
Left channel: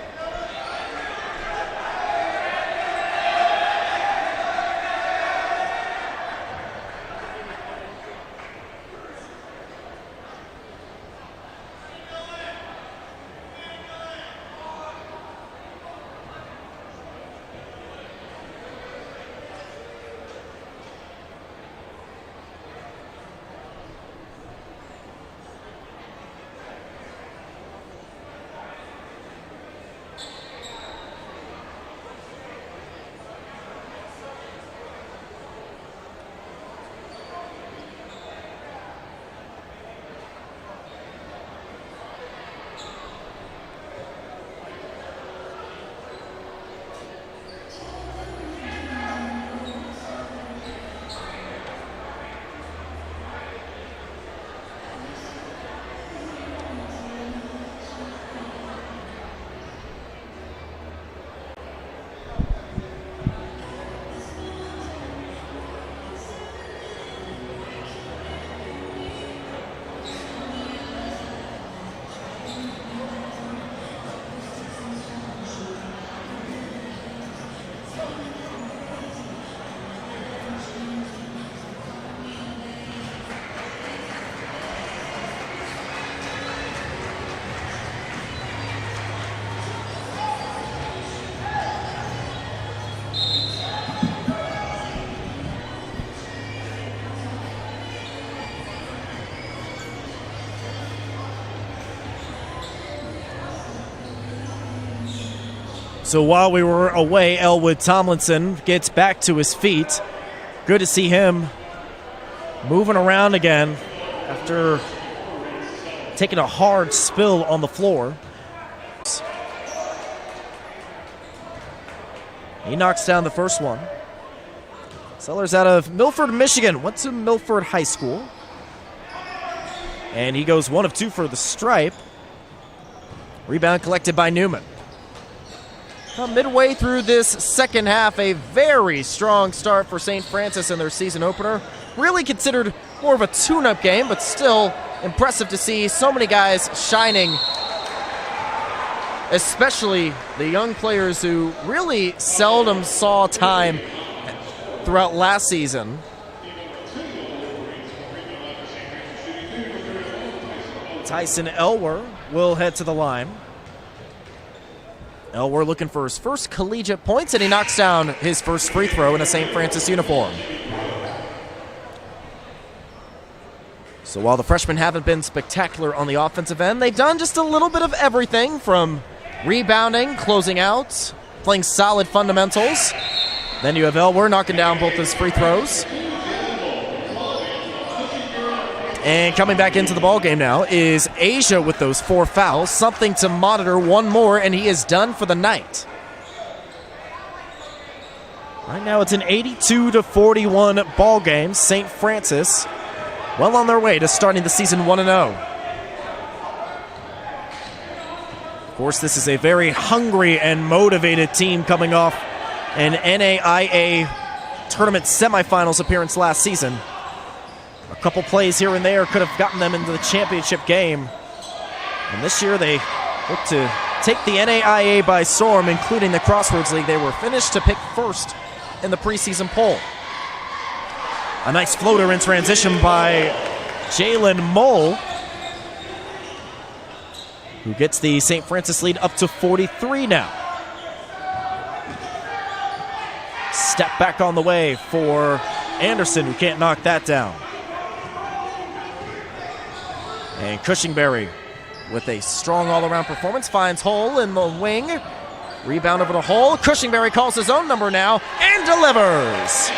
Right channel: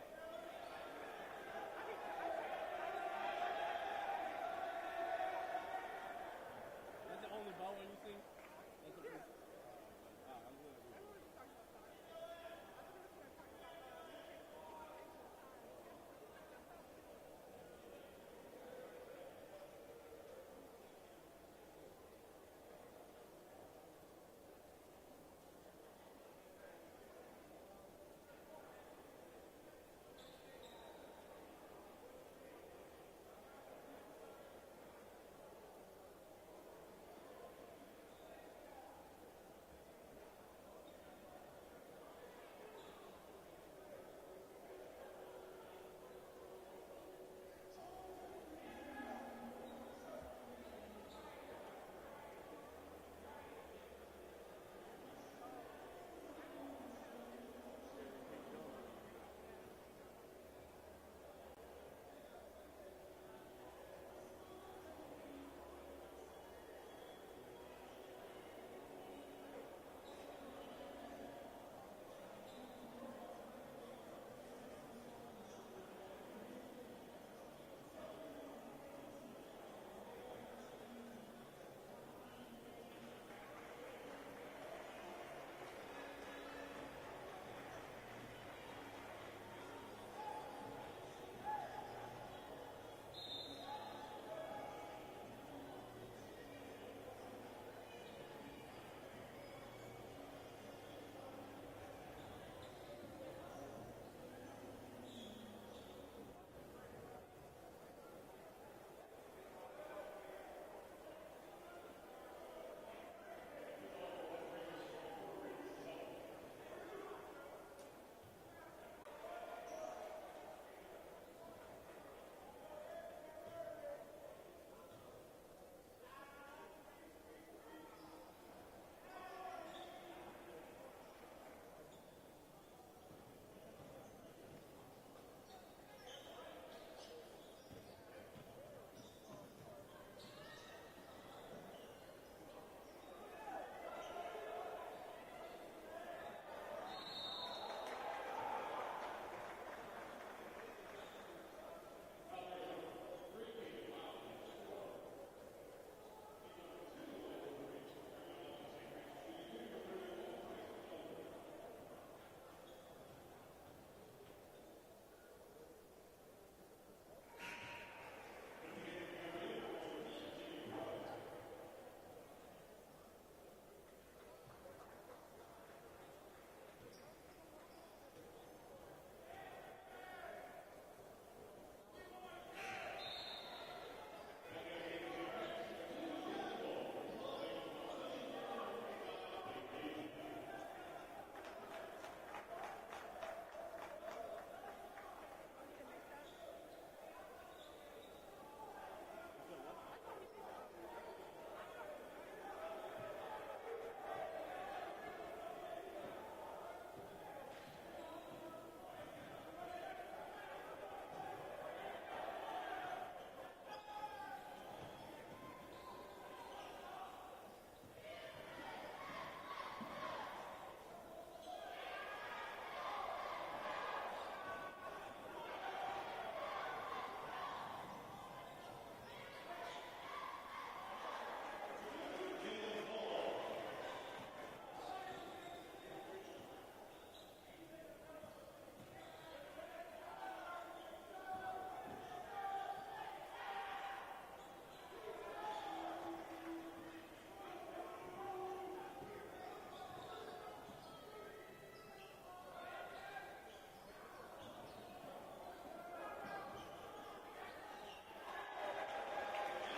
So while we were away, Elwood Tomlinson gets back to his feet. Good to see him moving around again after taking a hard spill on the floor. He knocks down the first one. Sellers out of Milford, Michigan. Went to Milford High School. And he goes 1 of 2 for the stripe. Rebound collected by Newman. Midway through this second half, a very strong start for St. Francis in their season opener. Really considered more of a tune-up game, but still impressive to see so many guys shining, especially the young players who really seldom saw time throughout last season. Tyson Elwer will head to the line. Elwer looking for his first collegiate points, and he knocks down his first free throw in a St. Francis uniform. So while the freshmen haven't been spectacular on the offensive end, they've done just a little bit of everything from rebounding, closing out, playing solid fundamentals. Then you have Elwer knocking down both his free throws. And coming back into the ballgame now is Asia with those 4 fouls. Something to monitor, one more, and he is done for the night. Right now it's an 82-41 ball game. St. Francis well on their way to starting the season 1-0. Of course, this is a very hungry and motivated team coming off an NAIA tournament semifinals appearance last season. A couple plays here and there could have gotten them into the championship game. And this year they look to take the NAIA by storm, including the Crossroads League. They were finished to pick first in the preseason poll. A nice floater in transition by Jalen Mole, who gets the St. Francis lead up to 43 now. Step back on the way for Anderson, who can't knock that down. And Cushingberry, with a strong all-around performance, finds Hole in the wing. Rebound over to Hole. Cushingberry calls his own number now and delivers.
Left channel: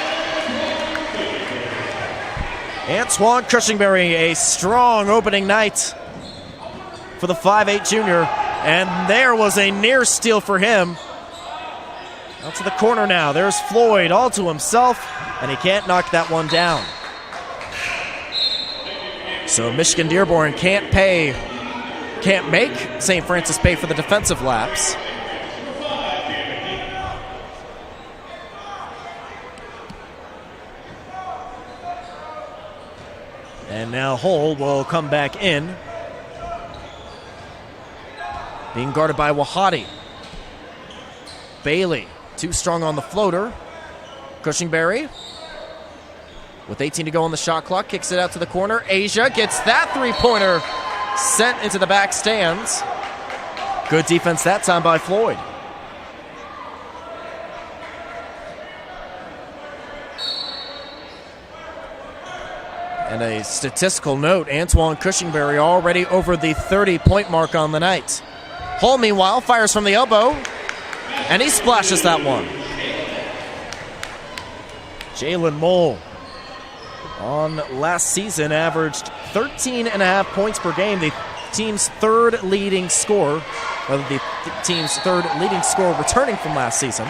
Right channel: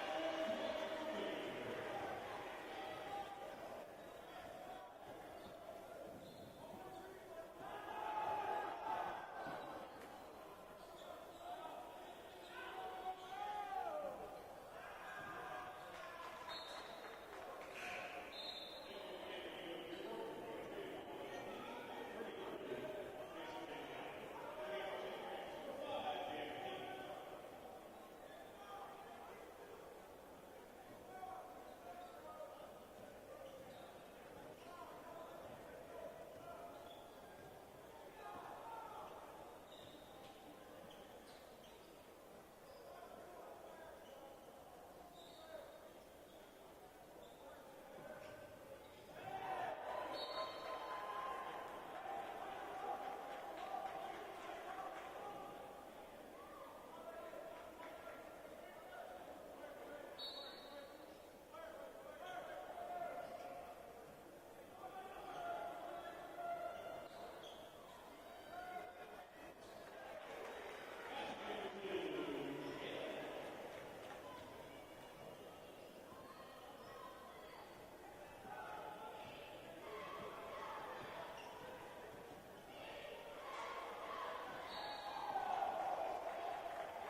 Antoine Cushingberry, a strong opening night for the 5'8 junior. And there was a near steal for him. Out to the corner now. There's Floyd all to himself, and he can't knock that one down. So Michigan Dearborn can't make St. Francis pay for the defensive lapse. And now Hull will come back in, being guarded by Wahati. Bailey, too strong on the floater. Cushingberry, with 18 to go on the shot clock, kicks it out to the corner. Asia gets that three-pointer sent into the back stands. Good defense that time by Floyd. And a statistical note, Antoine Cushingberry already over the 30-point mark on the night. Hull, meanwhile, fires from the elbow, and he splashes that one. Jalen Mole, on last season, averaged 13.5 points per game, the team's third leading scorer, returning from last season.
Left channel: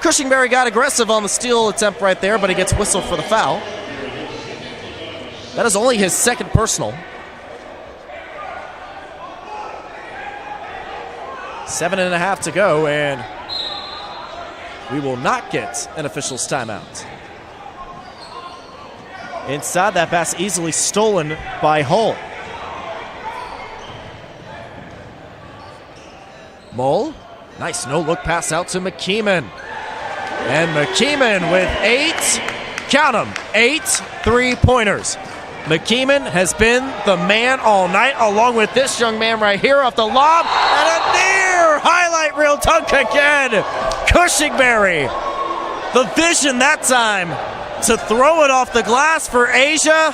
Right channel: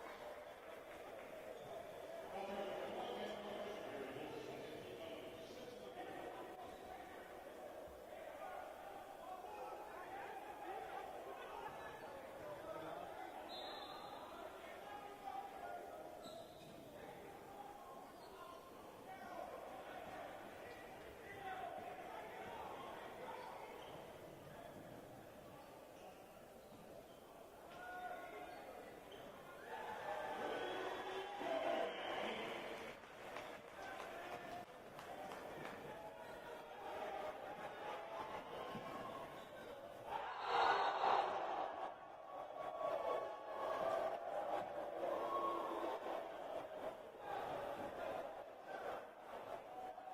Cushingberry got aggressive on the steal attempt right there, but he gets whistled for the foul. That is only his second personal. 7.5 to go, and we will not get an official's timeout. Inside, that pass easily stolen by Hull. Mole, nice no-look pass out to McKeeman. And McKeeman with 8 three-pointers. McKeeman has been the man all night, along with this young man right here off the lob. And a near highlight reel dunk again. Cushingberry, the vision that time to throw it off the glass for Asia.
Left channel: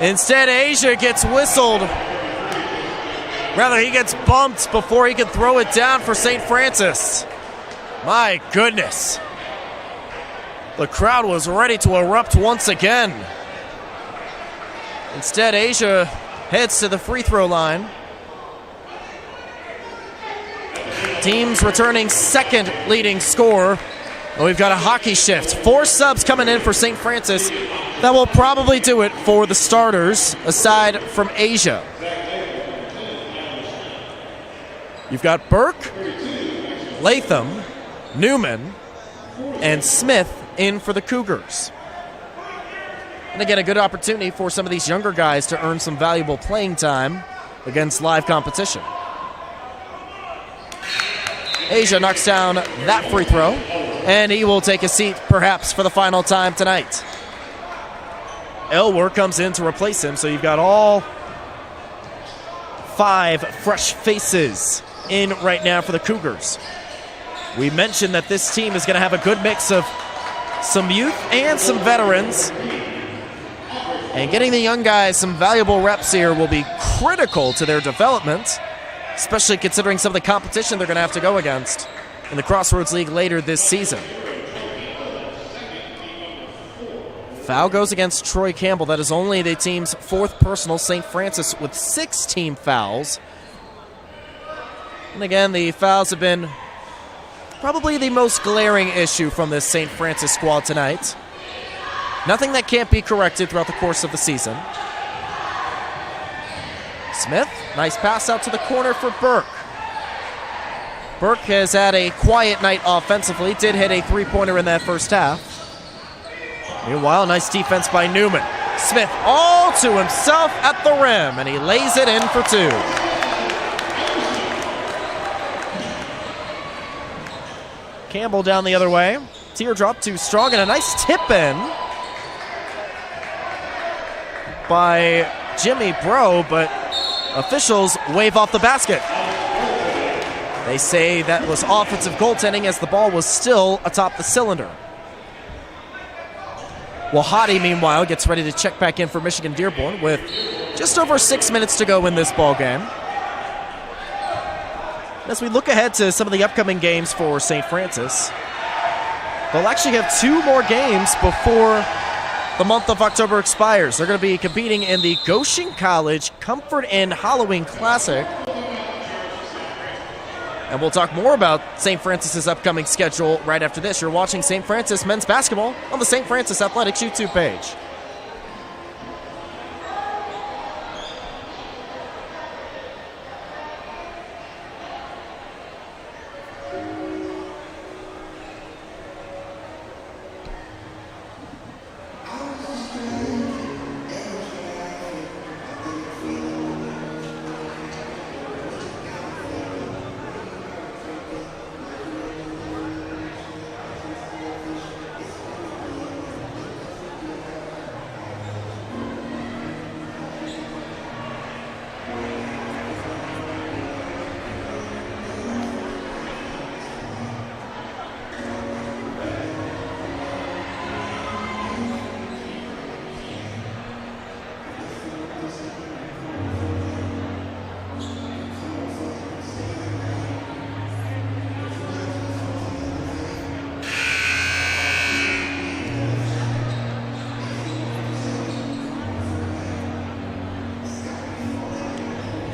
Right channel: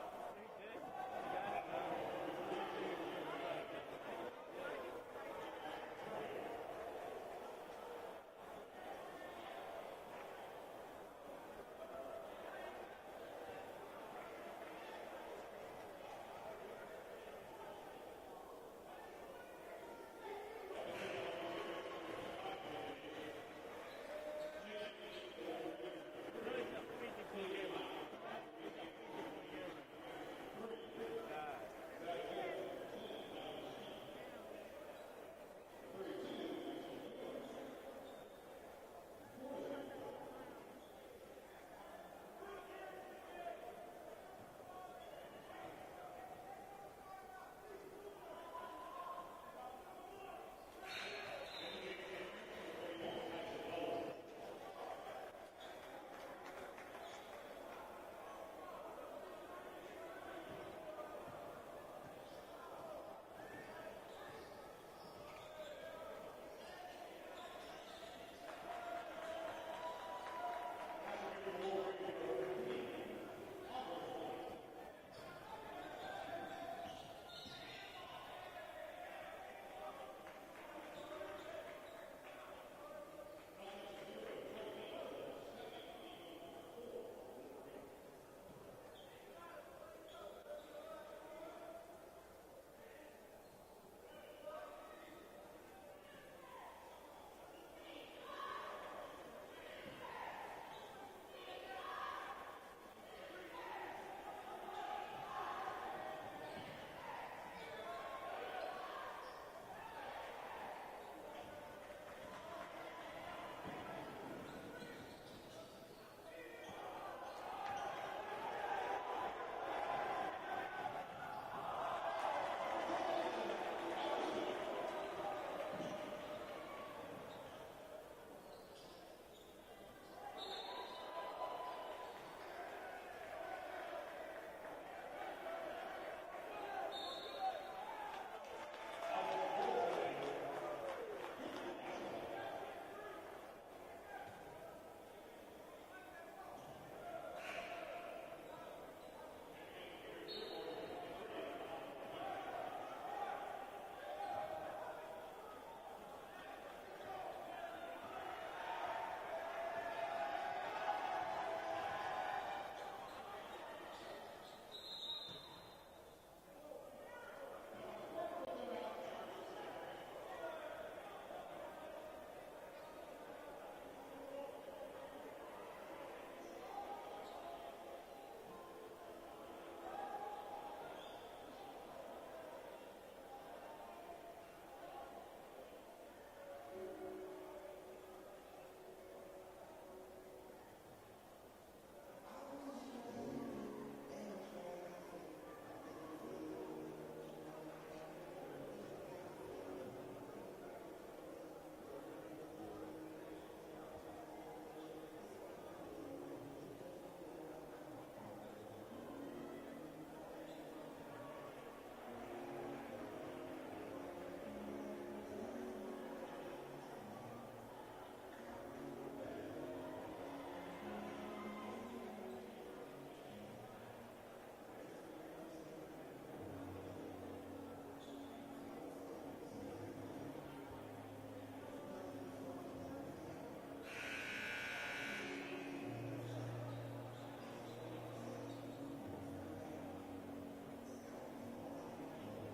Instead, Asia gets whistled. Rather, he gets bumped before he can throw it down for St. Francis. My goodness. The crowd was ready to erupt once again. Instead, Asia heads to the free throw line. Team's returning second leading scorer. Well, we've got a hockey shift. 4 subs coming in for St. Francis. That will probably do it for the starters, aside from Asia. You've got Burke, Latham, Newman, and Smith in for the Cougars. And again, a good opportunity for some of these younger guys to earn some valuable playing time against live competition. Asia knocks down that free throw, and he will take a seat perhaps for the final time tonight. Elwer comes in to replace him, so you've got all 5 fresh faces in right now for the Cougars. We mentioned that this team is going to have a good mix of some youth and some veterans. And getting the young guys some valuable reps here will be critical to their development, especially considering some of the competition they're going to have to go against in the Crossroads League later this season. Foul goes against Troy Campbell. That is only the team's 4th personal. St. Francis with 6 team fouls. And again, the fouls have been probably the most glaring issue from this St. Francis squad tonight. Nothing that can't be corrected throughout the course of the season. Smith, nice pass out to the corner for Burke. Burke has had a quiet night offensively, did hit a 3-pointer in that first half. Meanwhile, nice defense by Newman. Smith all to himself at the rim, and he lays it in for 2. Campbell down the other way. Teardrop too strong, and a nice tip in by Jimmy Bro, but officials wave off the basket. They say that was offensive goaltending as the ball was still atop the cylinder. Wahadi, meanwhile, gets ready to check back in for Michigan Dearborn with just over 6 minutes to go in this ball game. As we look ahead to some of the upcoming games for St. Francis, they'll actually have 2 more games before the month of October expires. They're going to be competing in the Goshen College Comfort Inn Halloween Classic. And we'll talk more about St. Francis's upcoming schedule right after this. You're watching St. Francis men's basketball on the St. Francis Athletics YouTube page.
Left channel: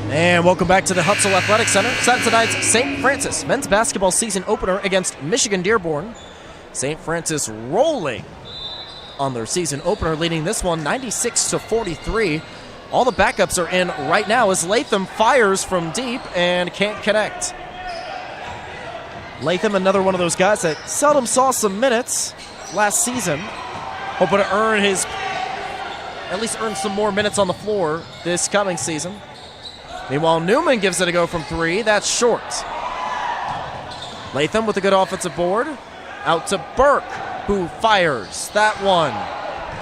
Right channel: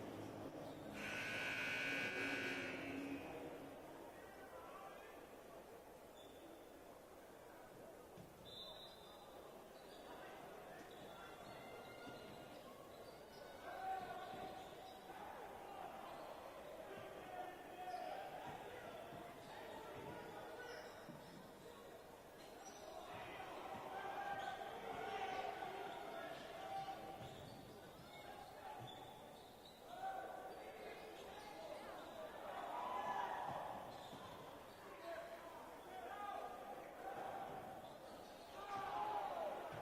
And welcome back to the Hutzel Athletic Center. Set tonight's St. Francis men's basketball season opener against Michigan Dearborn. St. Francis rolling on their season opener, leading this one 96-43. All the backups are in right now as Latham fires from deep and can't connect. Latham, another one of those guys that seldom saw some minutes last season, hoping to at least earn some more minutes on the floor this coming season. Meanwhile, Newman gives it a go from 3. That's short. Latham with a good offensive board. Out to Burke, who fires that one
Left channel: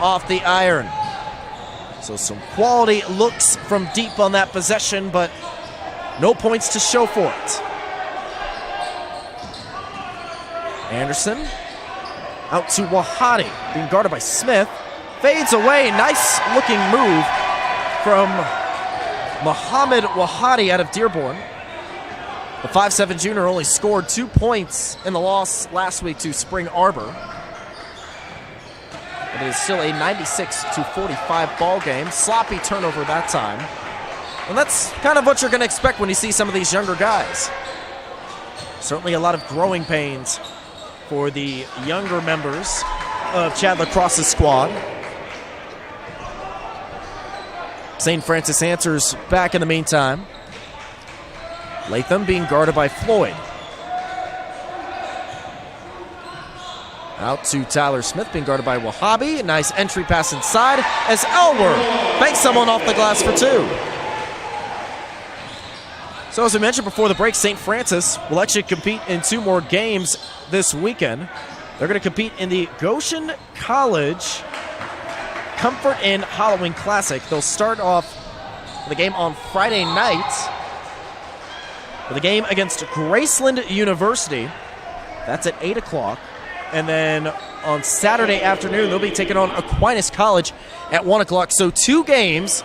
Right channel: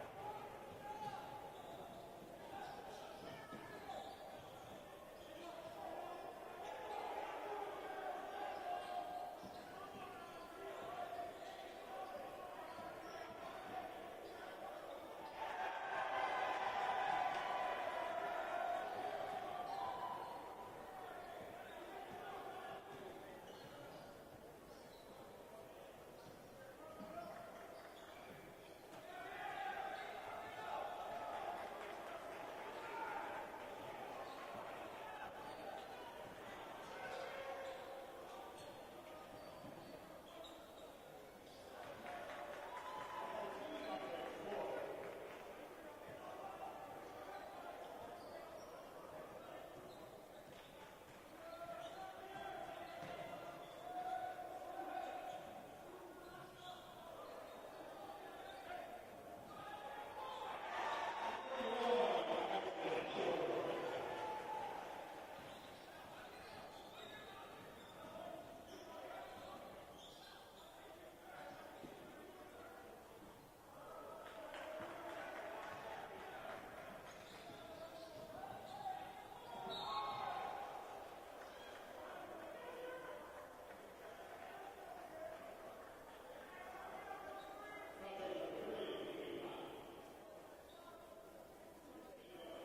off the iron. So some quality looks from deep on that possession, but no points to show for it. Anderson out to Wahadi, being guarded by Smith. Fades away. Nice looking move from Muhammad Wahadi out of Dearborn. The 5'7" junior only scored 2 points in the loss last week to Spring Arbor. But it is still a 96-45 ball game. Sloppy turnover that time. And that's kind of what you're going to expect when you see some of these younger guys. Certainly a lot of growing pains for the younger members of Chad Lacrosse's squad. St. Francis answers back in the meantime. Latham being guarded by Floyd. Out to Tyler Smith, being guarded by Wahhabi. Nice entry pass inside as Elwer banks someone off the glass for 2. So as we mentioned before the break, St. Francis will actually compete in 2 more games this weekend. They're going to compete in the Goshen College Comfort Inn Halloween Classic. They'll start off for the game on Friday night. For the game against Graceland University. That's at 8 o'clock. And then on Saturday afternoon, they'll be taking on Aquinas College at 1 o'clock. So 2 games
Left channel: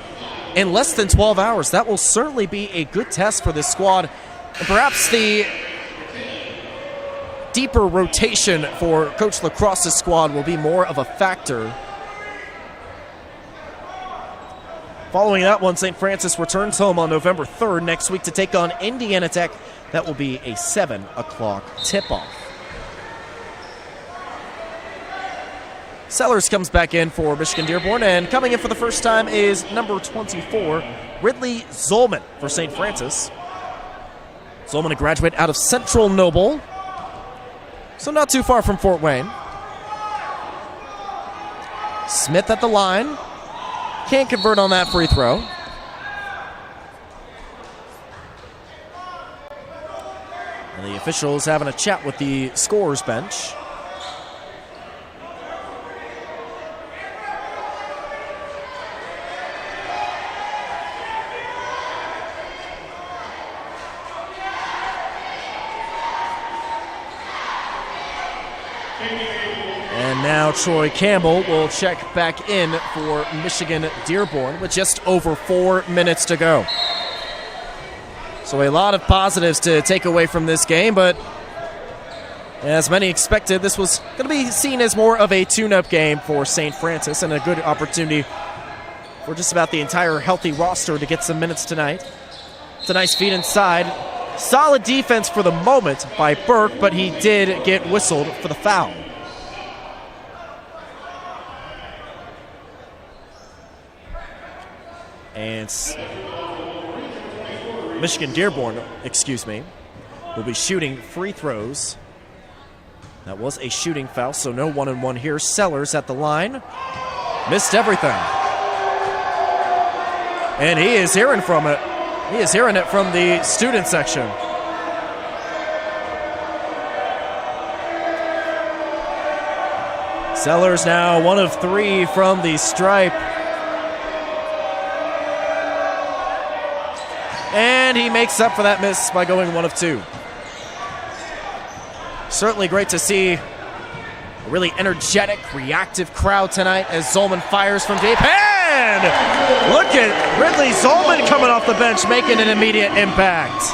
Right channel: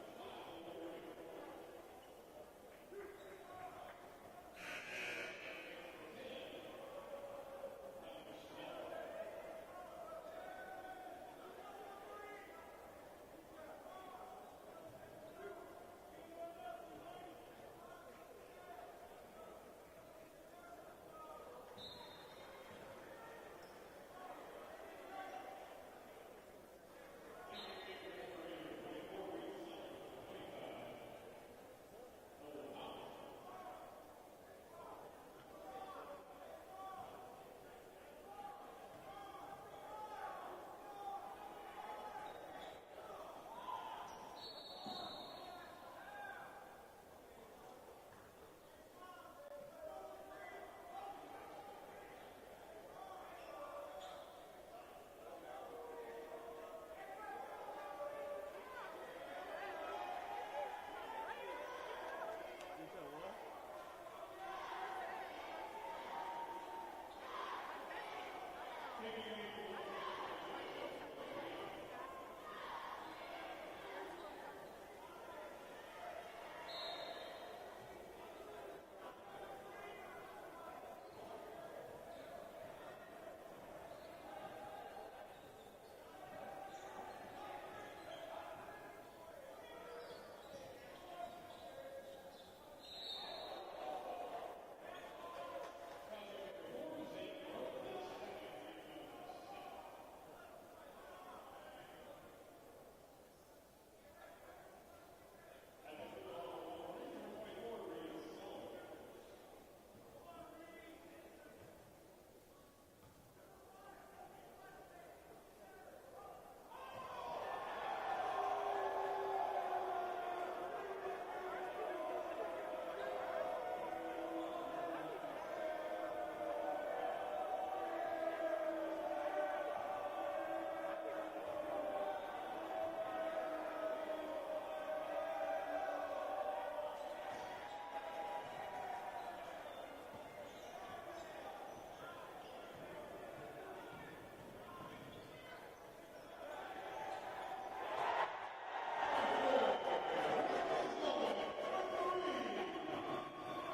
in less than 12 hours. That will certainly be a good test for this squad. And perhaps the deeper rotation for Coach Lacrosse's squad will be more of a factor. Following that one, St. Francis returns home on November 3rd next week to take on Indiana Tech. That will be a 7 o'clock tip-off. Sellers comes back in for Michigan Dearborn, and coming in for the first time is number 24, Ridley Zolman for St. Francis. Zolman, a graduate out of Central Noble, so not too far from Fort Wayne. Smith at the line. Can't convert on that free throw. And the officials having a chat with the scorers bench. And now Troy Campbell will check back in for Michigan Dearborn with just over 4 minutes to go. So a lot of positives to take away from this game, but as many expected, this was going to be seen as more of a tune-up game for St. Francis and a good opportunity for just about the entire healthy roster to get some minutes tonight. It's a nice feed inside. Solid defense for the moment by Burke, but he did get whistled for the foul. And Michigan Dearborn, will be shooting free throws. That was a shooting foul, so no 1-and-1 here. Sellers at the line. Missed everything. And he is hearing from it. He is hearing it from the student section. Sellers now 1 of 3 from the stripe. And he makes up for that miss by going 1 of 2. Certainly great to see a really energetic, reactive crowd tonight as Zolman fires from deep. And look at Ridley Zolman coming off the bench, making an immediate impact.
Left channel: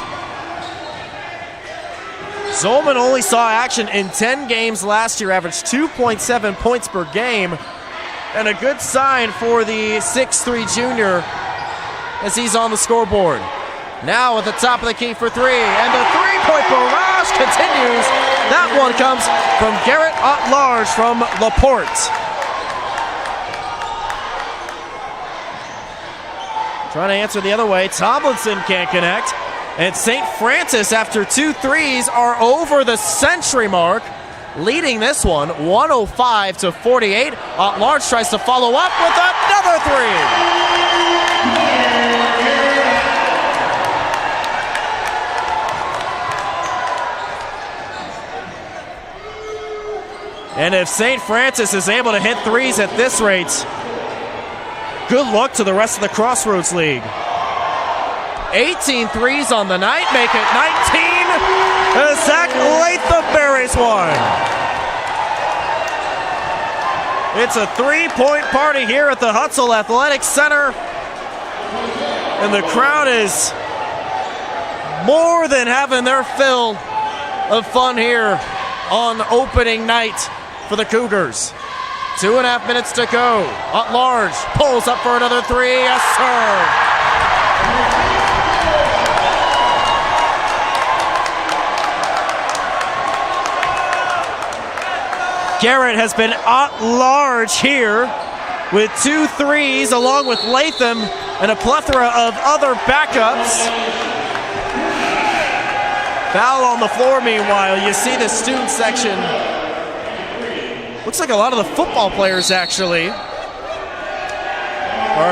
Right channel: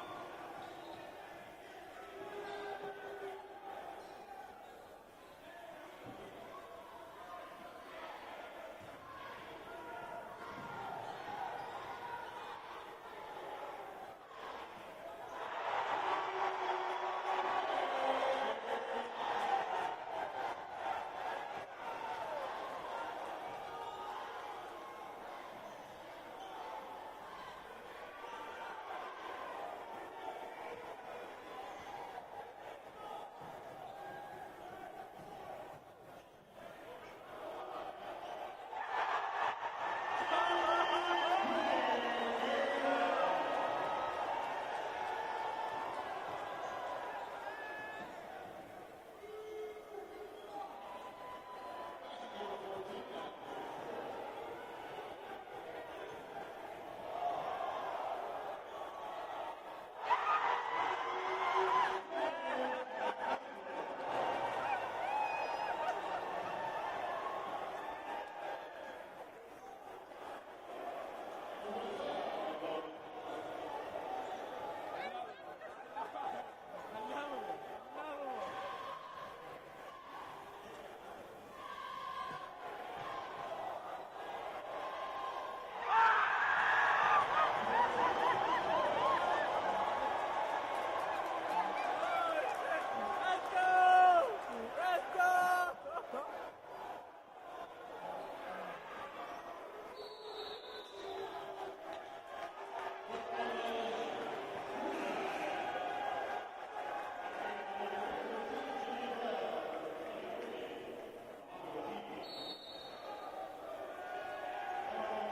Zolman only saw action in 10 games last year, averaged 2.7 points per game, and a good sign for the 6'3 junior as he's on the scoreboard. Now at the top of the key for 3, and the three-point barrage continues. That one comes from Garrett At-Large from LaPorte. Trying to answer the other way. Tomlinson can't connect. And St. Francis, after 2 threes, are over the century mark, leading this one 105-48. At-Large tries to follow up with another 3. And if St. Francis is able to hit 3s at this rate, good luck to the rest of the Crossroads League. 18 threes on the night, make it 19. And Zach Latham buries 1. It's a 3-point party here at the Hutzel Athletic Center. And the crowd is more than having their fill of fun here on opening night for the Cougars. 2.5 minutes to go. At-Large pulls up for another 3. Yes, sir. Garrett has been at-large here with 2 threes along with Latham and a plethora of other backups. Foul on the floor meanwhile. You see the student section. Looks like a lot of the football players actually are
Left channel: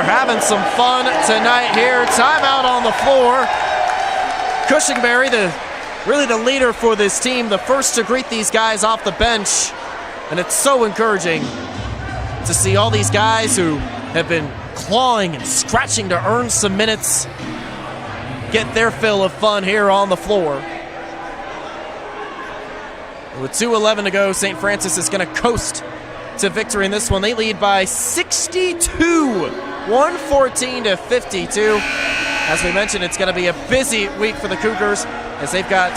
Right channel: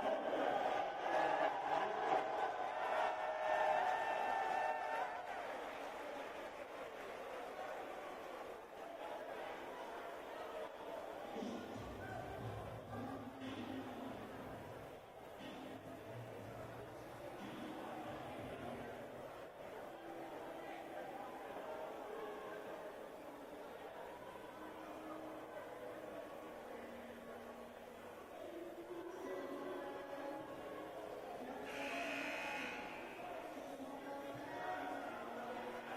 having some fun tonight here. Timeout on the floor. Cushingberry, really the leader for this team, the first to greet these guys off the bench. And it's so encouraging to see all these guys who have been clawing and scratching to earn some minutes, get their fill of fun here on the floor. With 2:11 to go, St. Francis is going to coast to victory in this one. They lead by 62, 114 to 52. As we mentioned, it's going to be a busy week for the Cougars as they've got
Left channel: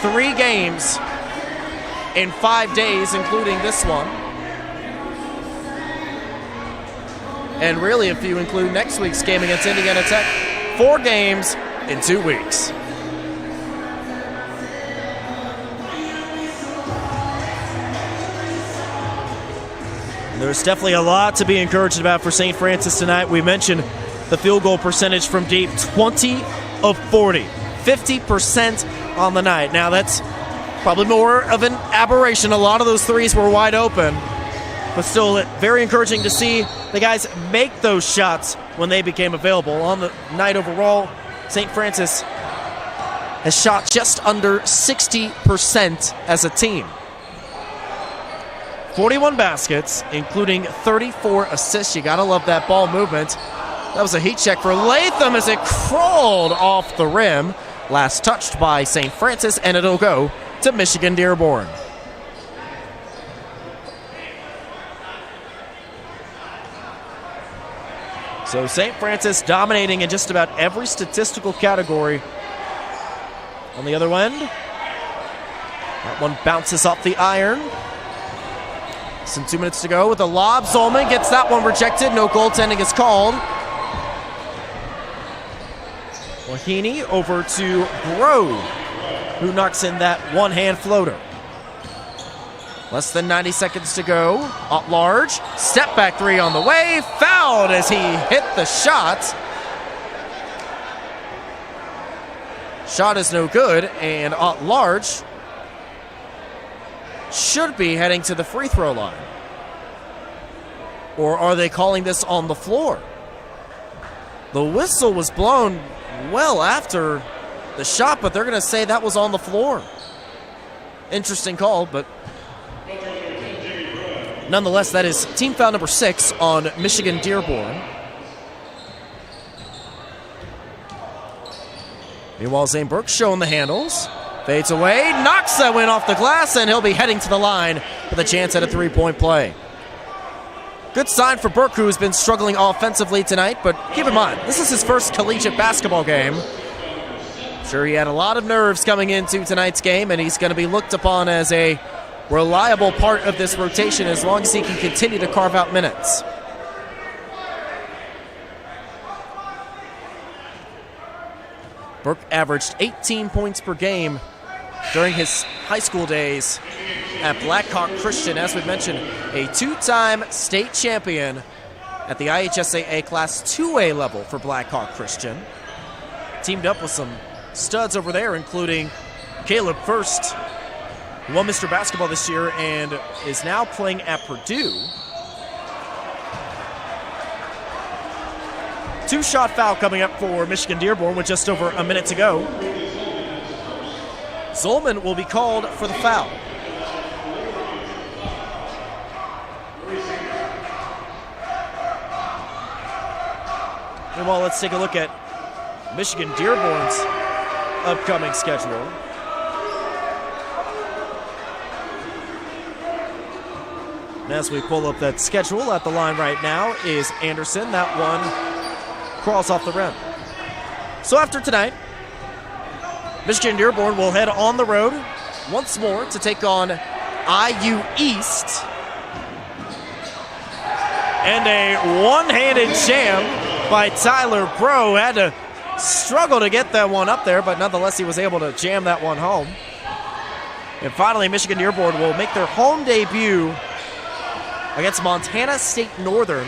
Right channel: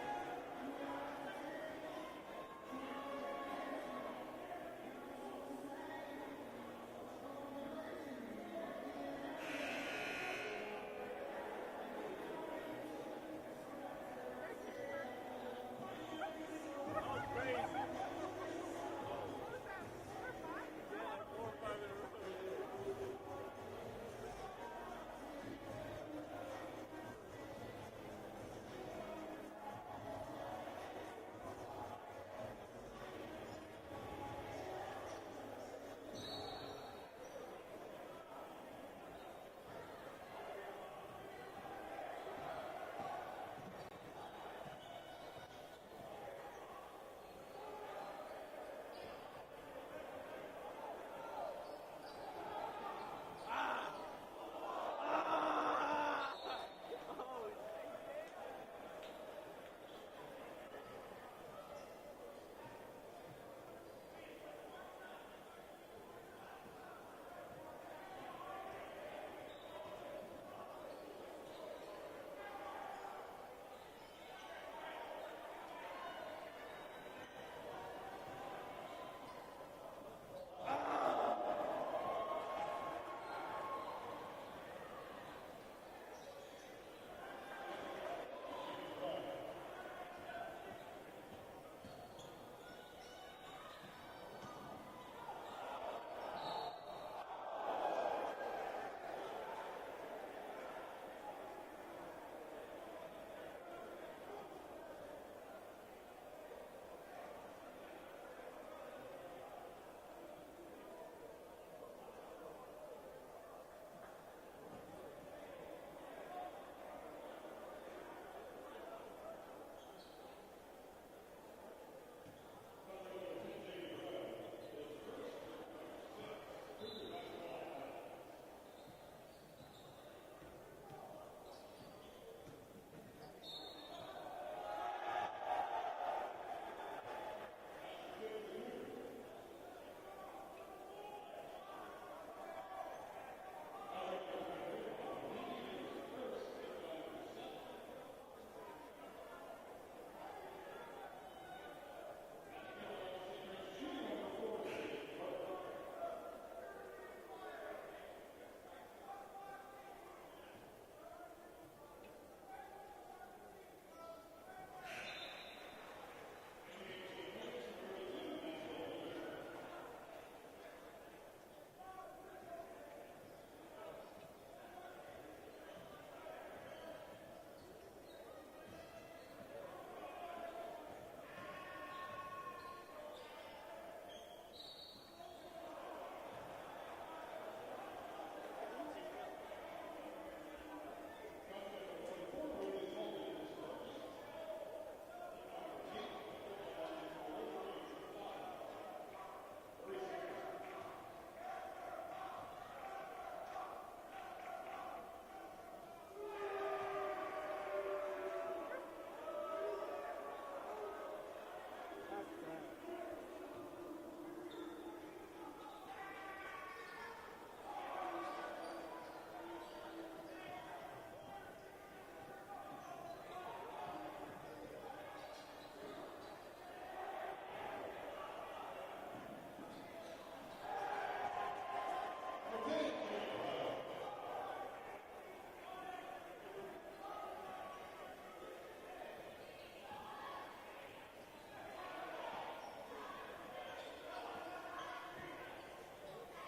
3 games in 5 days, including this one. And really, if you include next week's game against Indiana Tech, 4 games in 2 weeks. There's definitely a lot to be encouraged about for St. Francis tonight. We mentioned the field goal percentage from deep, 20 of 40, 50% on the night. Now that's probably more of an aberration. A lot of those threes were wide open, but still very encouraging to see the guys make those shots when they became available. On the night overall, St. Francis has shot just under 60% as a team. 41 baskets, including 34 assists. You gotta love that ball movement. That was a heat check for Latham as it crawled off the rim. Last touched by St. Francis, and it'll go to Michigan Dearborn. So St. Francis dominating in just about every statistical category. On the other end, that one bounces off the iron. Some 2 minutes to go with a lob. Zolman gets that one rejected. No goaltending is called. Wahini over to Grove, who knocks in that one-hand floater. Less than 90 seconds to go. At large, step back 3 on the way. Fouled as he hit the shot. Shot is no good, and at large should be heading to the free throw line. Or are they calling this on the floor? The whistle was blown well after the shot, but they're going to say that was on the floor. Interesting call, but nonetheless, that is team foul number 6 on Michigan Dearborn. Meanwhile, Zane Burke showing the handles. Fades away, knocks that win off the glass, and he'll be heading to the line with a chance at a 3-point play. Good sign for Burke, who's been struggling offensively tonight, but keep in mind, this is his first collegiate basketball game. I'm sure he had a lot of nerves coming into tonight's game, and he's going to be looked upon as a reliable part of this rotation as long as he can continue to carve out minutes. Burke averaged 18 points per game during his high school days at Blackhawk Christian. As we mentioned, a 2-time state champion at the IHSAA Class 2A level for Blackhawk Christian. Teamed up with some studs over there, including Caleb First, who won Mr. Basketball this year and is now playing at Purdue. 2-shot foul coming up for Michigan Dearborn with just over a minute to go. Zolman will be called for the foul. Meanwhile, let's take a look at Michigan Dearborn's upcoming schedule. And as we pull up that schedule, at the line right now is Anderson. That one crawls off the rim. So after tonight, Michigan Dearborn will head on the road once more to take on IU East. And a one-handed jam by Tyler Bro. Had to struggle to get that one up there, but nonetheless he was able to jam that one home. And finally, Michigan Dearborn will make their home debut against Montana State Northern.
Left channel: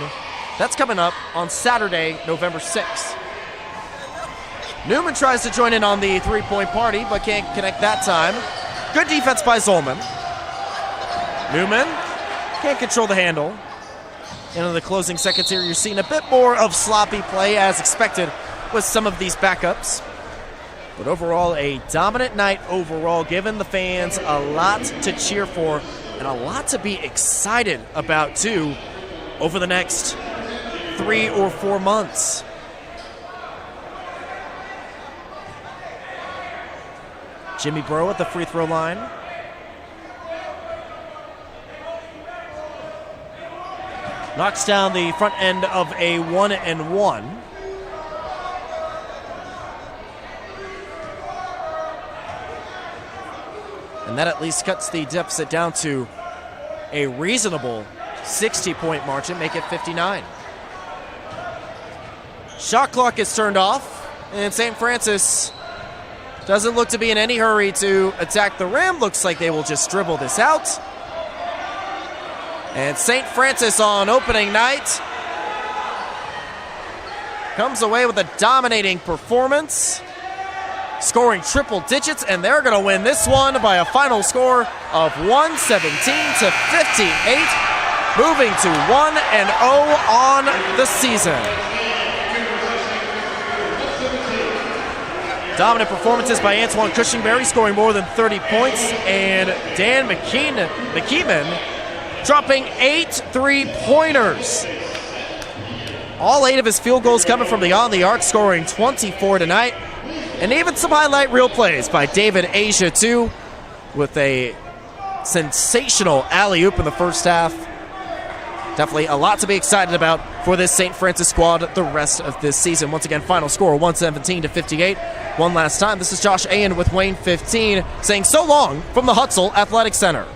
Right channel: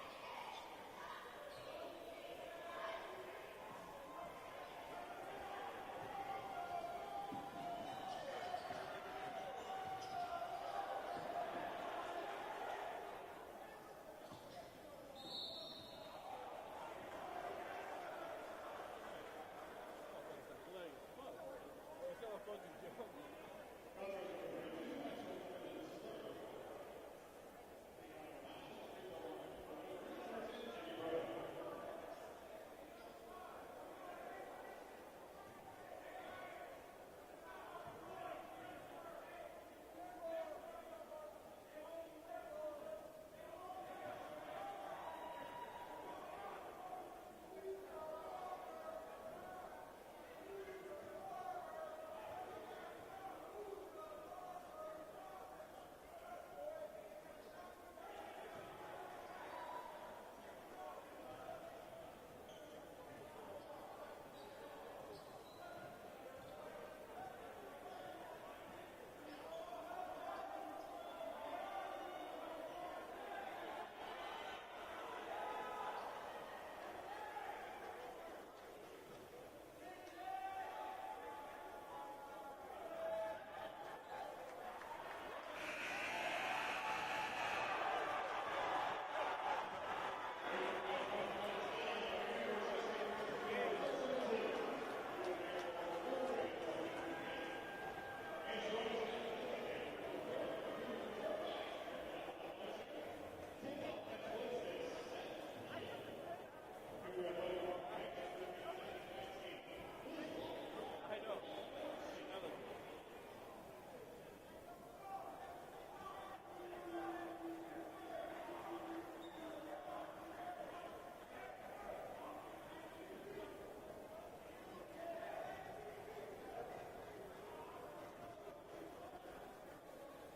That's coming up on Saturday, November 6th. Newman tries to join in on the three-point party, but can't connect that time. Good defense by Zolman. Newman can't control the handle. And in the closing seconds here, you're seeing a bit more of sloppy play as expected with some of these backups. But overall, a dominant night overall, giving the fans a lot to cheer for and a lot to be excited about, too, over the next 3 or 4 months. Jimmy Breaux at the free throw line. Knocks down the front end of a 1-and-1. And that at least cuts the deficit down to a reasonable 60-point margin, make it 59. Shot clock is turned off, and St. Francis doesn't look to be in any hurry to attack the rim. Looks like they will just dribble this out. And St. Francis on opening night comes away with a dominating performance, scoring triple digits, and they're going to win this one by a final score of 117-58, moving to 1-0 on the season. Dominant performances by Antoine Cushingberry, scoring more than 30 points, and Dan McKeeman dropping 8 3-pointers. All 8 of his field goals coming from beyond the arc, scoring 24 tonight. And even some highlight reel plays by David Asia, too, with a sensational alley-oop in the first half. Definitely a lot to be excited about for this St. Francis squad the rest of this season. Once again, final score 117-58. One last time, this is Josh Ayen with Wayne 15 saying so long from the Hutzel Athletic Center.